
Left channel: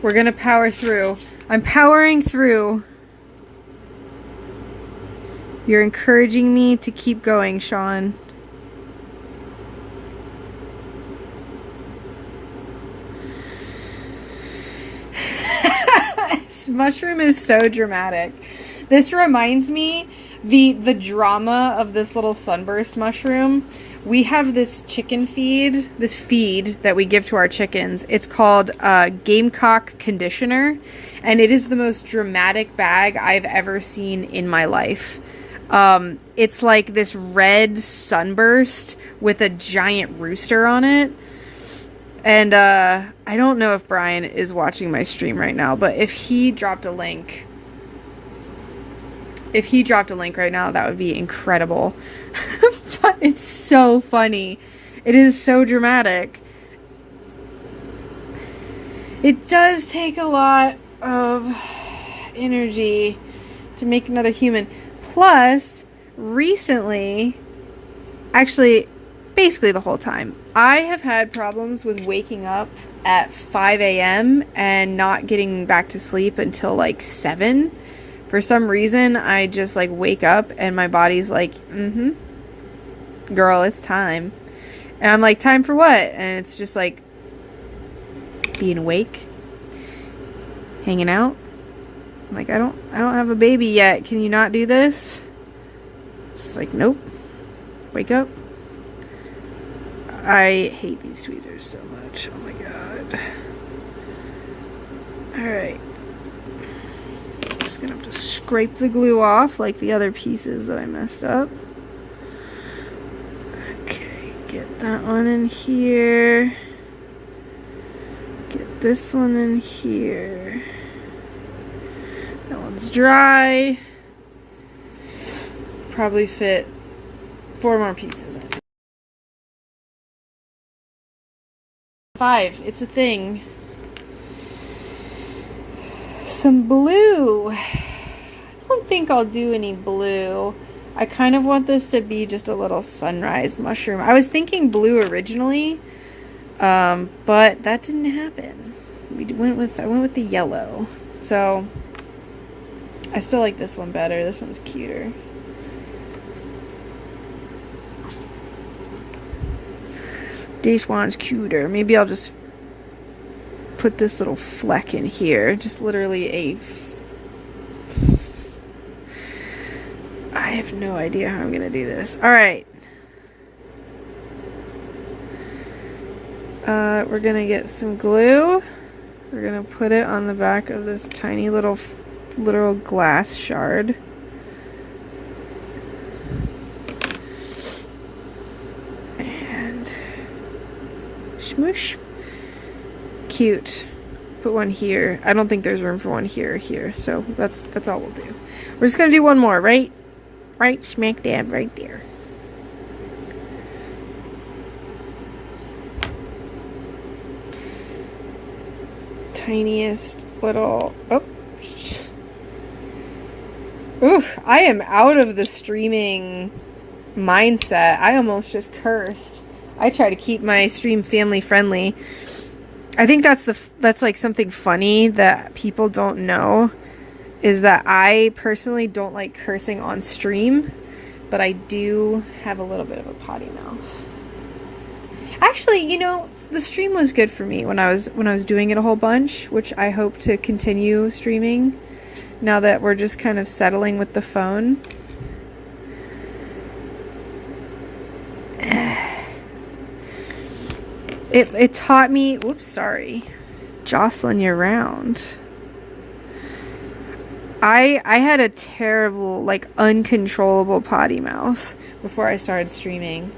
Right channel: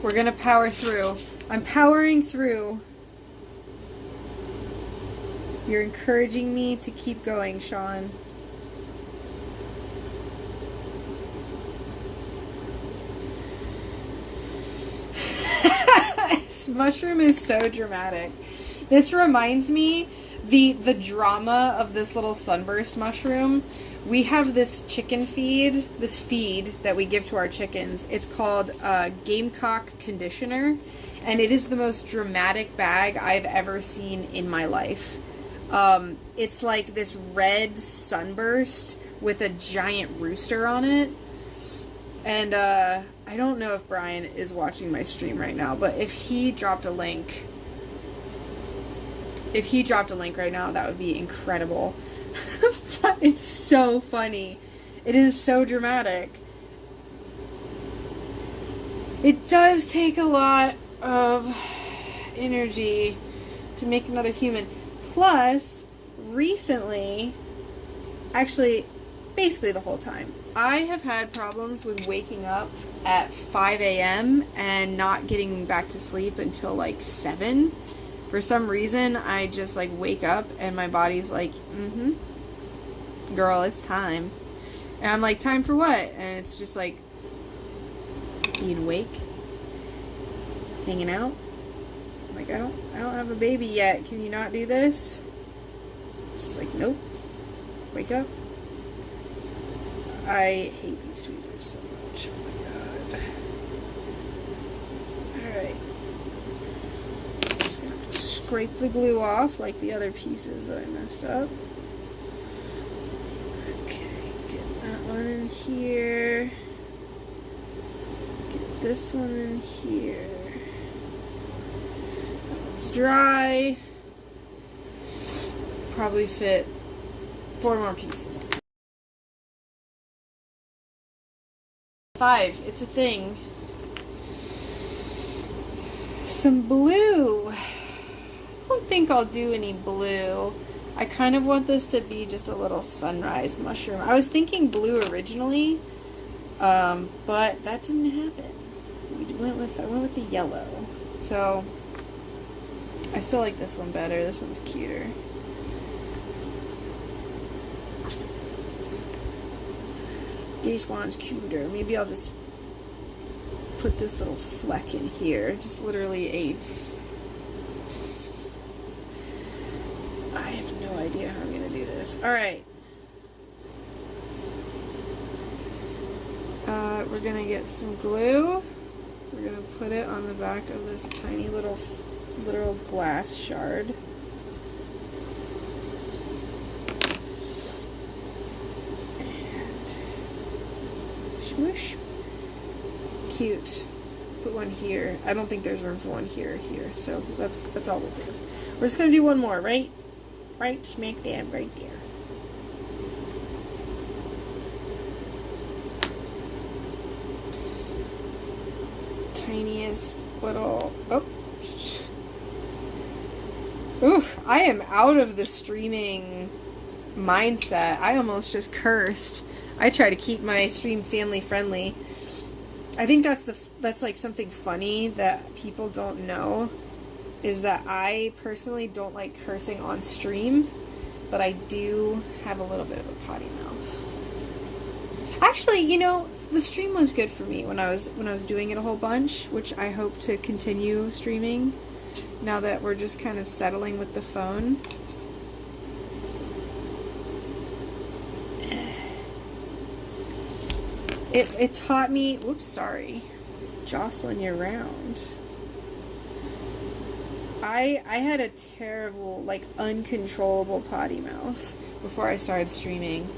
We're gonna power through. I'm powering through. You're encouraging me to keep going, Sean. This mushroom is so dramatic. This reminds me the drama of this little sunburst mushroom. We have this chicken feed, this feed that we give to our chickens. It's called Gamecock Conditioner, and it is the most dramatic bag I've ever seen in my life. It's like this red sunburst with a giant rooster on it. And I don't know if Brian is watching my stream right now, but if he dropped a link right now, that would be incredible. But it's so funny. It is so dramatic. It does take a lot of energy to make another human. Plus, recently, actually, basically the whole time, I have had problems with waking up at 5 a.m. and not getting back to sleep until like 7. For some reason, I just like wake up and my body's like, girl, it's time. And I'm like, time for what? And it's just like being awake, hanging out. I'm like, I don't have a baby yet. Can you not do this? It's just like, nope. Wake up. I hate these tweezers so much. Oh my god. Alright. I'm just gonna have to scrape the glue off like the other pieces that I messed up. Okay, get that one in here. Get this one in here. That one's dry. Probably fit 4 more pieces. 5, it's a thing. Some blue. I don't think I'll do any blue. I kind of want this to be just a little sunrise mushroom. I was thinking blue originally, but that didn't happen. I went with the yellow. So I still like this one better. This one's cuter. This one's cuter. Maybe I'll just put this little fleck in here. Just literally I have no idea how I'm gonna do this. Alright. We're gonna get some glue. We're gonna put it on the back of this tiny little glass shard. Smoosh. Cute. Put one here. I don't think there's room for one here or here, so that's all we'll do. We're just gonna do one more, right? Right smack dab right there. Tiniest little... Oh. Ooh, I am out of the streaming mindset. I almost just cursed. I try to keep my stream family friendly. I think that's like something funny that people don't know, is that I personally don't like cursing on stream, but I do have a little bit of a potty mouth. Actually, you know, the stream was good for me when I was doing it a whole bunch, which I hope to continue streaming now that we're just kind of settling with the phone. It taught me, oops, sorry, jostling you around. I had a terrible, like, uncontrollable potty mouth before I started streaming.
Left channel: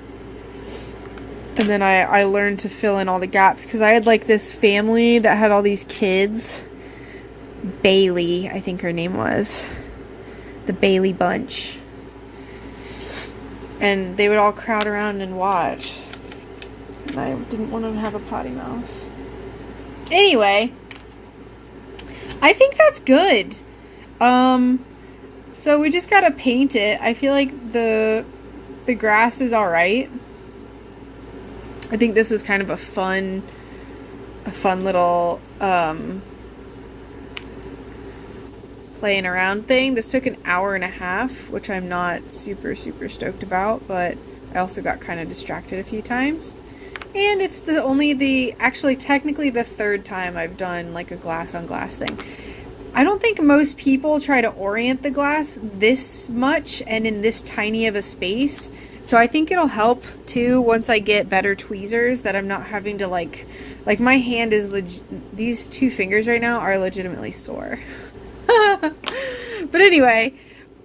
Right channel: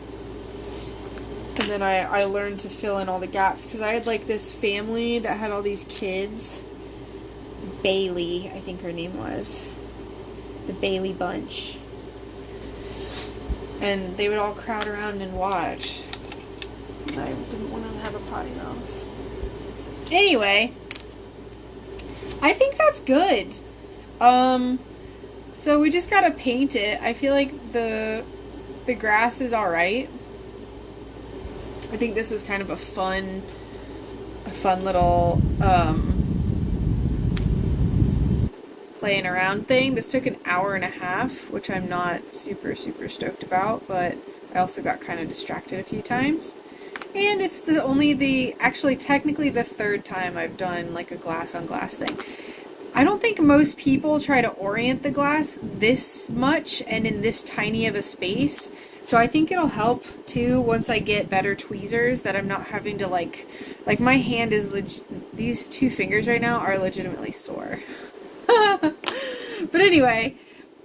And then I learned to fill in all the gaps, because I had, like, this family that had all these kids. Bailey, I think her name was. The Bailey Bunch. And they would all crowd around and watch. I didn't want him to have a potty mouth. Anyway, I think that's good. So we just gotta paint it. I feel like the grass is alright. I think this was kind of a fun little playing around thing. This took an hour and a half, which I'm not super stoked about, but I also got kind of distracted a few times. And it's actually technically the 3rd time I've done like a glass on glass thing. I don't think most people try to orient the glass this much and in this tiny of a space. So I think it'll help too once I get better tweezers, that I'm not having to like my hand is these 2 fingers right now are legitimately sore. But anyway,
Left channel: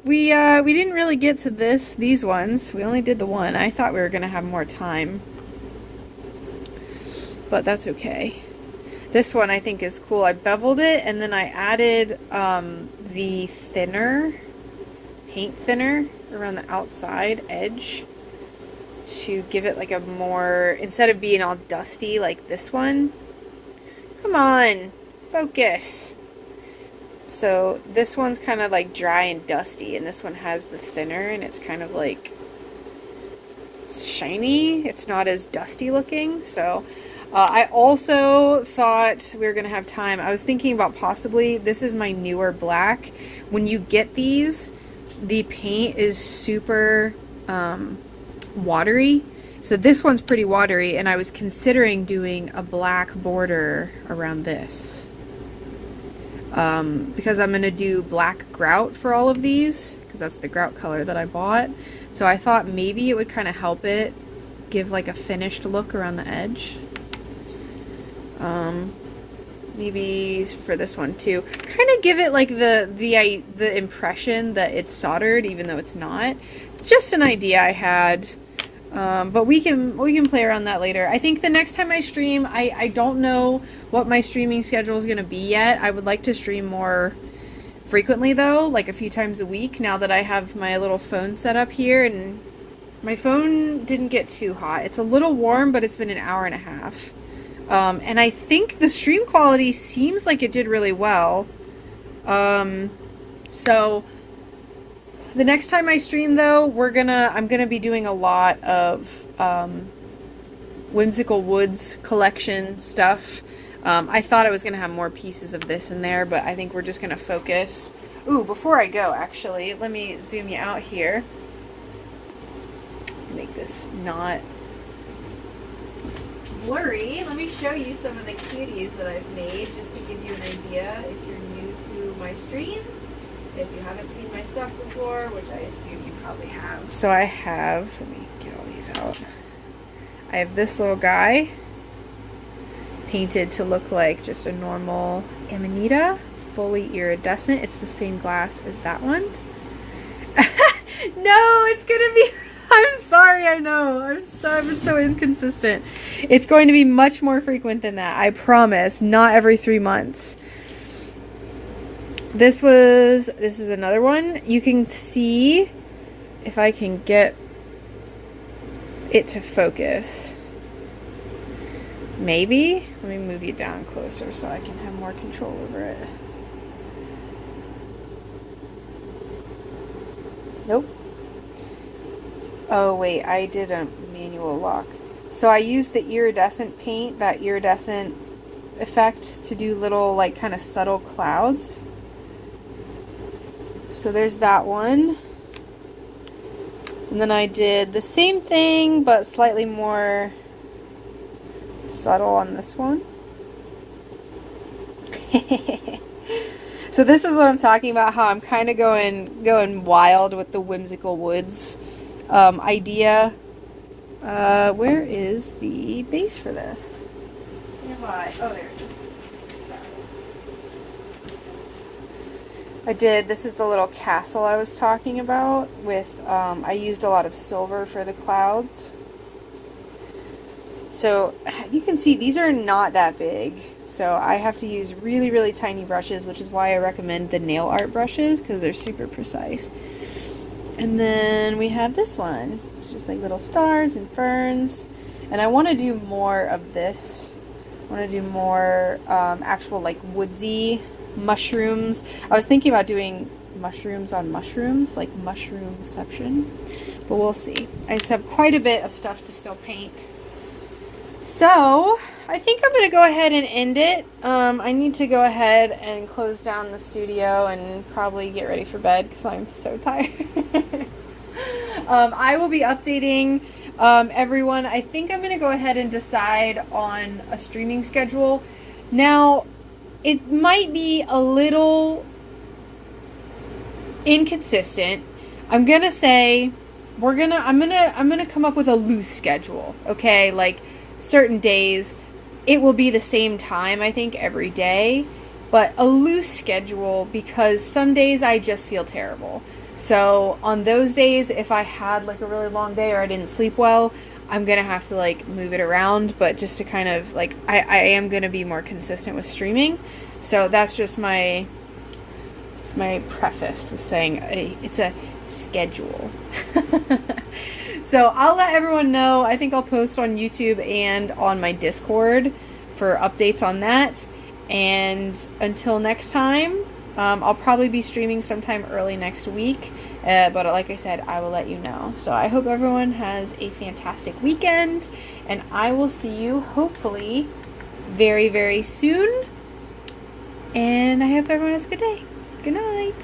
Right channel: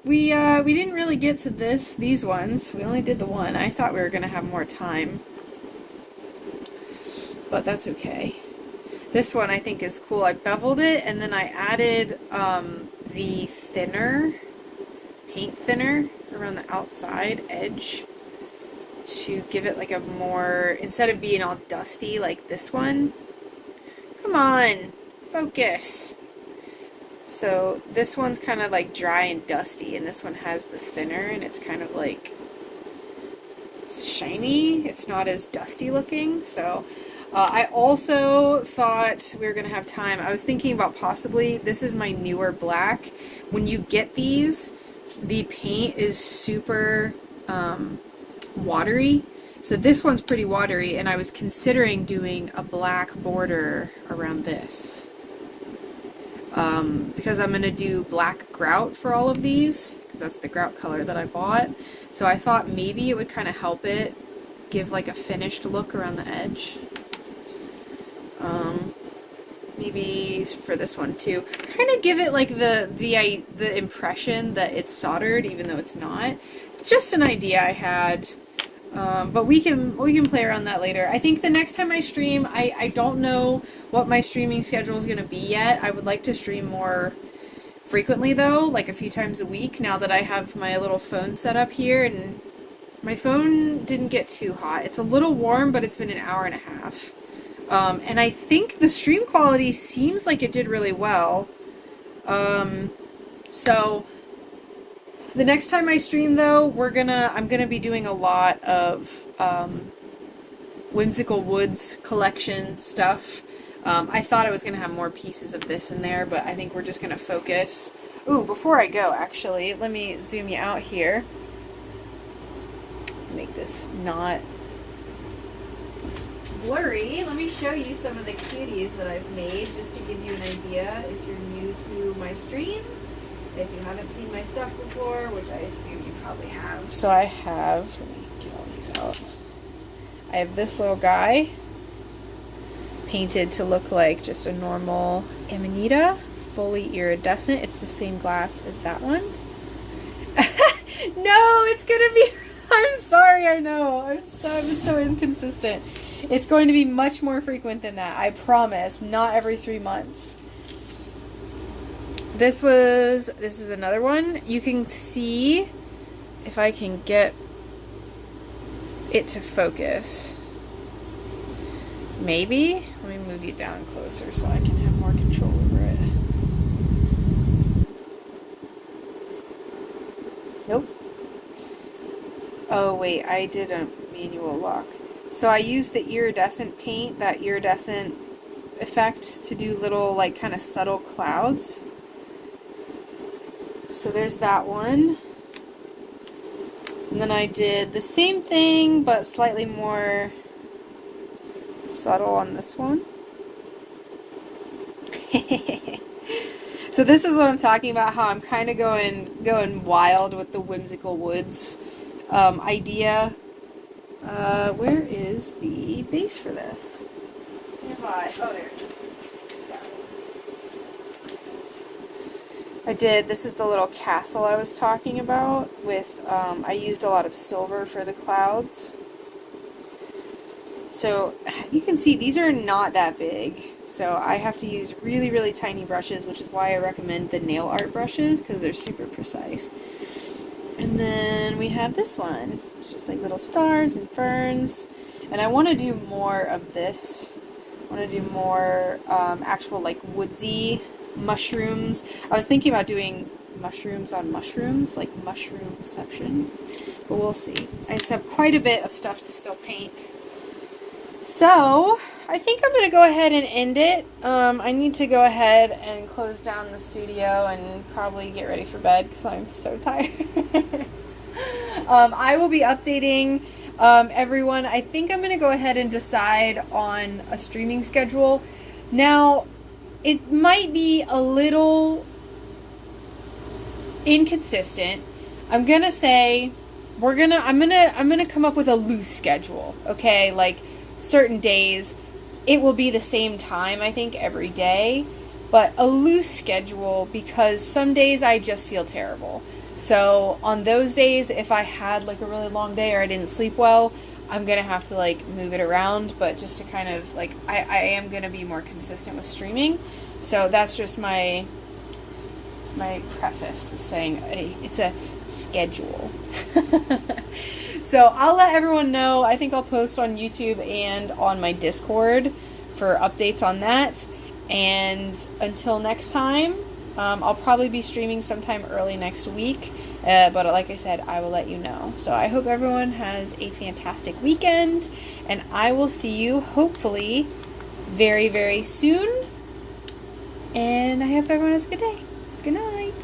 we didn't really get to these ones. We only did the one. I thought we were gonna have more time, but that's okay. This one I think is cool. I beveled it and then I added the paint thinner around the outside edge to give it like a more, instead of being all dusty like this one. Come on, focus. So this one's kind of like dry and dusty, and this one has the thinner, and it's kind of like, it's shiny. It's not as dusty looking. So I also thought we were going to have time. I was thinking about possibly, this is my newer black. When you get these, the paint is super watery. So this one's pretty watery, and I was considering doing a black border around this. Because I'm going to do black grout for all of these, because that's the grout color that I bought. So I thought maybe it would kind of help it give like a finished look around the edge. Maybe for this one too, kind of give it like the impression that it's soldered, even though it's not. It's just an idea I had, but we can play around that later. I think the next time I stream, I don't know what my streaming schedule is going to be yet. I would like to stream more frequently though, like a few times a week, now that I have my little phone set up here, and my phone didn't get too hot. It's a little warm, but it's been an hour and a half. And I think the stream quality seems like it did really well. So the next time I stream though, I'm gonna be doing a lot of, Whimsical Woods collection stuff. I thought I was gonna have more pieces of this in there, but I think we're just gonna focus. Ooh, before I go, actually, let me zoom you out here. Make this not blurry. Let me show you some of the cuties that I've made, just to give you an idea if you're new to my stream, if you haven't seen my stuff before, which I assume you probably have. So I have, let me get all these out. I have this little guy painted to look like just a normal Amanita, fully iridescent. It's the same glass as that one. No, it's gonna be, I'm sorry, I know. I've been so inconsistent. It's going to be much more frequent than that, I promise. Not every 3 months. This is another one. You can see, if I can get it to focus. Maybe? Let me move you down closer so I can have more control over it. Nope. Oh wait, I did a manual lock. So I used the iridescent paint, that iridescent effect, to do little like kind of subtle clouds. So there's that one. And then I did the same thing but slightly more subtle on this one. So this is what I'm talking about, how I'm kind of going wild with the Whimsical Woods idea. Where is the base for this? Stand by. Oh, there it is. This is the little castle I was talking about with, I used a lot of silver for the clouds. So you can see these are not that big. So I have to use really, really tiny brushes, which is why I recommend the nail art brushes, because they're super precise. And then we have this one. It's just like little stars and ferns. And I want to do more of this. I want to do more actual like woodsy mushrooms. I was thinking about doing mushrooms on mushrooms, like mushroomception. But we'll see. I just have quite a bit of stuff to still paint. So, I think I'm going to go ahead and end it. I need to go ahead and close down the studio and probably get ready for bed because I'm so tired. I will be updating everyone. I think I'm going to go ahead and decide on a streaming schedule. Now, it might be a little inconsistent. I'm going to say I'm going to come up with a loose schedule, okay? Like certain days it will be the same time, I think, every day, but a loose schedule because some days I just feel terrible. So on those days, if I had like a really long day or I didn't sleep well, I'm gonna have to like move it around, but just to kind of like I am gonna be more consistent with streaming. So that's just my preface with saying it's a schedule. So I'll let everyone know. I think I'll post on YouTube and on my Discord for updates on that. And until next time, I'll probably be streaming sometime early next week. But like I said, I will let you know. So I hope everyone has a fantastic weekend. And I will see you hopefully very, very soon. And I hope everyone has a good day. Good night.